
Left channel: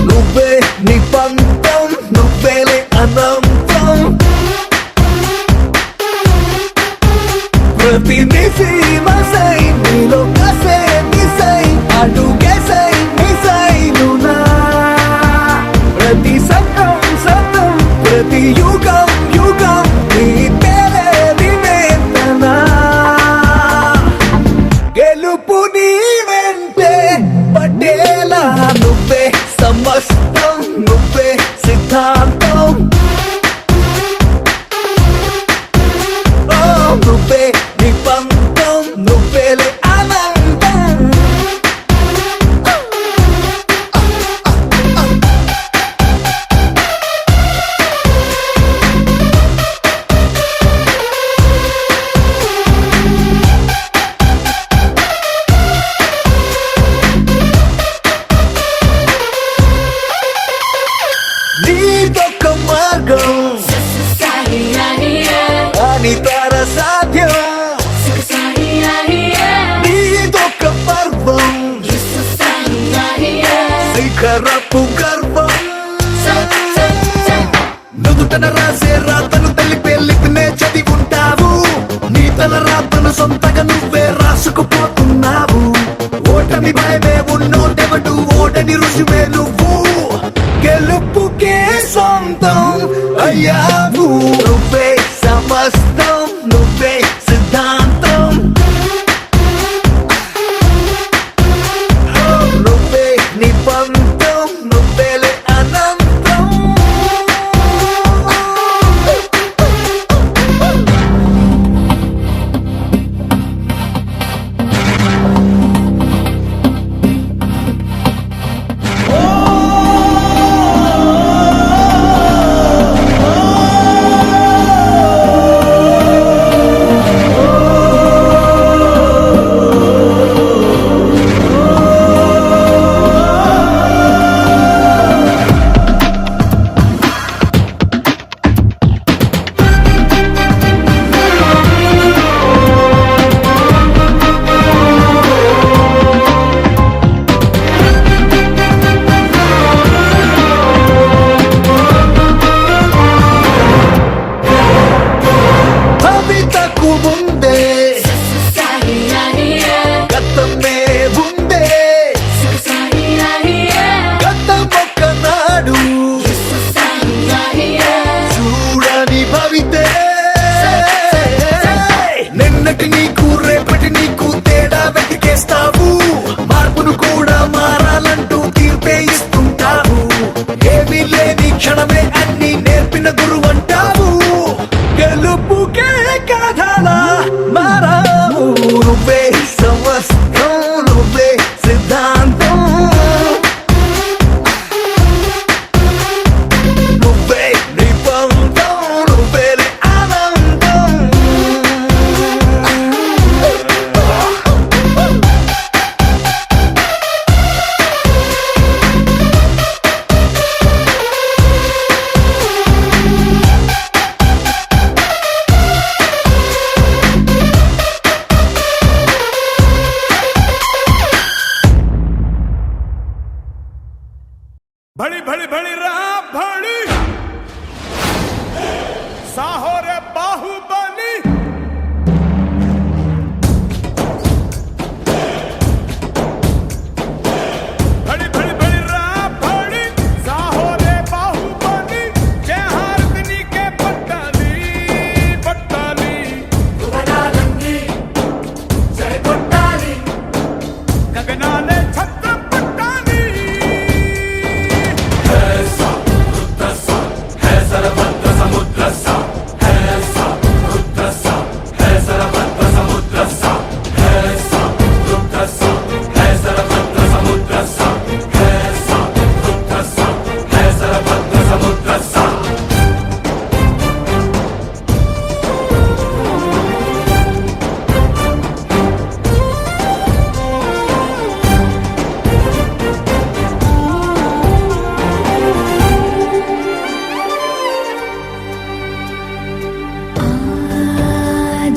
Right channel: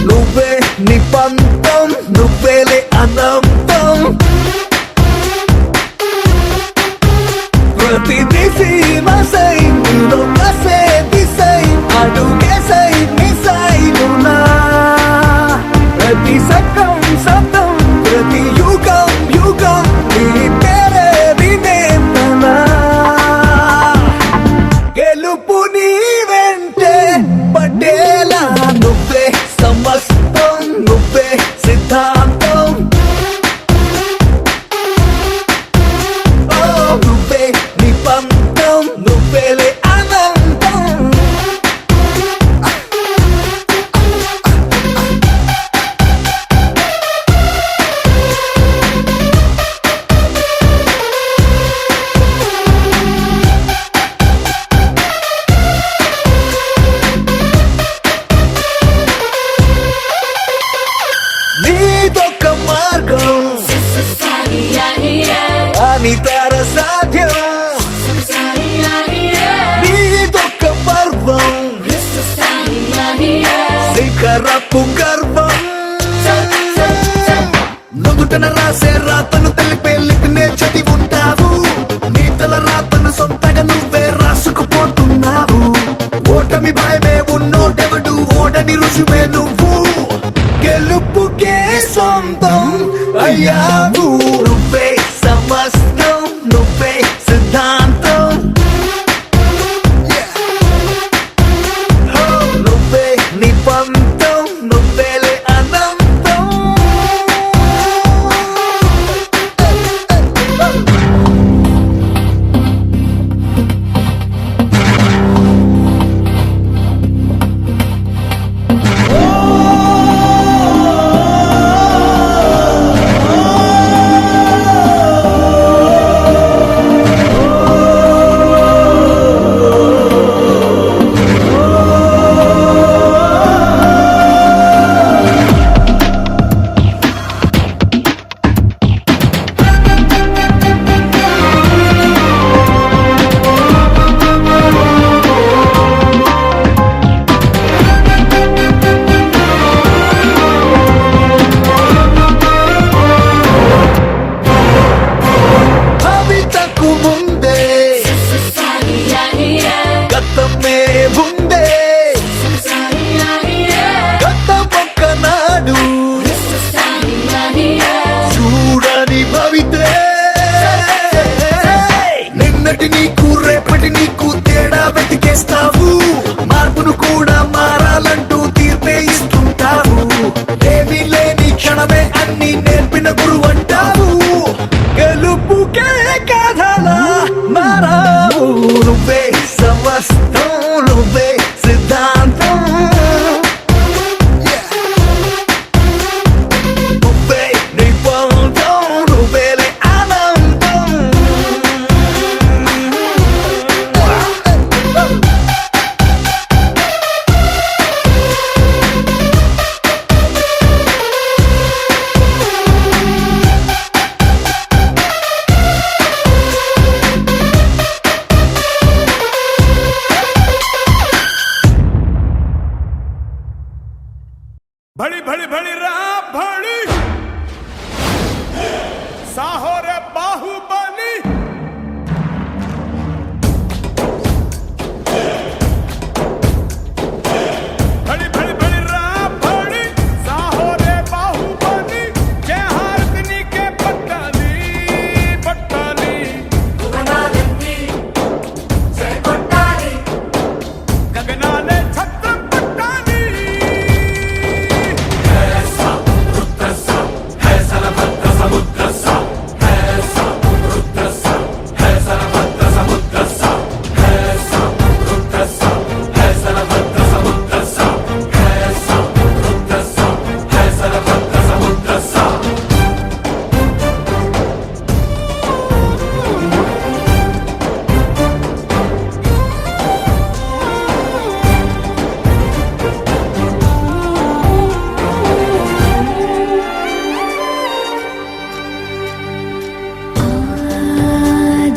నువ్వే నిబంధం నువ్వేలే అనంతం ప్రతి దిశై నీలో కసే దిశై అడుగేసై మిసైలునా ప్రతి సకం సతం ప్రతి యుగం యుగం నీ పేరే వినేతనా గెలుపు నీ వెంటే పడేలా నువ్వే సమస్తం నువ్వే సిద్ధాంతం నువ్వే నిబంధం నువ్వేలే అనంతం నీదొక్క మార్గం అనితర సాధ్యం నీదొక్క పర్వం శిఖరపు గర్వం నుదుటన రాసే రాతను తెలిపే లిపినే చదివి ఉంటావు నీ తల రాతను సొంతగా నువ్వే రాసుకుపోతున్నావు ఓటమి భయమే ఉన్నోటెవడు ఓడని రుజువే నువ్వు గెలుపుకే సొంతం అయ్యావు నువ్వే సమస్తం నువ్వే సిద్ధాంతం నువ్వే నిబంధం నువ్వేలే అనంతం ముందే గతమే ఉందే గతం ఒక్కనాడు చూడని భవితే నిన్నటి నీకు రేపటి నీకు తేడా వెతికేస్తావు మార్పును కూడా మారాలంటూ తీర్పే ఇస్తుంటావు ఏమీ లేని క్షణమే అన్ని నేర్పిన గురువు అంటావు గెలుపుకే కథలా మారావు నువ్వే సమస్తం నువ్వే సిద్ధాంతం నువ్వే నిబంధం నువ్వేలే ఆనందం भड़ी भड़ी भड़ी रहा भड़ी साहो रे बाहुबली भड़ी भड़ी भड़ी रहा भड़ी साहो रे बाहुबली जय हारदिनी के पट्टाली पट्टाली गगनाले छत्र पट्टाली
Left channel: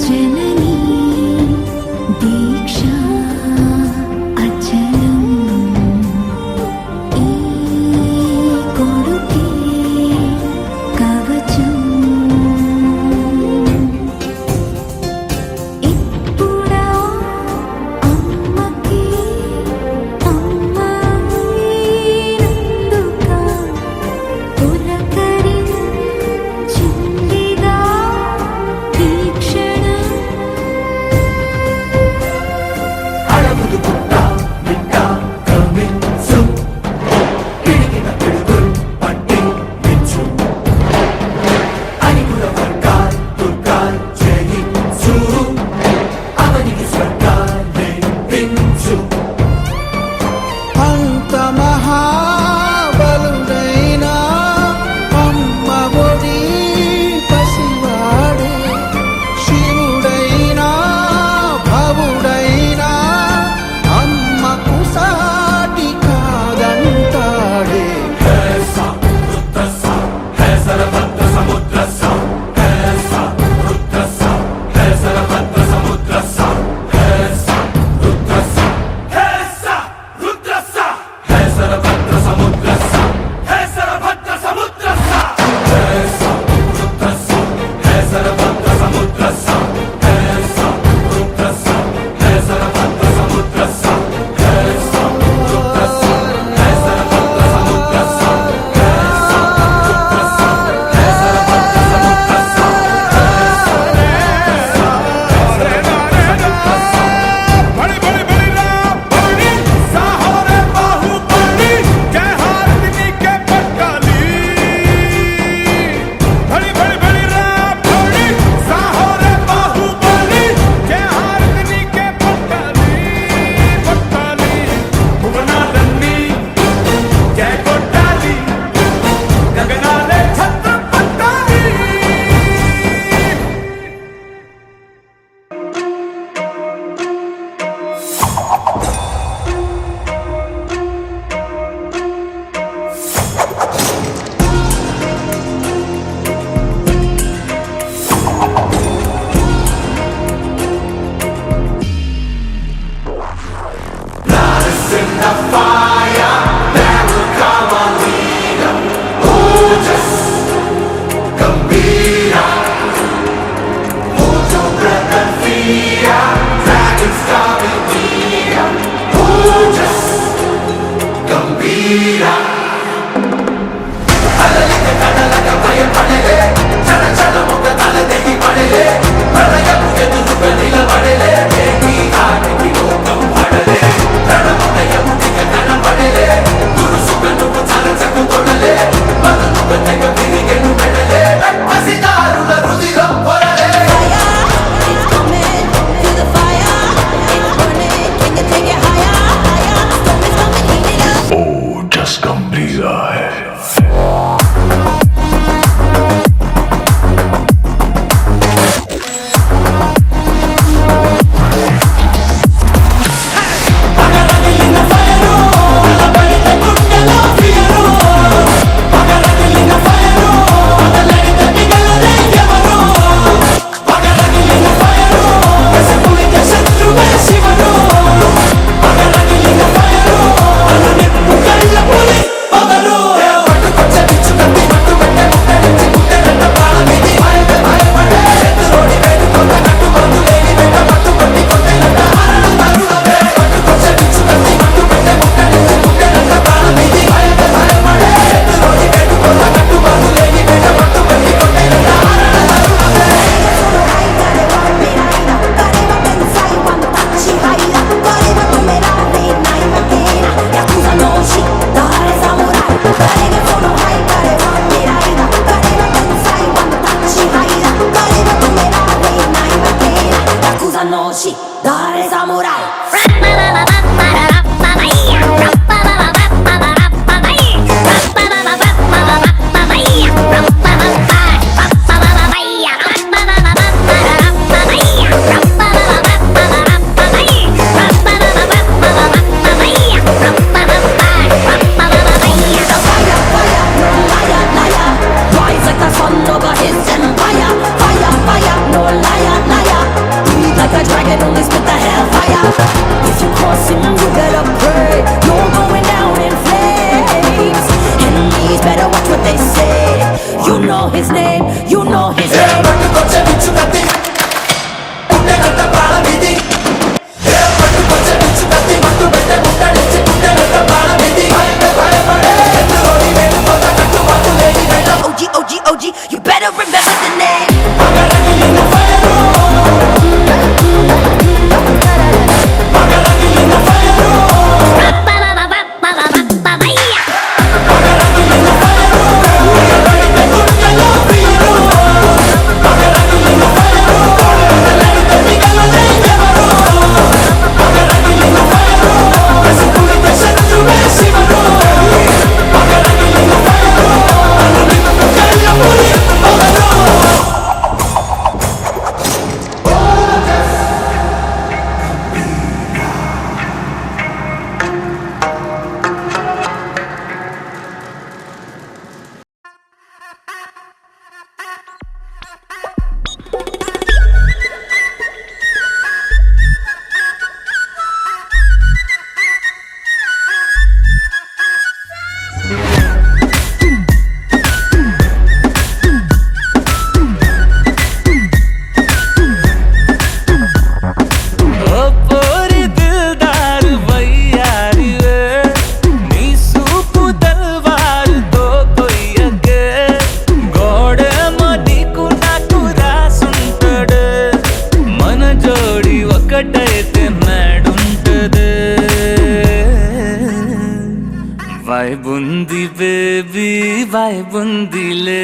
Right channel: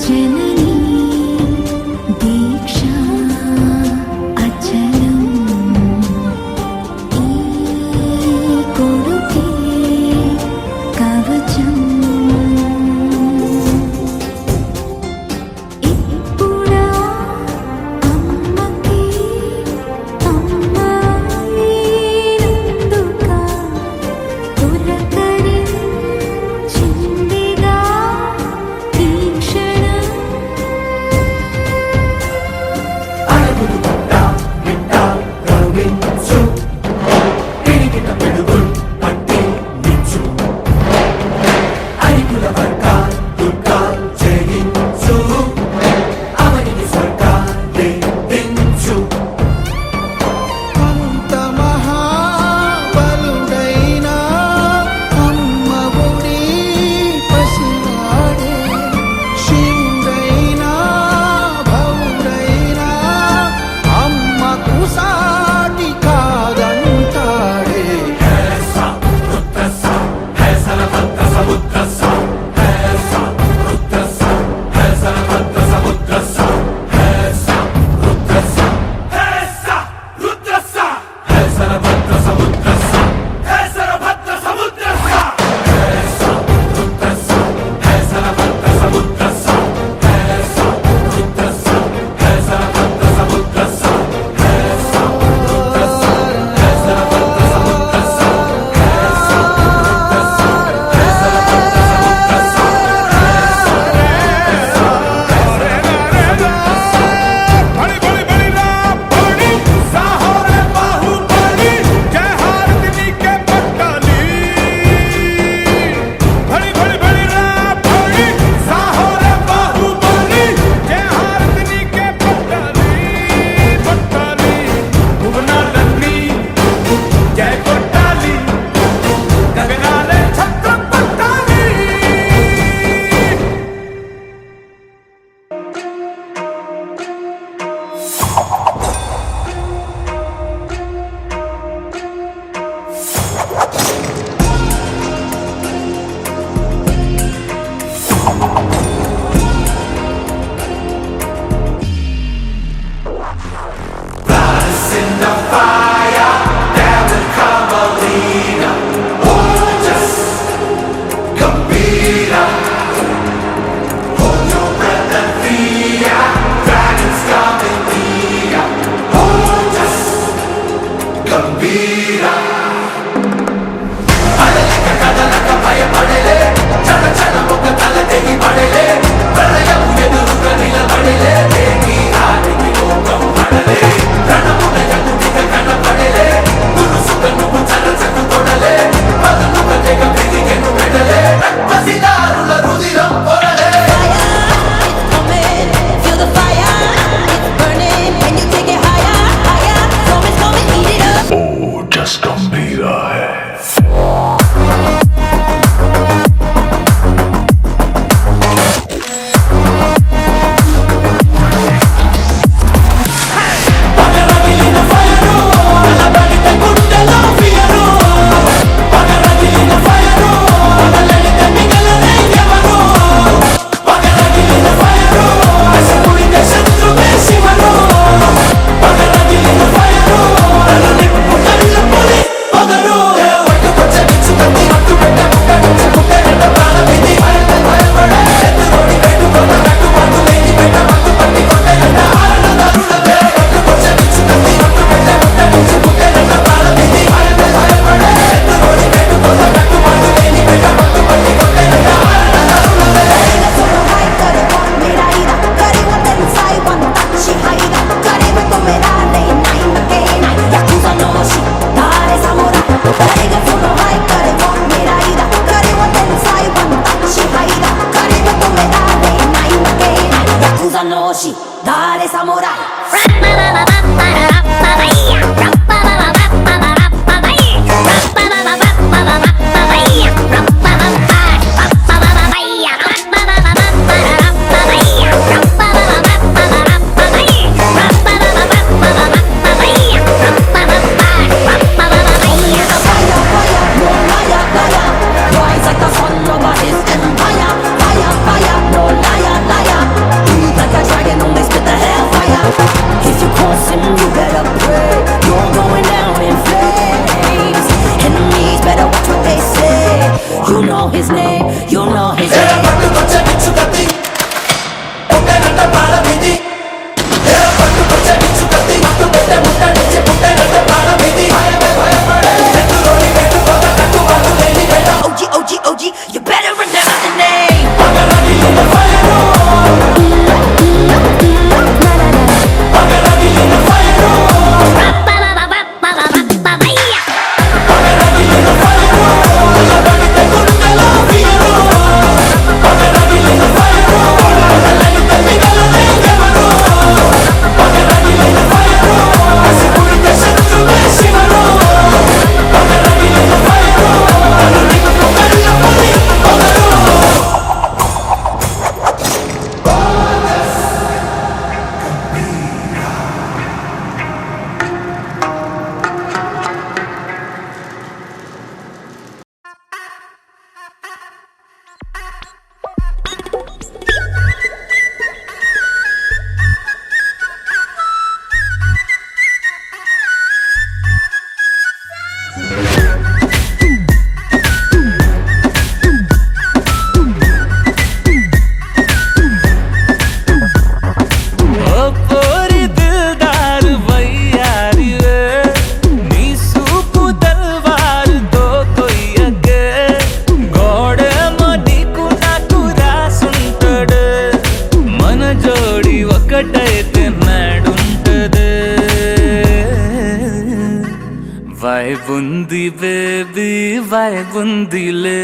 जननी दीक्षा अचलम ई कोडुके कवचम इप्पुड़ा अम्मकी अम्मायिनंदुका पुलकरी चिंदिगा तीक्षण అంత మహాబలుడైనా ఉన్మముని పసివాడే శివుడైనా భవుడైనా అమ్మకు సాటి కాదంటాడే भड़ी भड़ी भड़ी रहा भड़ी साहो रे बाहुबली जय हारदिनी के पट्टाली भड़ी भड़ी भड़ी रहा भड़ी साहो रे बाहुबली जय हारदिनी के पट्टाली पट्टाली भुवनालन्नी जय कोट्टाली गगनाले छत्र पट्टाली Hold your breath ఉందిలే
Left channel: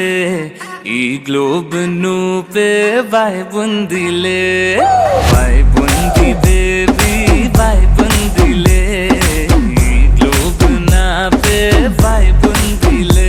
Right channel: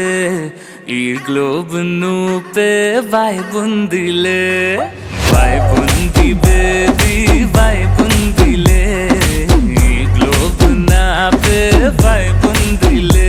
ఈ గ్లోబ్ నువ్వే వైబ్ ఉందిలే వైబ్ ఉంది బేబీ వైబ్ ఉందిలే ఈ గ్లోబ్ నావే వైబ్ ఉందిలే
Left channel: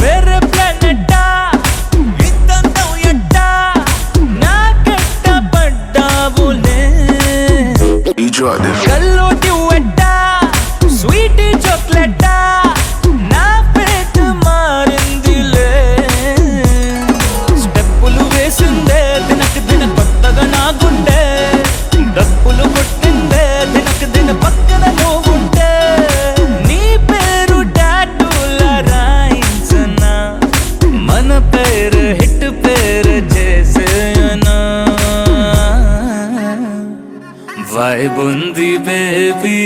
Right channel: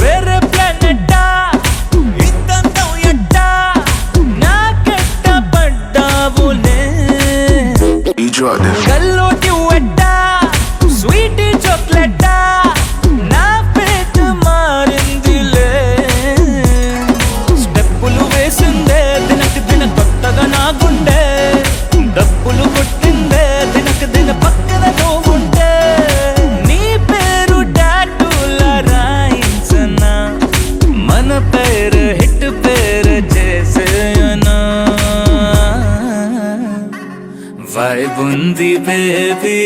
వేరే ప్లానెట్టా ఇంతంతం ఎట్టా నాకెట్ట పడ్డావులే కల్లోటి ఎట్టా స్వీట్ చాక్లెట్టా నా పేట మారిందిలే స్టెప్పులు వేసిందే దినకు దిన కొత్తగా నా గుండె డప్పులు కొట్టిందే దినకు దిన పక్కన నువ్వుంటే నీ పేరు టాటూల రాయించనా మన పేరు హిట్ పేరు చేసేయనా వైబ్ ఉంది బేబీ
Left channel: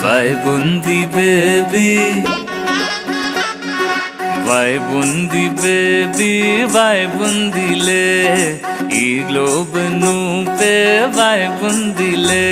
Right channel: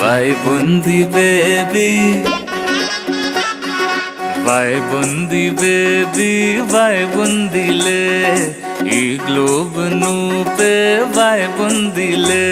వైబ్ ఉంది బేబీ వైబ్ ఉంది బేబీ వైబ్ ఉందిలే ఈ గ్లోబ్ నువ్వే వైబ్ ఉందిలే